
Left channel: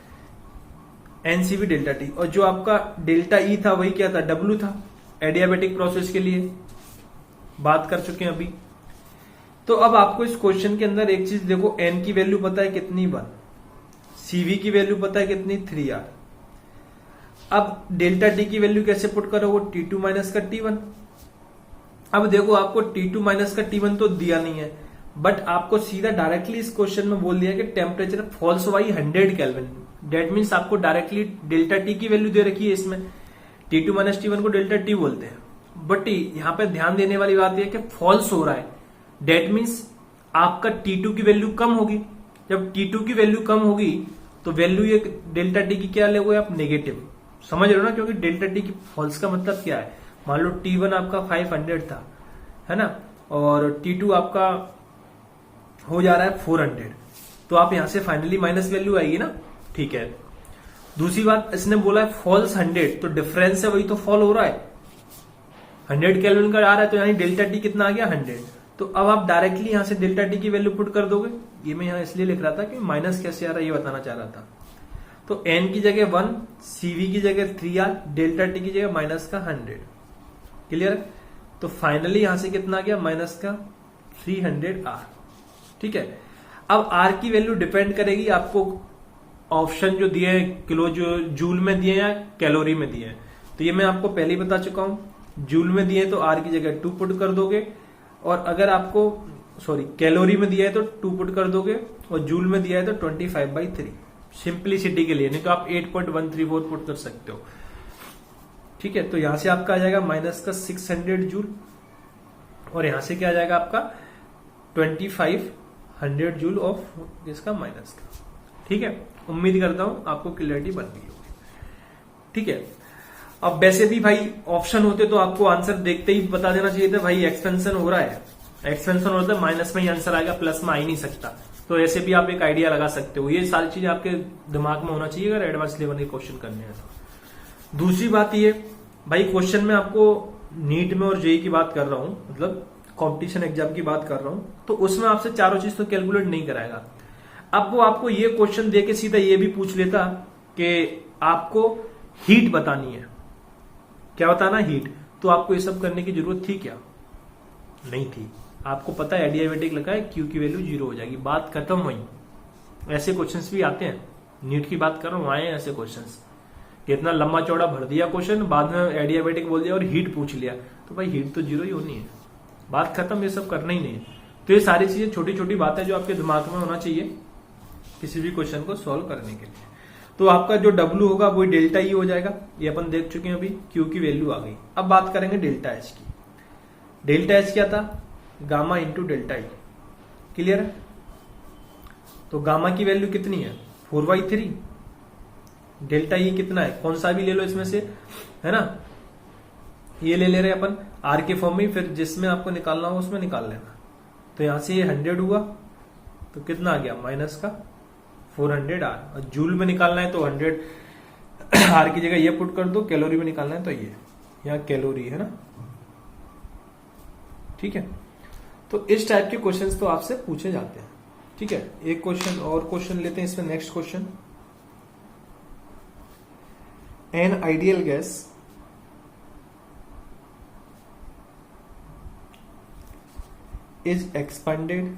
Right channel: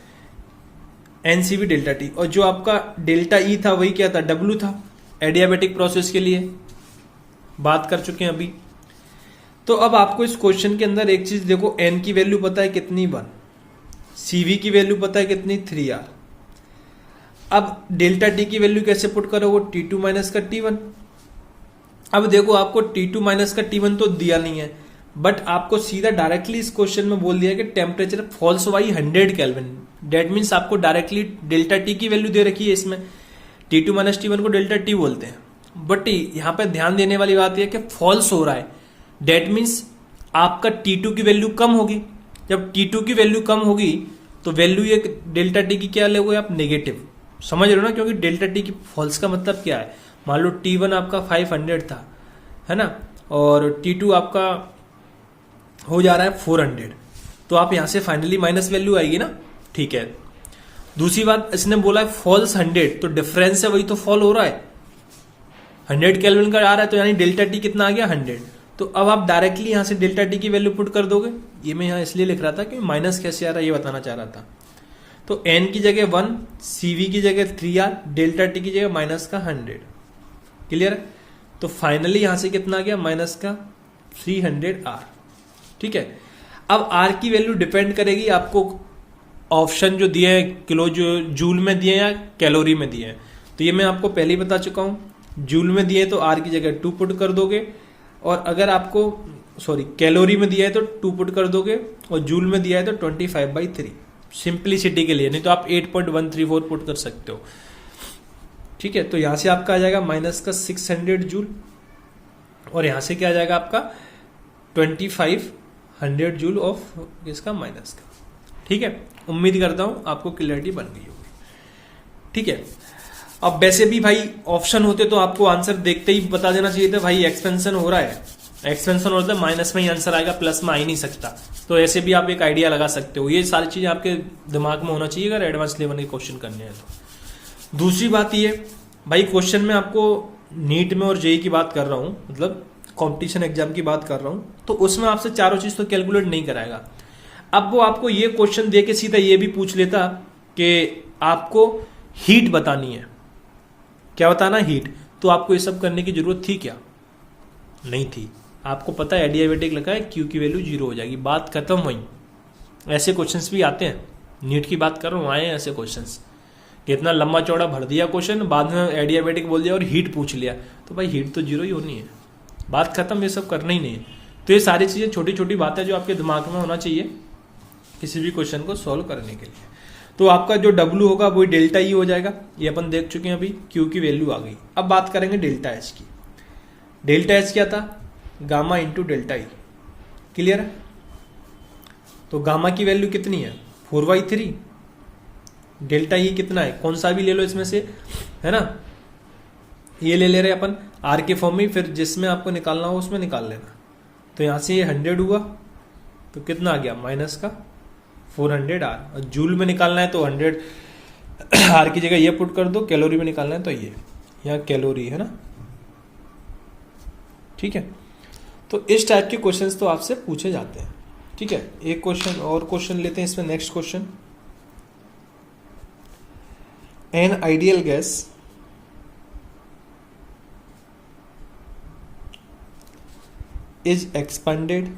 NCV डेल्टा टी, और जो आपका डेल्टा ई था वही क्या था, W था, एडियाबेटिक प्रोसेस के लिए बात कर चुके हैं अभी। तो अब आपको इस क्वेश्चन के अंदर एक चीज देखो, N की वैल्यू पता है कितनी 1, CV की वैल्यू पता है कितनी 3R। अब डेल्टा टी की वैल्यू कैसे पुट करोगे, T2 माइनस का T1। अब देखो आपको T2 माइनस का T1 तो दिया नहीं है, बट आपको सीधा डायरेक्टली इस क्वेश्चन में बोल दिया कि temperature falls by 100 kelvin. That means आपको डायरेक्टली डेल्टा टी की वैल्यू दे रखी है इसमें। T2 माइनस T1 को डेल्टा टी बोलते हैं, बट यहाँ पे ध्यान देने वाली बात यह कि फॉल्स हो रहा है। डेट मीन्स आपका T2 की वैल्यू कम होगी। जब T2 की वैल्यू कम होगी तो वैल्यू ये डेल्टा टी की क्या लोगे आप, नेगेटिव। समझ रहे हो ना? क्योंकि डेल्टा टी की फॉल्स का मतलब क्या है, मान लो T1 आपका 500 था, है ना, और T2 आपका हो जा रहा है 400, तो आप यहां से फाइनली माइनस वैल्यू आएगी ना। ठीक है, दूसरी बात इसने बोला है फॉल्स 100, तो डिफरेंस है वही तो फॉल हो रहा है, 100 केल्विन का आ रहा है, तो यानी डेल्टा टी कितना आ गया 100। तो अब आप डायरेक्टली यहां से डेल्टा टी की वैल्यू पुट कर दोगे। ये मैं यहां इसलिए लिख रहा था कि माइनस कैसे आ रहा है ये बताना चाह रहा था। तो n की जगह 1, CV की जगह 3R, डेल्टा टी की जगह माइनस का 100। क्लियर? तो फाइनली यहां से कितना आ गया, माइनस का 300R। ठीक है, अब R की वैल्यू डिपेंड करेगी आपको ऑप्शन जो दिए हैं, किलो जो जूल में दिए या कैलोरी में दिए हैं। तो ये मैं आपको पहले ही बता चुका हूं। जूल में दिए तो R की जगह 2 पुट कर दोगे, और अगर आपको कैलोरी में दिया है तो 2 पुट कर दोगे, और जूल में दिया है तो 25/3, सिंप्लिसिटी के लिए। नहीं तो आप 8.134 पुट कर सकते हो। ठीक है, तो यहां से आपका आ जाएगा माइनस का 600 जूल, और यहां से क्या आ जाएगा आपका 25 100 जूल ऑफ इसका माइनस का। ठीक है, उम्मीद करता हूं आपको क्लियरिटी बन गई होगी। ठीक है, अब वैसे भी भाई ऑप्शन होते तो आपको आंसर देखते ही बता देना चाहिए था भाई एक्सपेंशन हो रहा है, एक्सपेंशन हो रहा है माइनस में ही आंसर आएगा, प्लस में आ ही नहीं सकता। तो ऐसे भी आप एक आइडिया लगा सकते हो। ये सारी चीजें आपके दिमाग में होना चाहिए अगर एडवांस लेवल के क्वेश्चन करने हैं तो। दूसरी बात ये भाई, क्वेश्चन में आपको नीट में और जेई की बात कर रहा हूं, मतलब कंपटीशन एग्जाम की बात कर रहा हूं, तो उसमें आपसे चारों चीज तो कैलकुलेट नहीं कराएगा। अब वो आपको ये क्वेश्चन दे के सीधा ये भी पूछ लेता कि आपको हीट बतानी है, क्या बताना, हीट, तो आपको ये सब करने की जरूरत थी क्या? नहीं थी। आपको पता है एडियाबेटिक लगा है, क्यू की वैल्यू 0 हो जाएगी, बात खत्म हुई। ऐसे क्वेश्चंस भी आते हैं, नीट की बात कर रहा हूं, आए हैं ऐसे क्वेश्चंस कि इतना लंबा चौड़ा भर दिया क्वेश्चन, बाद में एडियाबेटिक बोल दिया और हीट पूछ लिया, तो भाई हीट तो 0 ही होनी है, बात खत्म, ये सब करना ही नहीं है। तो ये सारी चीजें छोटी छोटी बातें जो आपके दिमाग में होना चाहिए किसी भी क्वेश्चन को सॉल्व करने के लिए। तो आपका जो W होगा वो डेल्टा ई हो जाएगा, ये अपन देख चुके हैं अभी, Q की वैल्यू आ गई। अब बात करेंगे डेल्टा एच की। डेल्टा एच क्या था? गामा इंटू डेल्टा ई। क्लियर है? तो गामा की वैल्यू कितनी है? 4/3। डेल्टा ई कितना है? कौन सा भी ले लो इसमें से, है ना, ये ले रहे अपन आर के फॉर्म में, फिर जिसमें आपको निकालना हो उसमें निकाल लेना। तो यहां से ये 100 हुआ तो कितना आ गया? माइनस का 400 आर। जूल में निकालना है तो 100 आर की जगह ये पुट कर दो, कैलोरी में निकालना है तो ये, यहाँ कैलोरी है ना। ठीक है, तो इस टाइप के क्वेश्चंस तो आपसे पूछे जाते हैं। ठीक है, एक क्वेश्चन और क्वेश्चन लेते हैं इसमें। Next question, N ideal gas is expanded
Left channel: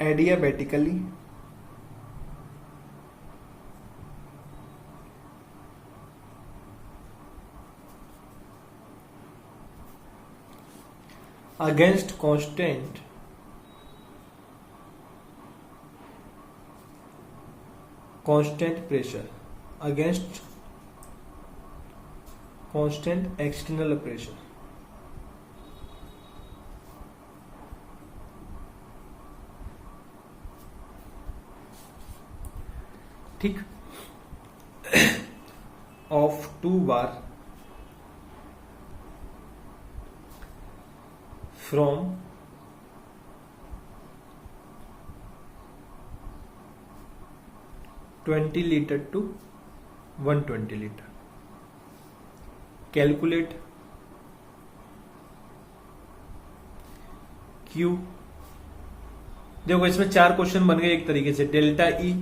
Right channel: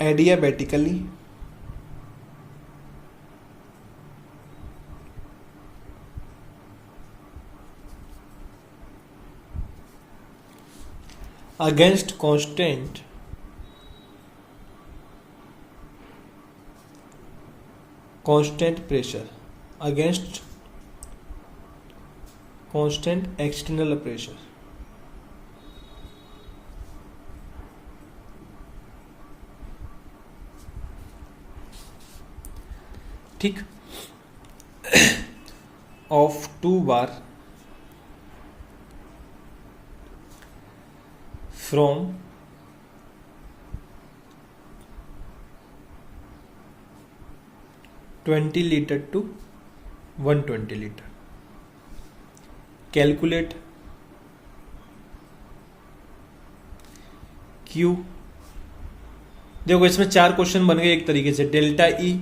adiabatically against constant pressure, against constant external pressure। ठीक, of 2 bar from 20 liter to 120 liter। Calculate Q। देखो इसमें 4 क्वेश्चन बन गए एक तरीके से, डेल्टा E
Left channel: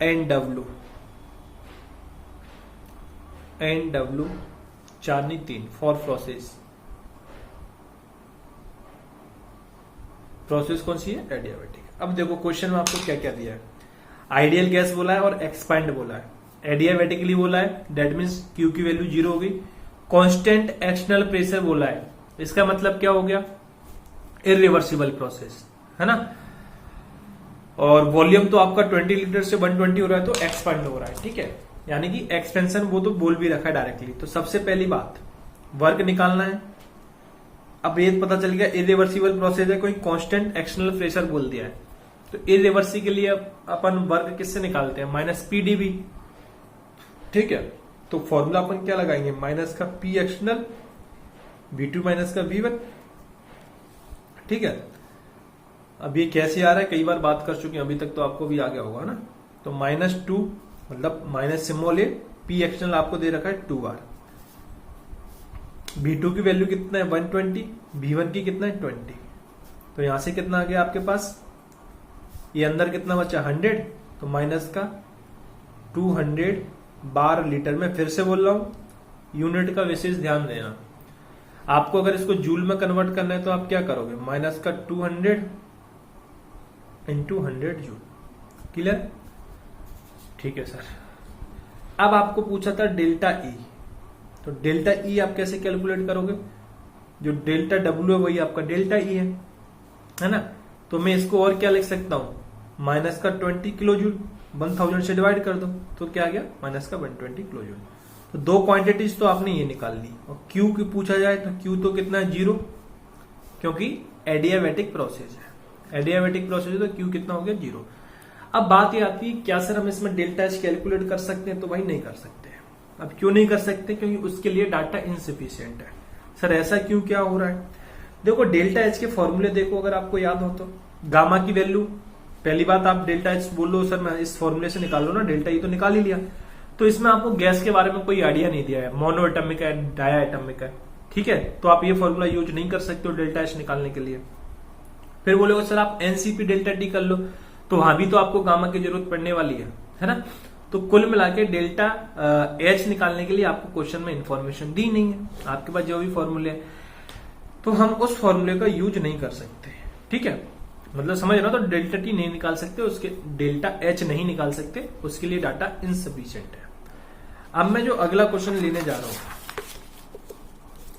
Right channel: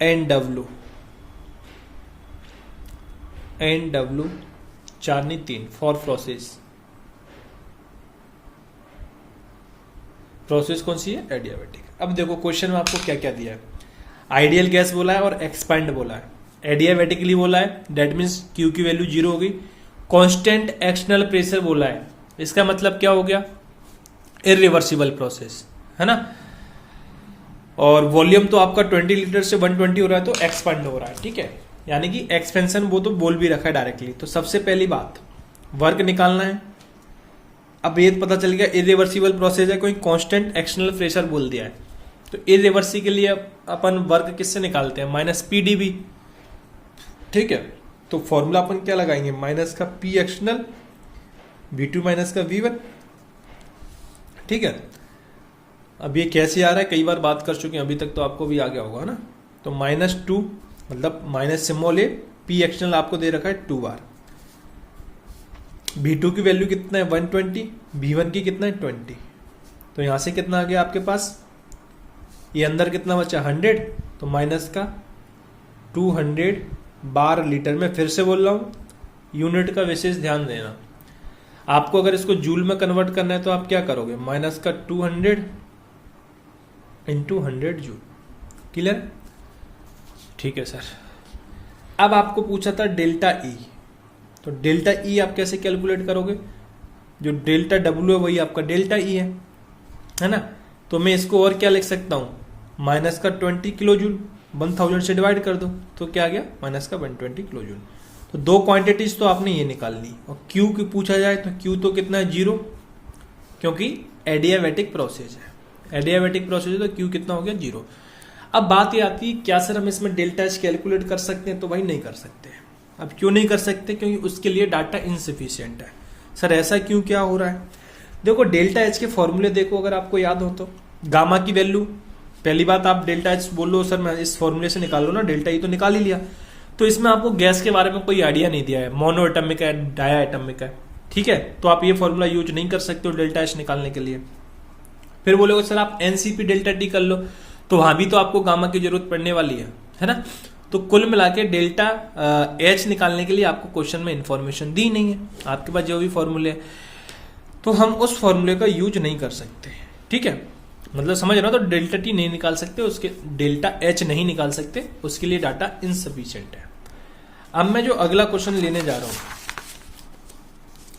एंड W, 4 नहीं 3 फॉर प्रोसेस कौन सी है? एडियाबेटिक। अब देखो क्वेश्चन में आपको क्या क्या दिया है, आइडियल गैस बोला है और एक्सपैंड बोला है, एडियाबेटिकली बोला है, डेट मीन्स Q की वैल्यू 0 हो गई, कांस्टेंट एक्सटर्नल प्रेशर बोला है, इसका मतलब क्या हो गया? इरिवर्सिबल प्रोसेस, है ना। और वॉल्यूम तो आपका 20 लीटर से 120 हो रहा है तो एक्सपेंड हो रहा है। ठीक है, यानी कि एक्सपेंशन वो तो बोल भी रखा है डायरेक्टली। तो सबसे पहली बात वर्क निकालना है। अब ये पता चल गया इरिवर्सिबल प्रोसेस है, कोई कांस्टेंट एक्सटर्नल प्रेशर बोल दिया है, तो इरिवर्सिबल के लिए अपन वर्क किससे निकालते हैं? Minus PdV। ठीक है, तो फॉर्मूला अपन क्या लगाएंगे? माइनस का P एक्सटर्नल V2 माइनस का V1। ठीक है, अब ये कैसे आ रहा है कई बार बात कर चुके हैं, अभी तक तो आपको भी आ गया होगा ना। तो -2 मतलब माइनस सिम्बॉल है, P एक्सटर्नल आपको दे रखा है 2 बार, V2 की वैल्यू कितना है? 120, V1 की कितना है? 20। तो यहां से कितना आ गया आपके पास? ये अंदर कितना बचा? 100, तो माइनस का 200 बार लीटर में। फिर से बोल रहा हूं, यूनिट का विशेष ध्यान देना। आपको अगर इसको जूल में कन्वर्ट करना है तो आप क्या करोगे? माइनस का 200 इंटू 100 जूल। क्लियर? ठीक है सर। अब आपको पूछा था डेल्टा ई, तो डेल्टा ई आप कैसे कैलकुलेट करोगे? जो डेल्टा डब्ल्यू है वही आपका डेल्टा ई है ना। तो मैं इसको और क्या लिख सकता हूं? माइनस का 20 किलो जूल 1000 से डिवाइड कर दो तो क्या आ गया? माइनस का 120 किलो जूल। तो दो क्वांटिटीज तो आपने ये निकाल ली, और क्यू की पूछा जाए तो क्यू तो कितना है 0, क्योंकि एडियाबैटिक प्रोसेस है, एडियाबैटिक प्रोसेस है तो क्यू कितना हो गया 0। अब बात ये आती है क्या सर हम इसमें डेल्टा एच कैलकुलेट कर सकते हैं, तो भाई नहीं कर सकते। अब क्यों नहीं कर सकते, क्योंकि उसके लिए डाटा इनसफिशियंट है। सर ऐसा क्यों, क्या हो रहा है, देखो डेल्टा एच के फॉर्मूले देखो अगर आपको याद हो तो, गामा की वैल्यू, पहली बात आप डेल्टा एच बोल लो सर मैं इस फॉर्मूले से निकाल लो ना, डेल्टा ई तो निकाल ही लिया। तो इसमें आपको गैस के बारे में कोई आइडिया नहीं दिया है, मोनो एटमिक है, डाया एटमिक है, ठीक है, तो आप ये फॉर्मूला यूज नहीं कर सकते हो डेल्टा एच निकालने के लिए। फिर बोलोगे सर आप एनसीपी डेल्टा टी कर लो, तो वहां भी तो आपको गामा की जरूरत पड़ने वाली है ना। तो कुल मिला के डेल्टा एच निकालने के लिए आपको क्वेश्चन में इंफॉर्मेशन दी नहीं है, आपके पास जो भी फॉर्मूले है तो हम उस फॉर्मूले का यूज नहीं कर सकते, ठीक है, मतलब समझ रहे हो। तो डेल्टा टी नहीं निकाल सकते, उसके डेल्टा एच नहीं निकाल सकते, उसके लिए डाटा इनसफिशिएंट है। अब मैं जो अगला क्वेश्चन लेने जा रहा हूं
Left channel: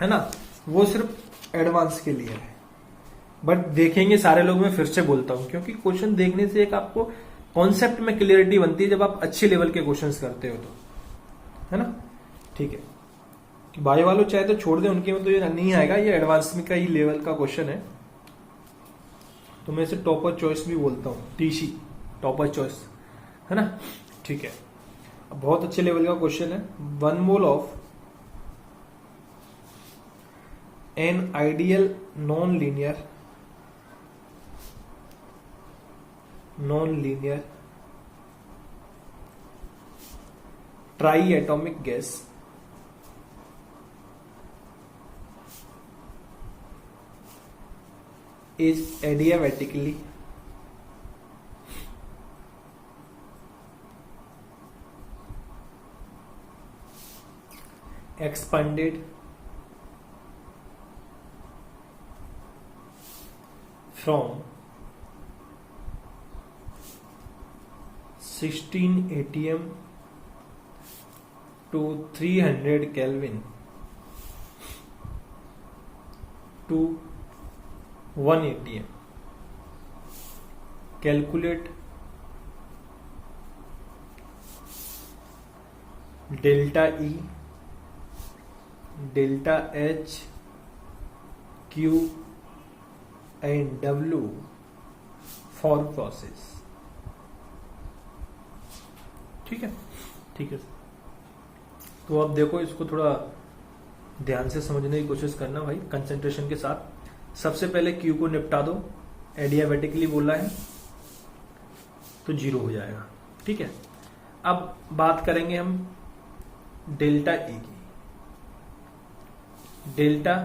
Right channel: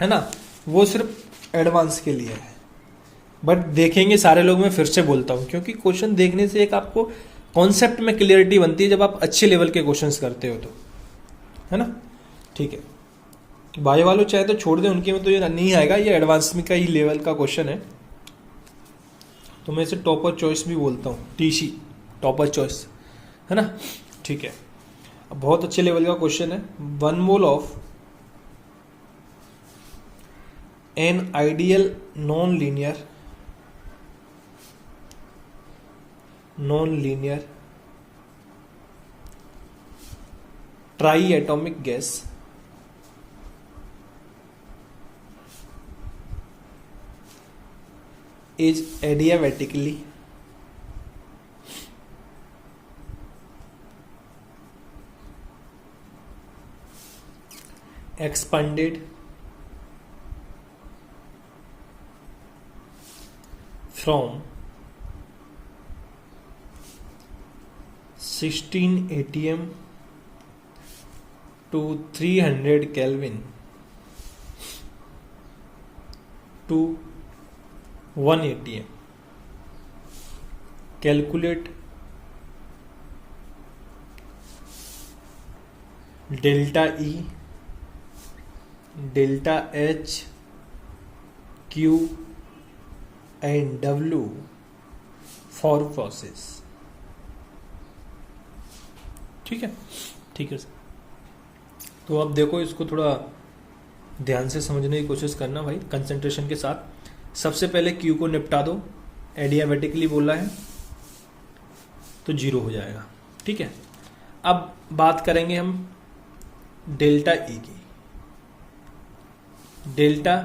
है ना, वो सिर्फ एडवांस के लिए है, बट देखेंगे सारे लोग, मैं फिर से बोलता हूं क्योंकि क्वेश्चन देखने से एक आपको कॉन्सेप्ट में क्लियरिटी बनती है जब आप अच्छे लेवल के क्वेश्चंस करते हो तो, है ना, ठीक है। बायो वालों चाहे तो छोड़ दे, उनके में तो ये नहीं आएगा, ये एडवांस में का ही लेवल का क्वेश्चन है, तो मैं इसे टॉपर चॉइस भी बोलता हूँ, टीसी टॉपर चॉइस, है ना, ठीक है। बहुत अच्छे लेवल का क्वेश्चन है। 1 mole of an ideal non linear triatomic gas is adiabatically expanded from 16 atm to 300 Kelvin to 1 atm. Calculate delta E, delta H, Q and W for process. ठीक है, ठीक है सर। तो अब देखो इसको थोड़ा ध्यान से समझने की कोशिश करना भाई, कंसंट्रेशन के साथ। सबसे पहले क्यू को निपटा दो, एडियाबेटिकली बोला है तो 0 हो जाएगा, ठीक है। अब बात करेंगे हम डेल्टा ई की। डेल्टा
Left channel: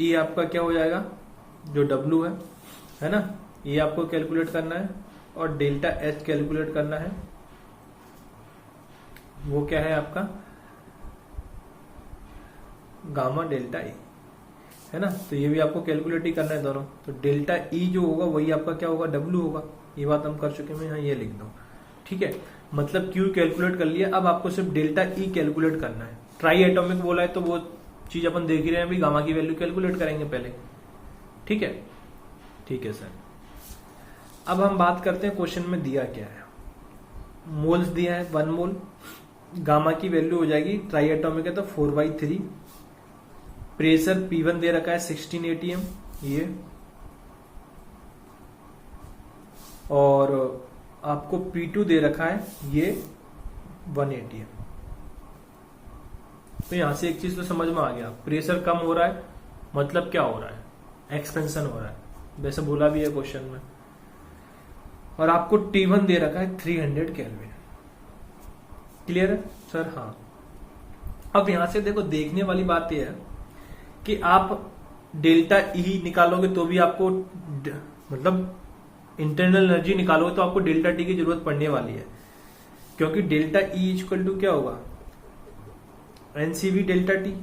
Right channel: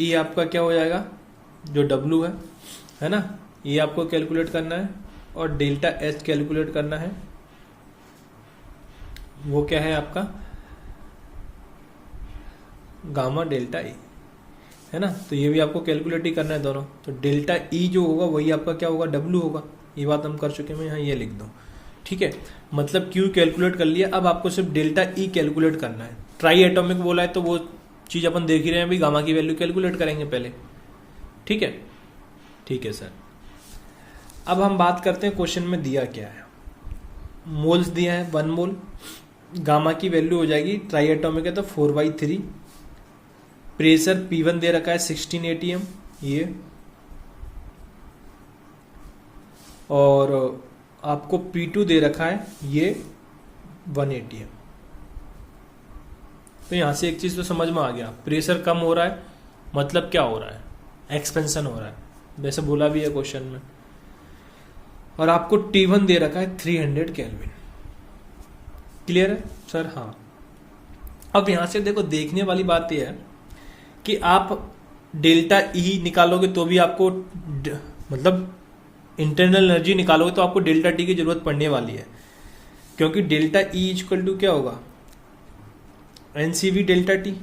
ई आपका क्या हो जाएगा, जो डब्ल्यू है ना, ये आपको कैलकुलेट करना है, और डेल्टा एच कैलकुलेट करना है, वो क्या है आपका गामा डेल्टा ई, है ना, तो ये भी आपको कैलकुलेट ही करना है दोनों। तो डेल्टा ई जो होगा वही आपका क्या होगा, डब्ल्यू होगा, ये बात हम कर चुके हैं, मैं यहाँ ये लिख दूँ, ठीक है। मतलब क्यू कैलकुलेट कर लिया, अब आपको सिर्फ डेल्टा ई कैलकुलेट करना है। ट्राई एटॉमिक बोला है तो वो चीज अपन देख ही रहे हैं, भी गामा की वैल्यू कैलकुलेट करेंगे पहले, ठीक है, ठीक है सर। अब हम बात करते हैं क्वेश्चन में दिया क्या है, मोल्स दिया है 1 मोल, गामा की वैल्यू हो जाएगी, ट्राई एटॉमिक है तो 4/3, प्रेशर P1 दे रखा है 16 atm ये, और आपको P2 दे रखा है ये 1 atm। तो यहां से एक चीज तो समझ में आ गया, प्रेशर कम हो रहा है मतलब क्या हो रहा है, एक्सपेंशन हो रहा है, वैसे बोला भी है क्वेश्चन में, और आपको T1 दे रखा है 300 केल्विन। क्लियर है सर? हाँ। अब यहां से देखो देखने वाली बात यह है कि आप डेल्टा ई निकालोगे तो भी आपको मतलब इंटरनल एनर्जी निकालोगे तो आपको डेल्टा टी की जरूरत पड़ने वाली है, क्योंकि डेल्टा ई इक्वल टू क्या होगा, NCV delta T.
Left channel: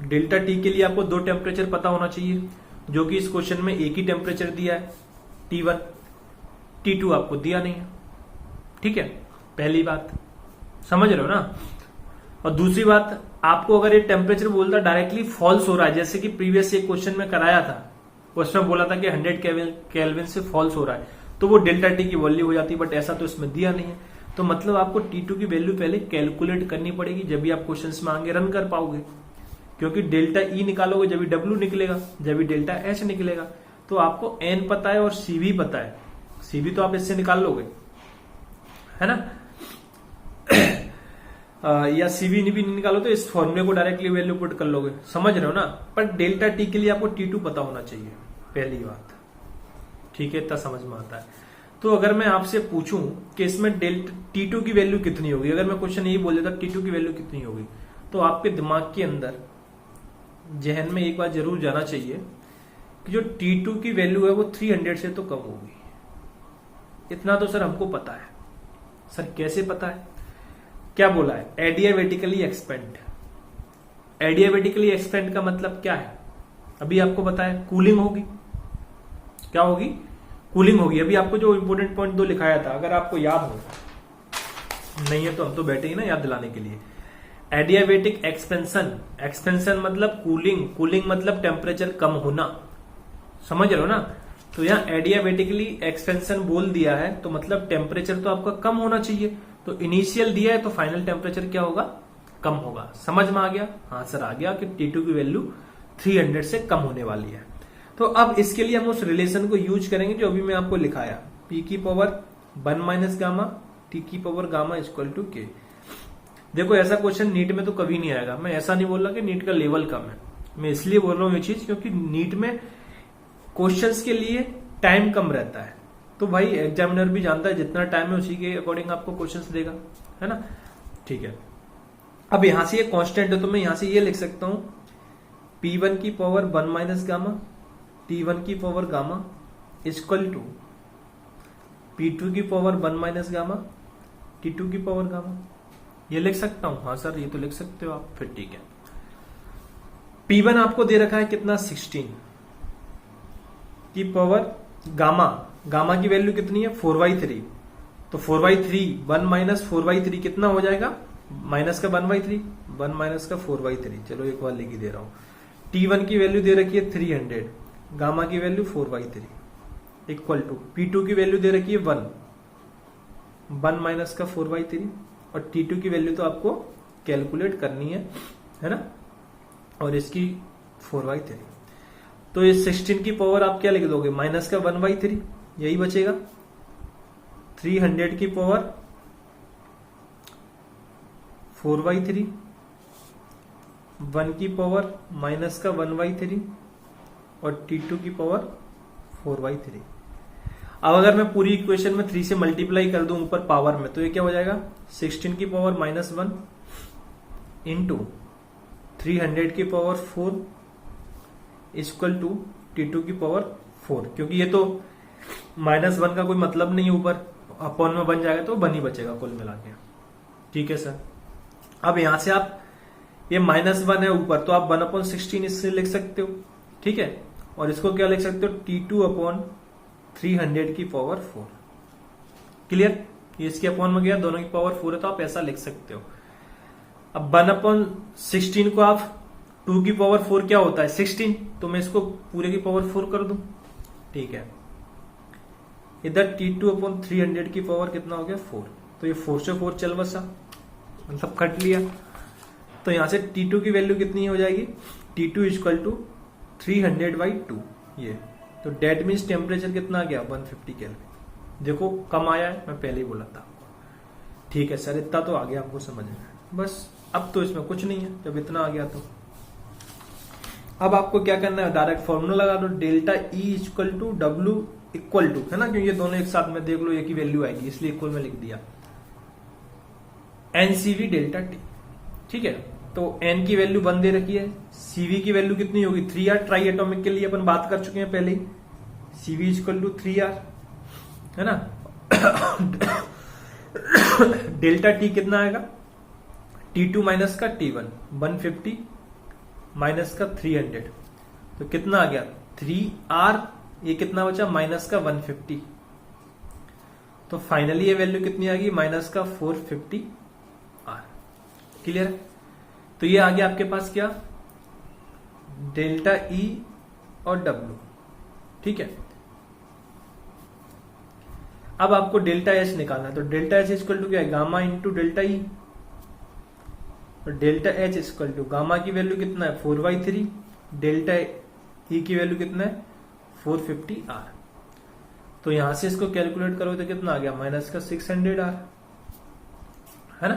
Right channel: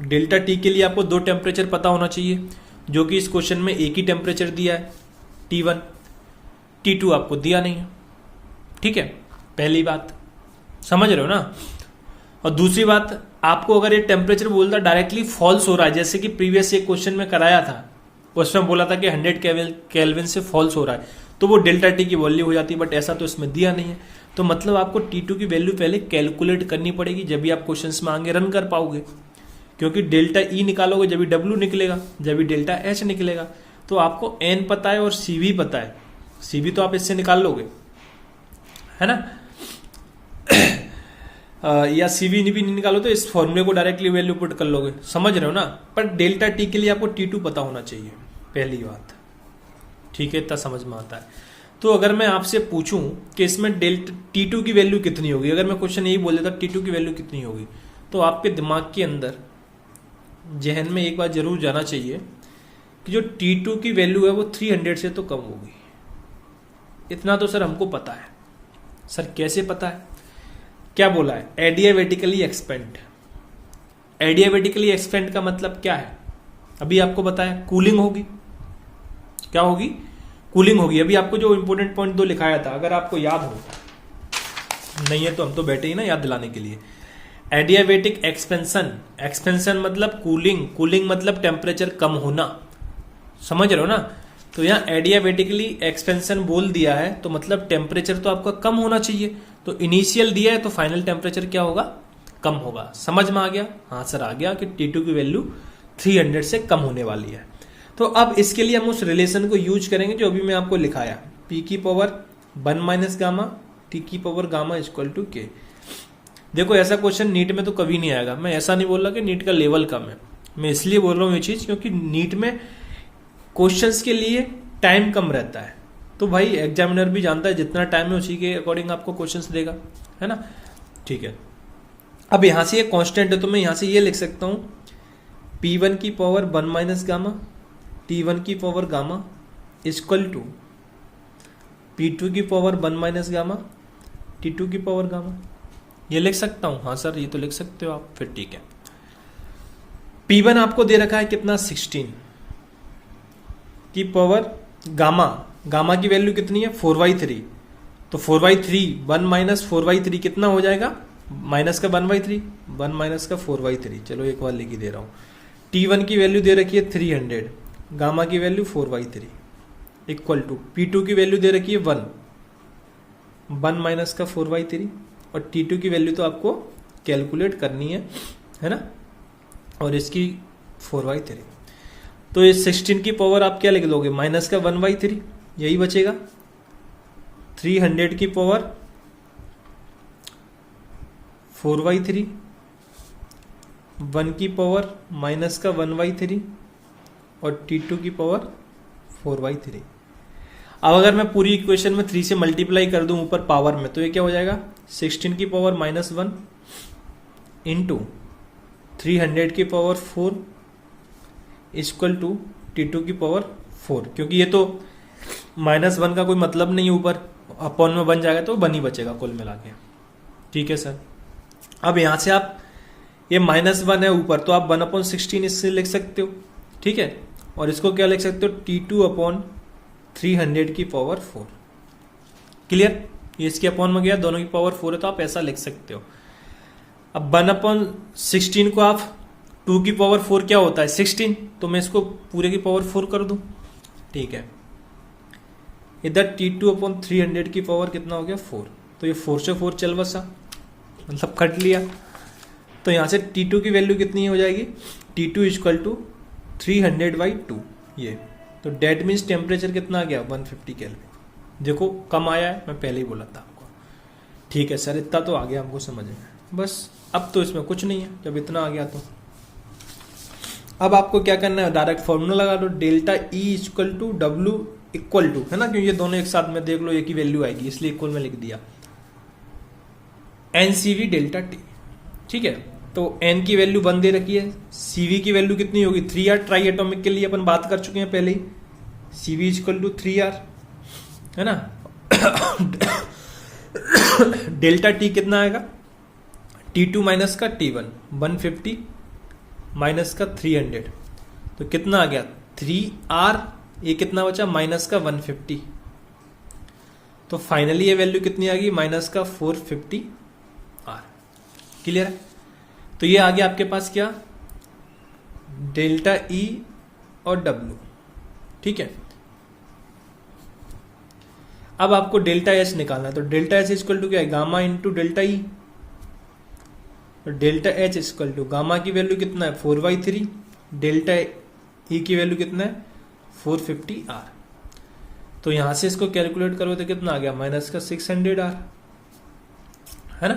Delta T के लिए आपको 2 टेम्परेचर पता होना चाहिए, जो कि इस क्वेश्चन में एक ही टेम्परेचर दिया है T1, T2 आपको दिया नहीं है, ठीक है, पहली बात समझ रहे हो ना। और दूसरी बात, आपको अगर ये टेम्परेचर बोलता डायरेक्टली फॉल्स हो रहा है, जैसे कि प्रीवियस एक क्वेश्चन में कराया था, उसमें बोला था कि 100 केल्विन से फॉल्स हो रहा है, तो वो डेल्टा टी की वैल्यू हो जाती है, बट ऐसा तो इसमें दिया नहीं है। तो मतलब आपको T2 की वैल्यू पहले कैलकुलेट करनी पड़ेगी, जब भी आप क्वेश्चंस में आगे रन कर पाओगे, क्योंकि डेल्टा ई निकालोगे जब भी डब्ल्यू निकलेगा, जब भी डेल्टा एच निकलेगा। तो आपको एन पता है और सी भी पता है, सी भी तो आप इससे निकाल लोगे, है ना। या सी भी नहीं निकालो तो इस फॉर्मूले को डायरेक्टली वैल्यू पुट कर लोगे, समझ रहे हो ना। पर डेल्टा टी के लिए आपको T2 पता होना चाहिए, पहली बात, ठीक है, इतना समझ में आता है। तो अगर मैं आपसे पूछूं कि इसमें डेल्टा T2 की वैल्यू कितनी होगी, अगर मैं क्वेश्चन यही बोल देता T2 की वैल्यू कितनी होगी, तो आपके दिमाग के अंदर, जहन में एक बात जरूर जाना चाहिए कि जो T2 की वैल्यू है वो 300 से तो कम होगी। इतना तो सर हमको पता है। सर कैसे पता है? क्या बोला है? Adiabatically expand. एडियाबेटिकली एक्सपेंड का मतलब क्या है? अभी आपको पता है कूलिंग होगी। क्या होगी? कूलिंग होगी। अभी आपको जो इंपोर्टेंट पॉइंट 2 लिखाया था, अगर आपको याद हो, नहीं है तो हम तो बैठे ही ना याद दिलाने के लिए। एडियाबेटिक एक्सपेंशन, एक्सपेंशन मतलब कूलिंग, कूलिंग मतलब टेम्परेचर कम होना, समझ रहे हो ना। तो यहाँ एडियाबेटिकली एक्सपेंशन बोल दिया है तो मतलब टेम्परेचर तो आपका कम होना चाहिए। तो इनिशियल दिया है तो फाइनल टेम्परेचर क्या होगा? कम होगा। समझ में आ गया? हाँ सर आ गया कि T2 की वैल्यू 300 से कम होने वाली है। तो अब इसके लिए हम उस रिलेशन को यूज करेंगे जो अभी मैं आपको लिखाया, P की पावर 1 माइनस गामा T की power gamma equal to K। देखो ऐसा क्वेश्चन नीट में तो कभी नहीं आएगा। मैं ऐसा नहीं बोल रहा कि नीट का लेवल कम है, मैं इसलिए बोल रहा हूँ ये चीज क्योंकि नीट में क्वेश्चंस के लिए टाइम कम रहता है। तो भाई एग्जामिनर भी जानता है जितना टाइम है उसी के अकॉर्डिंग आपको क्वेश्चंस देगा, है ना। ठीक है, अब यहां से ये कांस्टेंट है तो मैं यहां से ये लिख सकता हूं P1 की पावर 1 माइनस गामा T1 की power gamma equal to P2 की पावर 1 माइनस गामा T2 की पावर गामा। ये लिख सकता हूं? हाँ सर ये तो लिख सकते हो आप। फिर ठीक है, P1 आपको दे रखा है कितना? 16 की पावर गामा, गामा की वैल्यू कितनी है? 4/3। तो 4/3 1 माइनस 4/3 कितना हो जाएगा? माइनस का 1/3, 1 माइनस का 4/3। चलो एक बार लिख ही दे रहा हूं। T1 की वैल्यू दे रखी है 300, गामा की वैल्यू 4/3 इक्वल टू P2 की वैल्यू दे रखी है 1 माइनस का 4/3 और T2 की वैल्यू तो आपको कैलकुलेट करनी है ना, और इसकी 4/3। तो ये 16 की पावर आप क्या लिख दोगे? माइनस का 1/3, यही बचेगा। 300 की पावर 4/3, 1 की पावर माइनस का 1/3 और T2 की पावर 4/3। अब अगर मैं पूरी इक्वेशन में 3 से मल्टीप्लाई कर दूं ऊपर पावर में, तो ये क्या हो जाएगा? 16 की पावर -1 इंटू 300 की पावर 4 इक्वल टू T2 की पावर 4। क्योंकि ये तो -1 का कोई मतलब नहीं है, ऊपर अपॉन में बन जाएगा तो 1 ही बचेगा कुल मिला के। ठीक है सर। अब यहां से आप ये -1 है ऊपर, तो आप 1/16 इससे लिख सकते हो, ठीक है। और इसको क्या लिख सकते हो? T2/300 की पावर 4। क्लियर? ये इसके अपॉन में गया, दोनों की पावर 4 है तो आप ऐसा लिख सकते हो। अब 1/16 को आप 2 की पावर 4 क्या होता है? 16। तो मैं इसको पूरे की पावर 4 कर दूं, ठीक है। इधर T2/300 की पावर कितना हो गया? 4। तो ये 4 से 4 चल बसा, मतलब कट लिया। तो यहां से T2 की वैल्यू कितनी हो जाएगी? T2 equal to 300/2। ये तो डेट मीन्स टेम्परेचर कितना आ गया? 150 केल्विन। देखो कम आया है, मैं पहले ही बोला था आपको। ठीक है सर, इतना तो आ गया हमको समझ में। बस अब तो इसमें कुछ नहीं है, जब इतना आ गया तो अब आपको क्या करना है? डायरेक्ट फॉर्मूला लगा दो, delta E equal to W equal to, है ना, क्योंकि ये दोनों एक साथ में देख लो एक ही वैल्यू आएगी, इसलिए इक्वल में लिख दिया NCV डेल्टा T। ठीक है, तो N की वैल्यू 1 दे रखी है, CV की वैल्यू कितनी होगी? 3R। ट्राई एटॉमिक के लिए अपन बात कर चुके हैं पहले ही, CV इक्वल टू 3R, है ना। डेल्टा T कितना आएगा? T2 माइनस का T1, 150 माइनस का 300, तो कितना आ गया? 3R। ये कितना बचा? माइनस का 150। तो फाइनली ये वैल्यू कितनी आ गई? माइनस का 450R। क्लियर है? तो ये आ गया आपके पास क्या? डेल्टा E और W। ठीक है, अब आपको डेल्टा एच निकालना है, तो डेल्टा एच इक्वल टू क्या है, गामा इंटू डेल्टा ई। और delta H equal to gamma की वैल्यू कितना है 4/3, डेल्टा ई की वैल्यू कितना है 450R। तो यहां से इसको कैलकुलेट करो तो कितना आ गया -600R, है ना।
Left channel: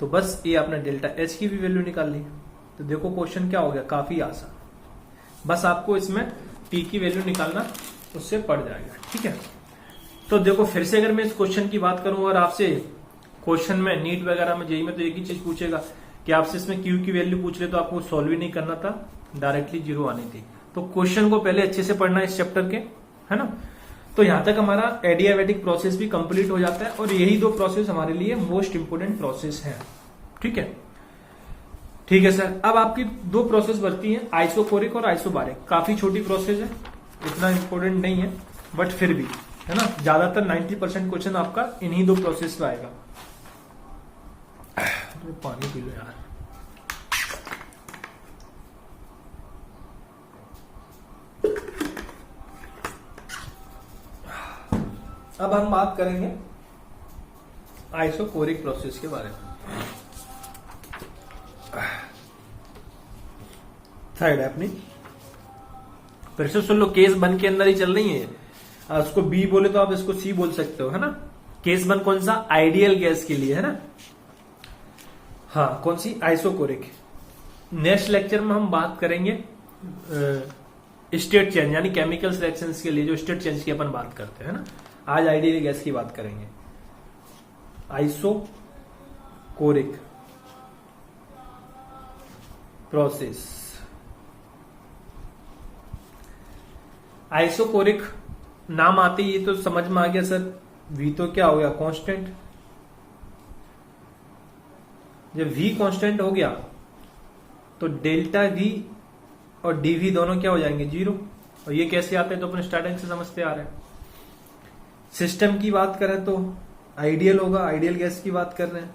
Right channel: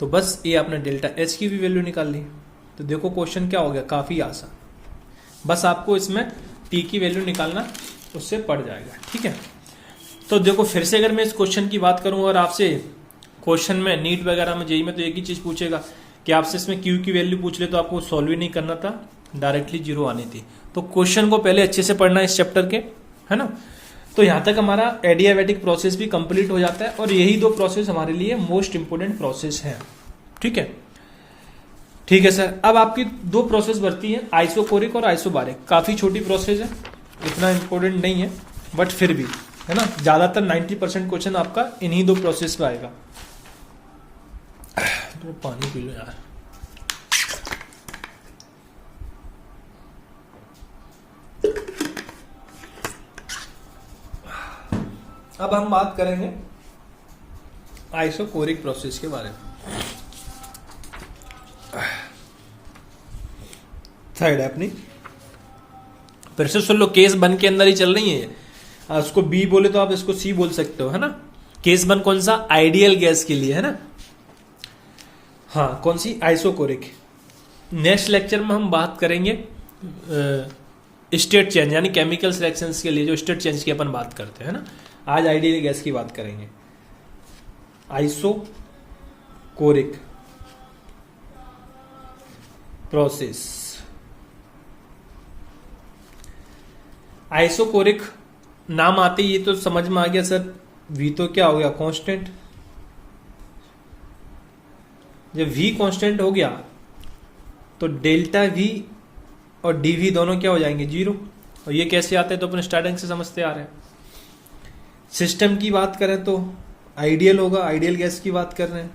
तो बस ये आपने डेल्टा एच की भी वैल्यू निकाल ली। तो देखो क्वेश्चन क्या हो गया, काफी आसान। बस आपको इसमें टी की वैल्यू निकालना, उससे पड़ जाएगा, ठीक है। तो देखो फिर से अगर मैं इस क्वेश्चन की बात करूं और आपसे क्वेश्चन में नीट वगैरह में जेईई में तो एक ही चीज पूछेगा कि आपसे इसमें क्यू की वैल्यू पूछ ले, तो आपको सॉल्व ही नहीं करना था, डायरेक्टली 0 आनी थी। तो क्वेश्चन को पहले अच्छे से पढ़ना है इस चैप्टर के, है ना। तो यहां तक हमारा एडियाबैटिक प्रोसेस भी कंप्लीट हो जाता है, और यही 2 प्रोसेस हमारे लिए मोस्ट इंपोर्टेंट प्रोसेस है, ठीक है। ठीक है सर, अब आपकी 2 प्रोसेस बचती हैं, आइसोकोरिक और आइसोबारिक। काफी छोटी प्रोसेस है, इतना इंपॉर्टेंट नहीं है, बट फिर भी, है ना। ज्यादातर 90% क्वेश्चन आपका इन्हीं 2 प्रोसेस में आएगा। तो पानी पी लो यार। अब हम बात करेंगे आइसोकोरिक प्रोसेस के बारे में। साइड है अपनी, फिर से सुन लो, केस बन के अंदर ही चल रही है। उसको बी बोले तो आप इसको सी बोल सकते हो, है ना। केस बन कौन सा, आइडियल गैस के लिए, है ना। हाँ, कौन सी, आइसोकोरिक। नेक्स्ट लेक्चर में हम बात करेंगे स्टेट चेंज, यानी केमिकल रिएक्शंस के लिए जो स्टेट चेंज की अपन बात करते हैं, है ना। आज आइडियल गैस की बात करेंगे, आइसोकोरिक प्रोसेस। आइसोकोरिक नाम आते ही ये तो समझ में आ गया सर, वी तो क्या हो गया, कांस्टेंट। जब वी कांस्टेंट हो गया तो डेल्टा वी और डीवी दोनों क्या हो जाएंगे, 0। और ये कैसे आते हैं, तो अपने स्टार्टिंग से समझते आ रहे हैं। सिस्टम की बात करें तो आइडियल होगा, आइडियल गैस की बात कर रहे हैं।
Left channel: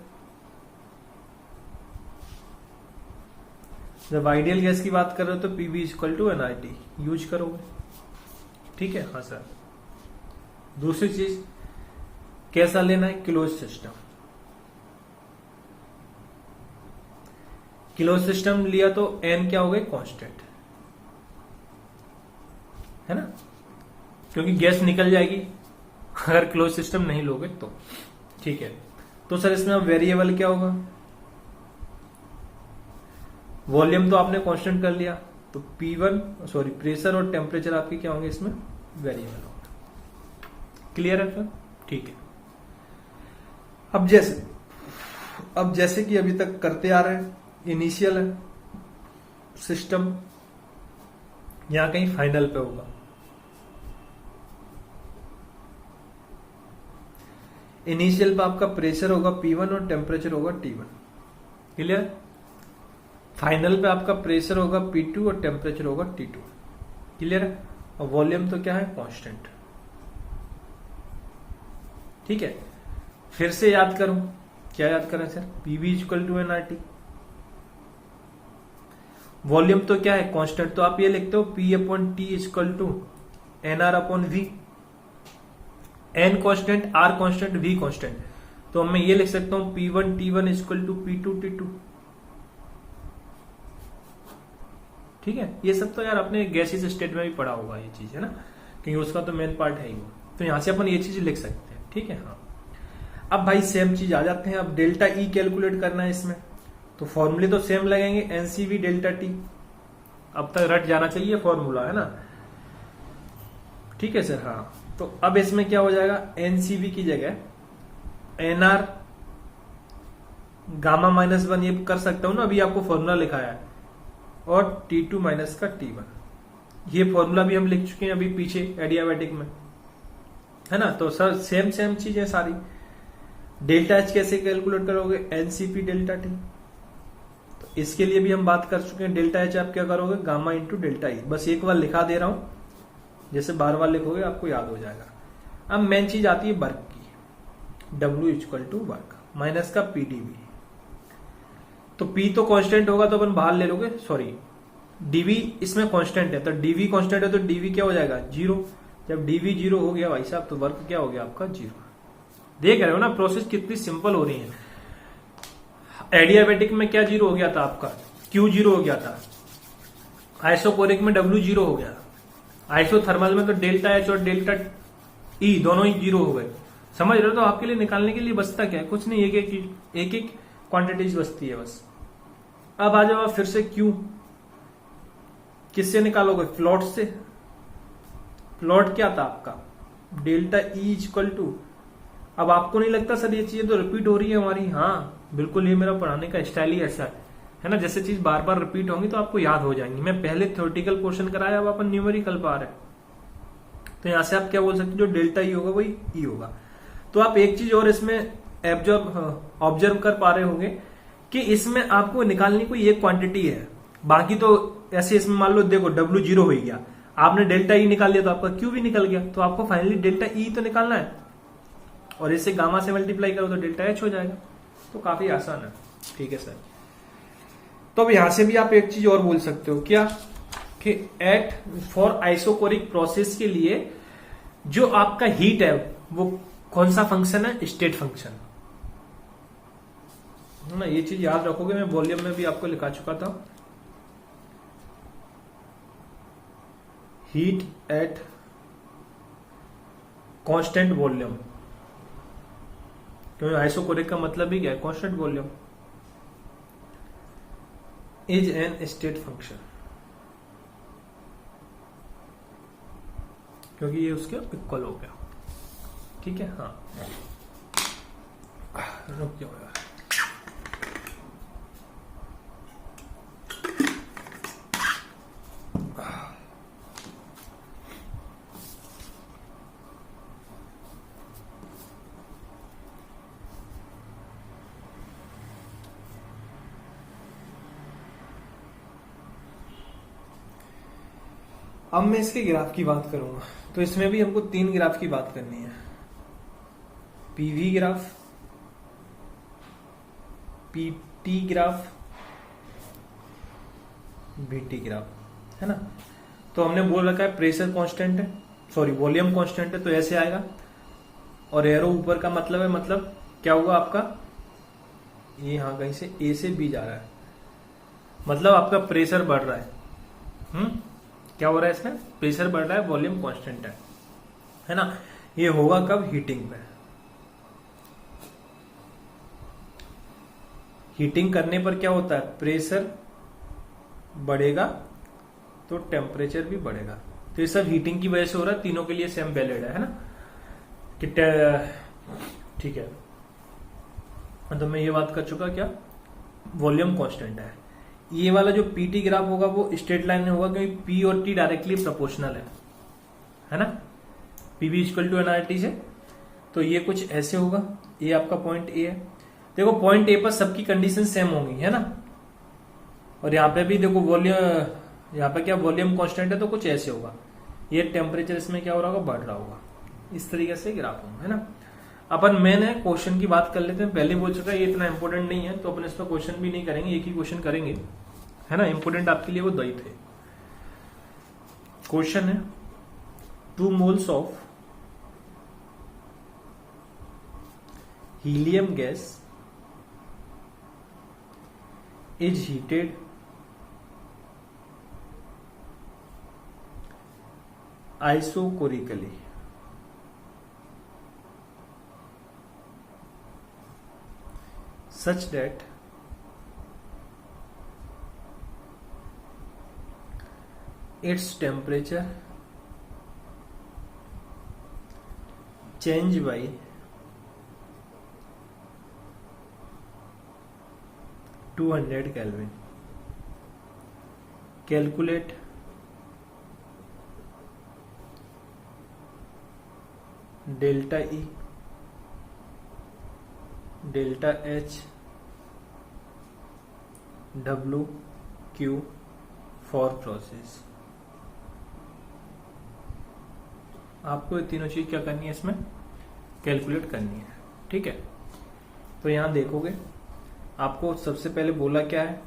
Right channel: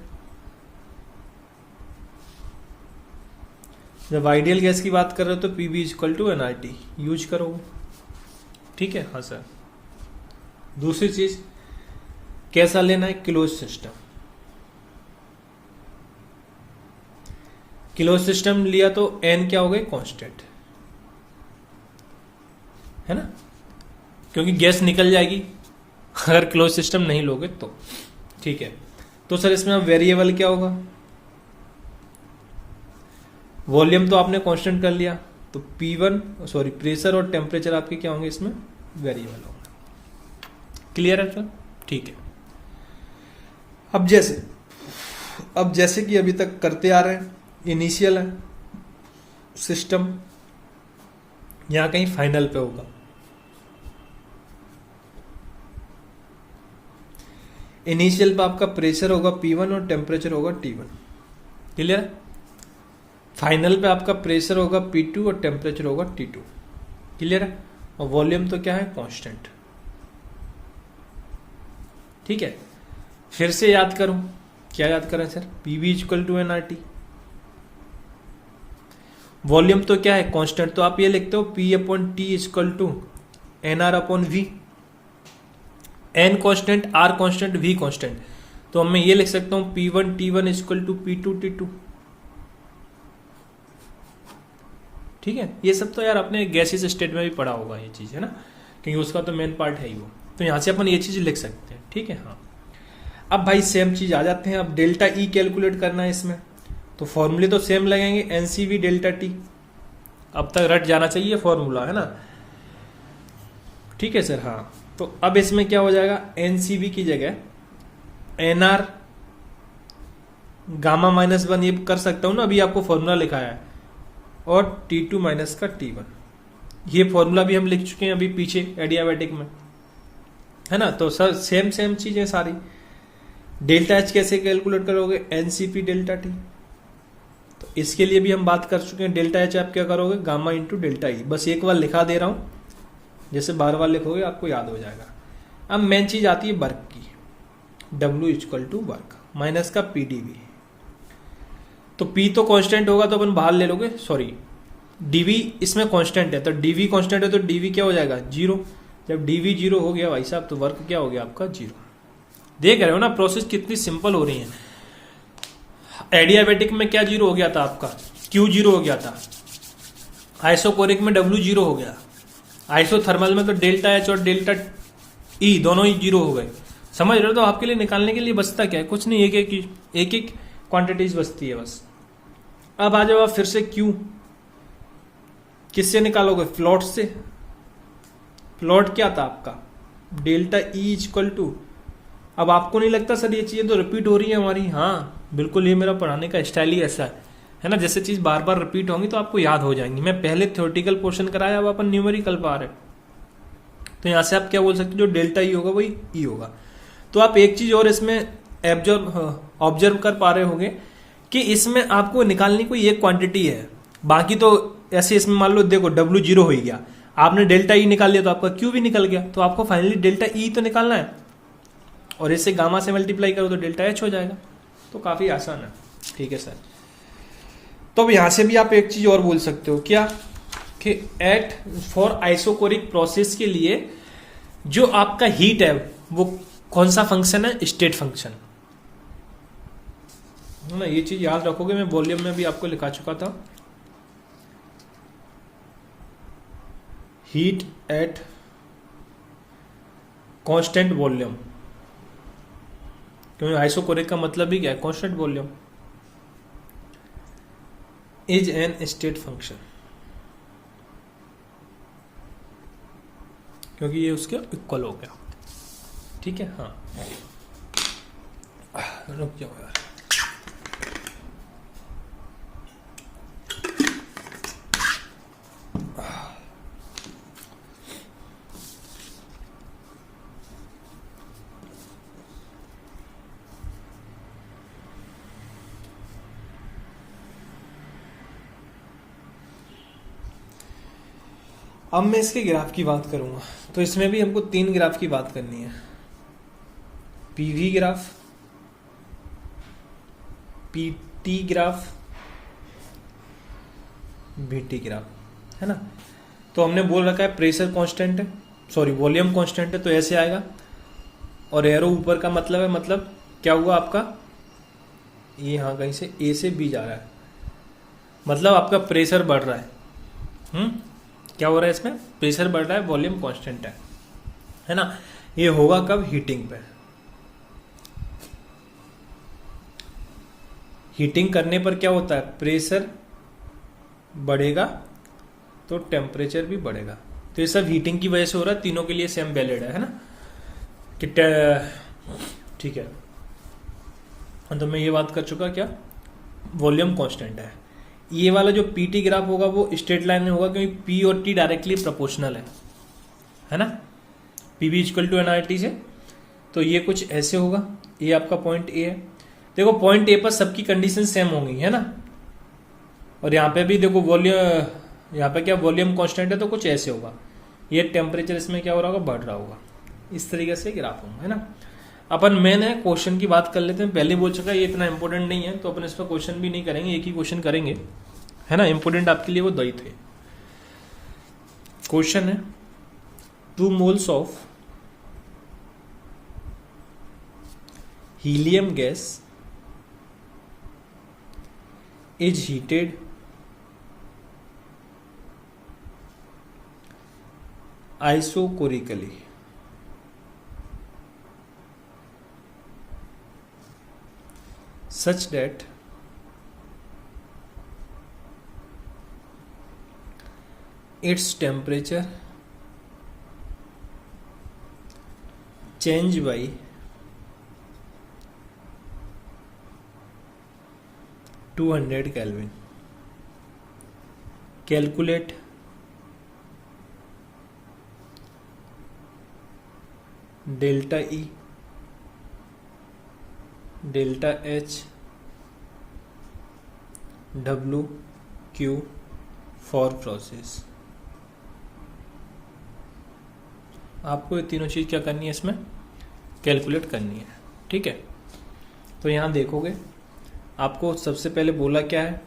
जब आइडियल गैस की बात कर रहे हो तो PV equal to NRT use करोगे, ठीक है। हाँ सर। दूसरी चीज कैसा लेना है, क्लोज सिस्टम। क्लोज सिस्टम लिया तो एन क्या हो गई, कांस्टेंट, है ना, क्योंकि गैस निकल जाएगी अगर क्लोज सिस्टम नहीं लोगे तो, ठीक है। तो सर इसमें अब वेरिएबल क्या होगा, वॉल्यूम तो आपने कांस्टेंट कर लिया, तो प्रेशर और टेम्परेचर आपके क्या होंगे, इसमें वेरिएबल होगा। क्लियर है सर, ठीक है। अब जैसे कि अभी तक करते आ रहे हैं, इनिशियल है सिस्टम, यहां कहीं फाइनल पे होगा। इनिशियल पे आपका प्रेशर होगा P1 और टेम्परेचर होगा T1, क्लियर। फाइनल पे आपका प्रेशर होगा P2 और टेम्परेचर होगा T2, क्लियर है। और वॉल्यूम तो क्या है, कांस्टेंट, ठीक है। फिर से याद करो, क्या याद करें sir, PV equal to NRT. Volume तो क्या है, कांस्टेंट, तो आप ये लिखते हो P/T equal to NR/V। N constant, R constant, V constant, तो अब मैं ये लिख सकता हूं P1 T1 equal to P2 T2, ठीक है। ये सब तो यार आपने गैसेस स्टेट में भी पढ़ा होगा ये चीज, है ना, क्योंकि उसका तो मेन पार्ट है ही वो। तो यहां से अपन ये चीज लिख सकते हैं, ठीक है। हाँ, अब भाई सेम चीज आ जाते हैं। अब डेल्टा ई कैलकुलेट करना है इसमें, तो फॉर्मूले तो सेम लगेंगे, एनसीवी डेल्टा टी। अब तक रट जाना चाहिए फॉर्मूला, है ना, ठीक है सर। हाँ, तो अब इसमें क्या हो जाएगा, एनसीवी की जगह एनआर गामा -1 ये कर सकता हूं ना, अभी आपको फॉर्मूला लिखाया है, और T2 माइनस का T1, ये फॉर्मूला भी हम लिख चुके हैं अभी पीछे एडियाबैटिक में, है ना। तो सर सेम चीजें सारी। डेल्टा एच कैसे कैलकुलेट करोगे, एनसीपी डेल्टा टी, तो इसके लिए भी हम बात कर चुके हैं। डेल्टा एच आप क्या करोगे, गामा इंटू डेल्टा ई। बस एक बार लिखा दे रहा हूं, जैसे बार बार लिखोगे आपको याद हो जाएगा। अब मेन चीज आती है वर्क की, W equal to work minus का PdV। तो P तो कांस्टेंट होगा तो अपन बाहर ले लोगे, सॉरी DV इसमें कांस्टेंट है, तो DV कांस्टेंट है तो DV क्या हो जाएगा, 0। जब dv जीरो हो गया भाई साहब तो वर्क क्या हो गया आपका जीरो। देख रहे हो ना प्रोसेस कितनी सिंपल हो रही है। एडियाबेटिक में क्या जीरो हो गया था आपका, क्यू जीरो हो गया था। आइसोकोरिक में डब्ल्यू जीरो हो गया। आइसोथर्मल में तो डेल्टा एच और डेल्टा ई दोनों ही जीरो हो गए। समझ रहे हो? तो आपके लिए निकालने के लिए बचता क्या है, कुछ नहीं, एक एक क्वांटिटीज बचती है बस। अब आ जाओ आप फिर से क्यू किससे निकालोगे, फ्लोट से। फ्लोट क्या था आपका, डेल्टा ई इक्वल टू। अब आपको नहीं लगता सर ये चीजें तो रिपीट हो रही है हमारी? हाँ बिल्कुल, ये मेरा पढ़ाने का स्टाइल ही ऐसा है ना, जैसे चीज बार बार रिपीट होंगी तो आपको याद हो जाएंगी। मैं पहले थ्योरेटिकल पोर्शन कराया, अब अपन न्यूमेरिकल पा रहे। तो यहां से आप क्या बोल सकते हो, जो डेल्टा ई होगा वही ई होगा। तो आप एक चीज और इसमें ऑब्जर्व कर पा रहे होंगे कि इसमें आपको निकालनी कोई एक क्वांटिटी है, बाकी तो ऐसे इसमें मान लो देखो डब्ल्यू जीरो हो गया, आपने डेल्टा ई निकाल लिया तो आपका क्यू भी निकल गया, तो आपको फाइनली डेल्टा ई तो निकालना है और इससे गामा से मल्टीप्लाई करो तो डेल्टा एच हो जाएगा। तो काफी आसान है। ठीक है सर। तो अब यहां से भी आप एक चीज और बोल सकते हो, क्या कि एट फॉर आइसोकोरिक प्रोसेस के लिए जो आपका हीट है वो कौन सा फंक्शन है, स्टेट फंक्शन ना। ये चीज याद रखोगे, मैं वॉल्यूम में भी आपको लिखा चुका था। हीट एट कांस्टेंट वॉल्यूम, क्योंकि आइसोकोरिक का मतलब भी क्या है, constant volume is an state function, क्योंकि ये उसके इक्वल हो गया। ठीक है। हाँ रुक जाओ यार। अब मैं इसके ग्राफ की बात करूंगा, तो इसमें भी हमको 3 ग्राफ की बात करनी है। PV graph, PT graph, BT graph, है ना। तो हमने बोल रखा है प्रेशर कांस्टेंट है, सॉरी वॉल्यूम कांस्टेंट है, तो ऐसे आएगा। और एरो ऊपर का मतलब है, मतलब क्या हुआ आपका, ये हाँ कहीं से ए से बी जा रहा है, मतलब आपका प्रेशर बढ़ रहा है। क्या हो रहा है इसमें, प्रेशर बढ़ रहा है, वॉल्यूम कांस्टेंट है ना। ये होगा कब, हीटिंग पे। हीटिंग करने पर क्या होता है, प्रेशर बढ़ेगा तो टेम्परेचर भी बढ़ेगा। तो ये सब हीटिंग की वजह से हो रहा है, तीनों के लिए सेम वैलिड है ना कि ठीक है। तो मैं ये बात कर चुका, क्या वॉल्यूम कांस्टेंट है। ये वाला जो पीटी ग्राफ होगा वो स्ट्रेट लाइन में होगा, क्योंकि पी और टी डायरेक्टली प्रोपोर्शनल है ना, पीवी इक्वल टू एनआरटी से। तो ये कुछ ऐसे होगा, ये आपका पॉइंट ए है। देखो पॉइंट ए पर सबकी कंडीशन सेम होंगी, है ना। और यहाँ पे भी देखो वॉल्यूम, यहाँ पे क्या वॉल्यूम कांस्टेंट है, तो कुछ ऐसे होगा। ये टेम्परेचर इसमें क्या हो रहा होगा, बढ़ रहा होगा। इस तरीके से ग्राफ होगा, है ना। अपन मेन है क्वेश्चन की बात कर लेते हैं। पहले बोल चुका है ये इतना इंपॉर्टेंट नहीं है, तो अपन इस पर क्वेश्चन भी नहीं करेंगे, एक ही क्वेश्चन करेंगे, है ना। इंपॉर्टेंट आपके लिए वो दो ही थे। क्वेश्चन है 2 moles of helium gas is heated isochorically such that its temperature change by 200 Kelvin. Calculate delta E, delta H, W, Q for process. आपको ये तीनों चीज क्या करनी है, इसमें कैलकुलेट करनी है। ठीक है। तो यहां देखोगे आपको सबसे पहले बोला क्या है,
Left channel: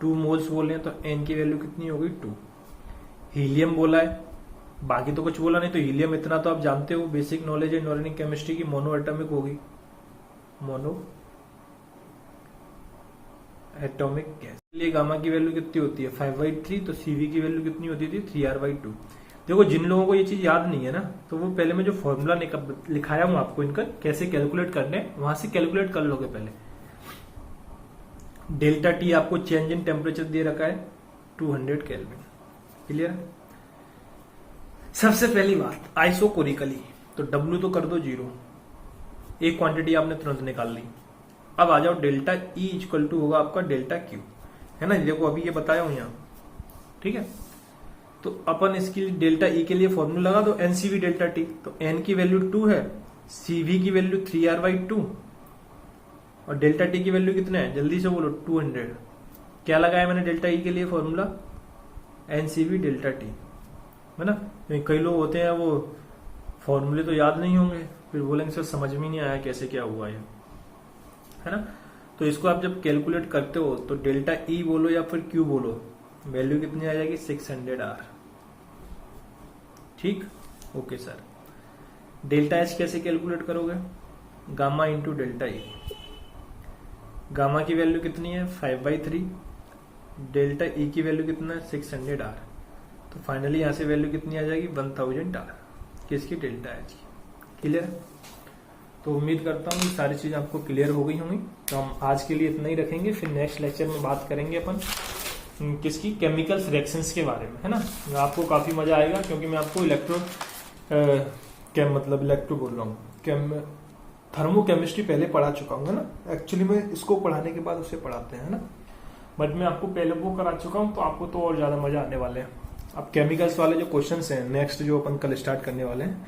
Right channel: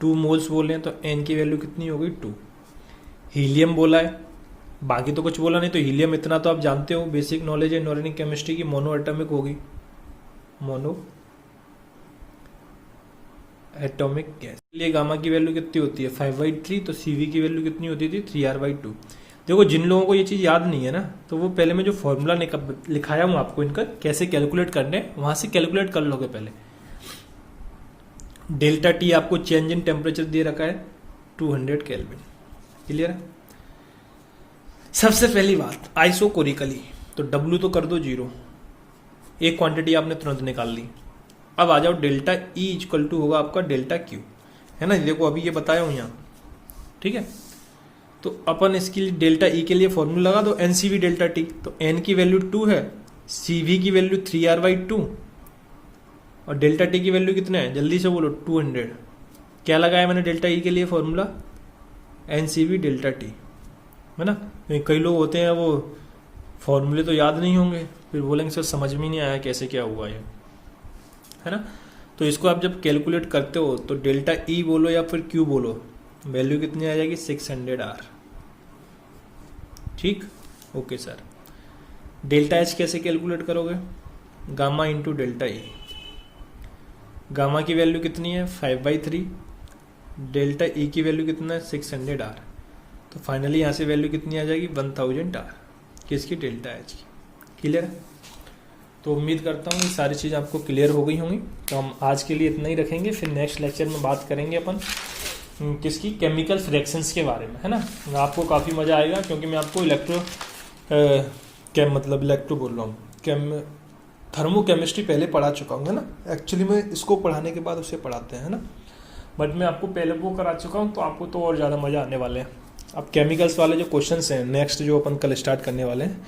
2 मोल्स बोले हैं, तो n की वैल्यू कितनी होगी 2। हीलियम बोला है बाकी तो कुछ बोला नहीं। तो हीलियम इतना तो आप जानते हो, बेसिक नॉलेज है इनऑर्गेनिक केमिस्ट्री की, मोनो एटॉमिक होगी, मोनो एटॉमिक गैस। लिए गामा की वैल्यू कितनी होती है 5/3, तो सीवी की वैल्यू कितनी होती थी 3r/2। देखो जिन लोगों को ये चीज याद नहीं है ना, तो वो पहले मैं जो फॉर्मूला लिखाया हूँ आपको इनका कैसे कैलकुलेट करने, वहां से कैलकुलेट कर लोगे पहले। डेल्टा टी आपको चेंज इन टेम्परेचर दे रखा है 200 केल्विन, क्लियर है। सबसे पहली बात आइसोकोरिकली, तो डब्ल्यू तो कर दो 0, एक क्वांटिटी आपने तुरंत निकाल ली। अब आ जाओ डेल्टा ई इक्वल टू होगा आपका डेल्टा क्यू, है ना, देखो अभी ये बताया हूं यहां, ठीक है। तो अपन इसके लिए डेल्टा ई के लिए फॉर्मूला लगा दो एनसीवी डेल्टा टी, तो एन की वैल्यू 2 है, सीवी की वैल्यू 3r/2 और डेल्टा टी की वैल्यू कितना है, जल्दी से बोलो 200। क्या लगाया मैंने डेल्टा ई के लिए फॉर्मूला, एनसीवी डेल्टा टी, है ना। कई लोग होते हैं वो फॉर्मूले तो याद नहीं होंगे, फिर बोलेंगे सर समझ में नहीं आया कैसे क्या हुआ ये, है ना। तो इसको आप जब कैलकुलेट करते हो तो डेल्टा ई बोलो या फिर क्यू बोलो, वैल्यू कितनी आ जाएगी 600R, ठीक, ओके सर। डेल्टा एच कैसे कैलकुलेट करोगे, गामा इंटू डेल्टा ई, गामा की वैल्यू कितनी है 5/3, डेल्टा ई की वैल्यू कितना है 600R, तो फाइनली यहां से वैल्यू कितनी आ जाएगी 1000R, किसकी, डेल्टा एच की, क्लियर। तो उम्मीद करता हूँ ये सारी चीज़ आपको क्लियर हो गई होंगी। तो हम आज के लिए इतना ही रखेंगे, फिर नेक्स्ट लेक्चर में बात करेंगे अपन किसकी, केमिकल रिएक्शंस के बारे में, है ना। आपको काफ़ी मज़ा आएगा क्योंकि मैं आपको इलेक्ट्रो बोल रहा हूँ, थर्मो केमिस्ट्री पहले पढ़ा चुका हूँ, है ना। एक्चुअली में इसको पढ़ाने के बाद उसे पढ़ाते हैं, है ना, बट मैं आपको पहले वो करा चुका हूँ, तो आपको तो और ज़्यादा मज़ा आने वाले हैं। अब केमिकल्स वाले जो क्वेश्चंस हैं नेक्स्ट जो अपन कल स्टार्ट करने वाले हैं,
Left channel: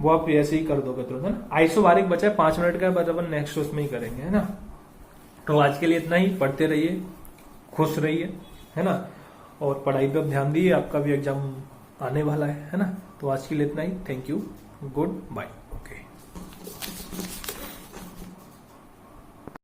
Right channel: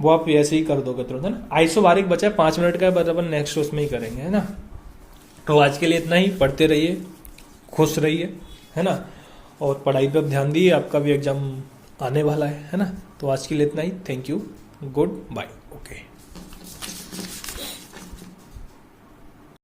वो आप ऐसे ही कर दोगे तुरंत, है ना। आइसोबारिक बचा है 5 मिनट का, बट अपन नेक्स्ट उसमें ही करेंगे, है ना। तो आज के लिए इतना ही, पढ़ते रहिए, खुश रहिए, है ना, और पढ़ाई पर ध्यान दिए, आपका भी एग्जाम आने वाला है ना। तो आज के लिए इतना ही, thank you, good bye, okay.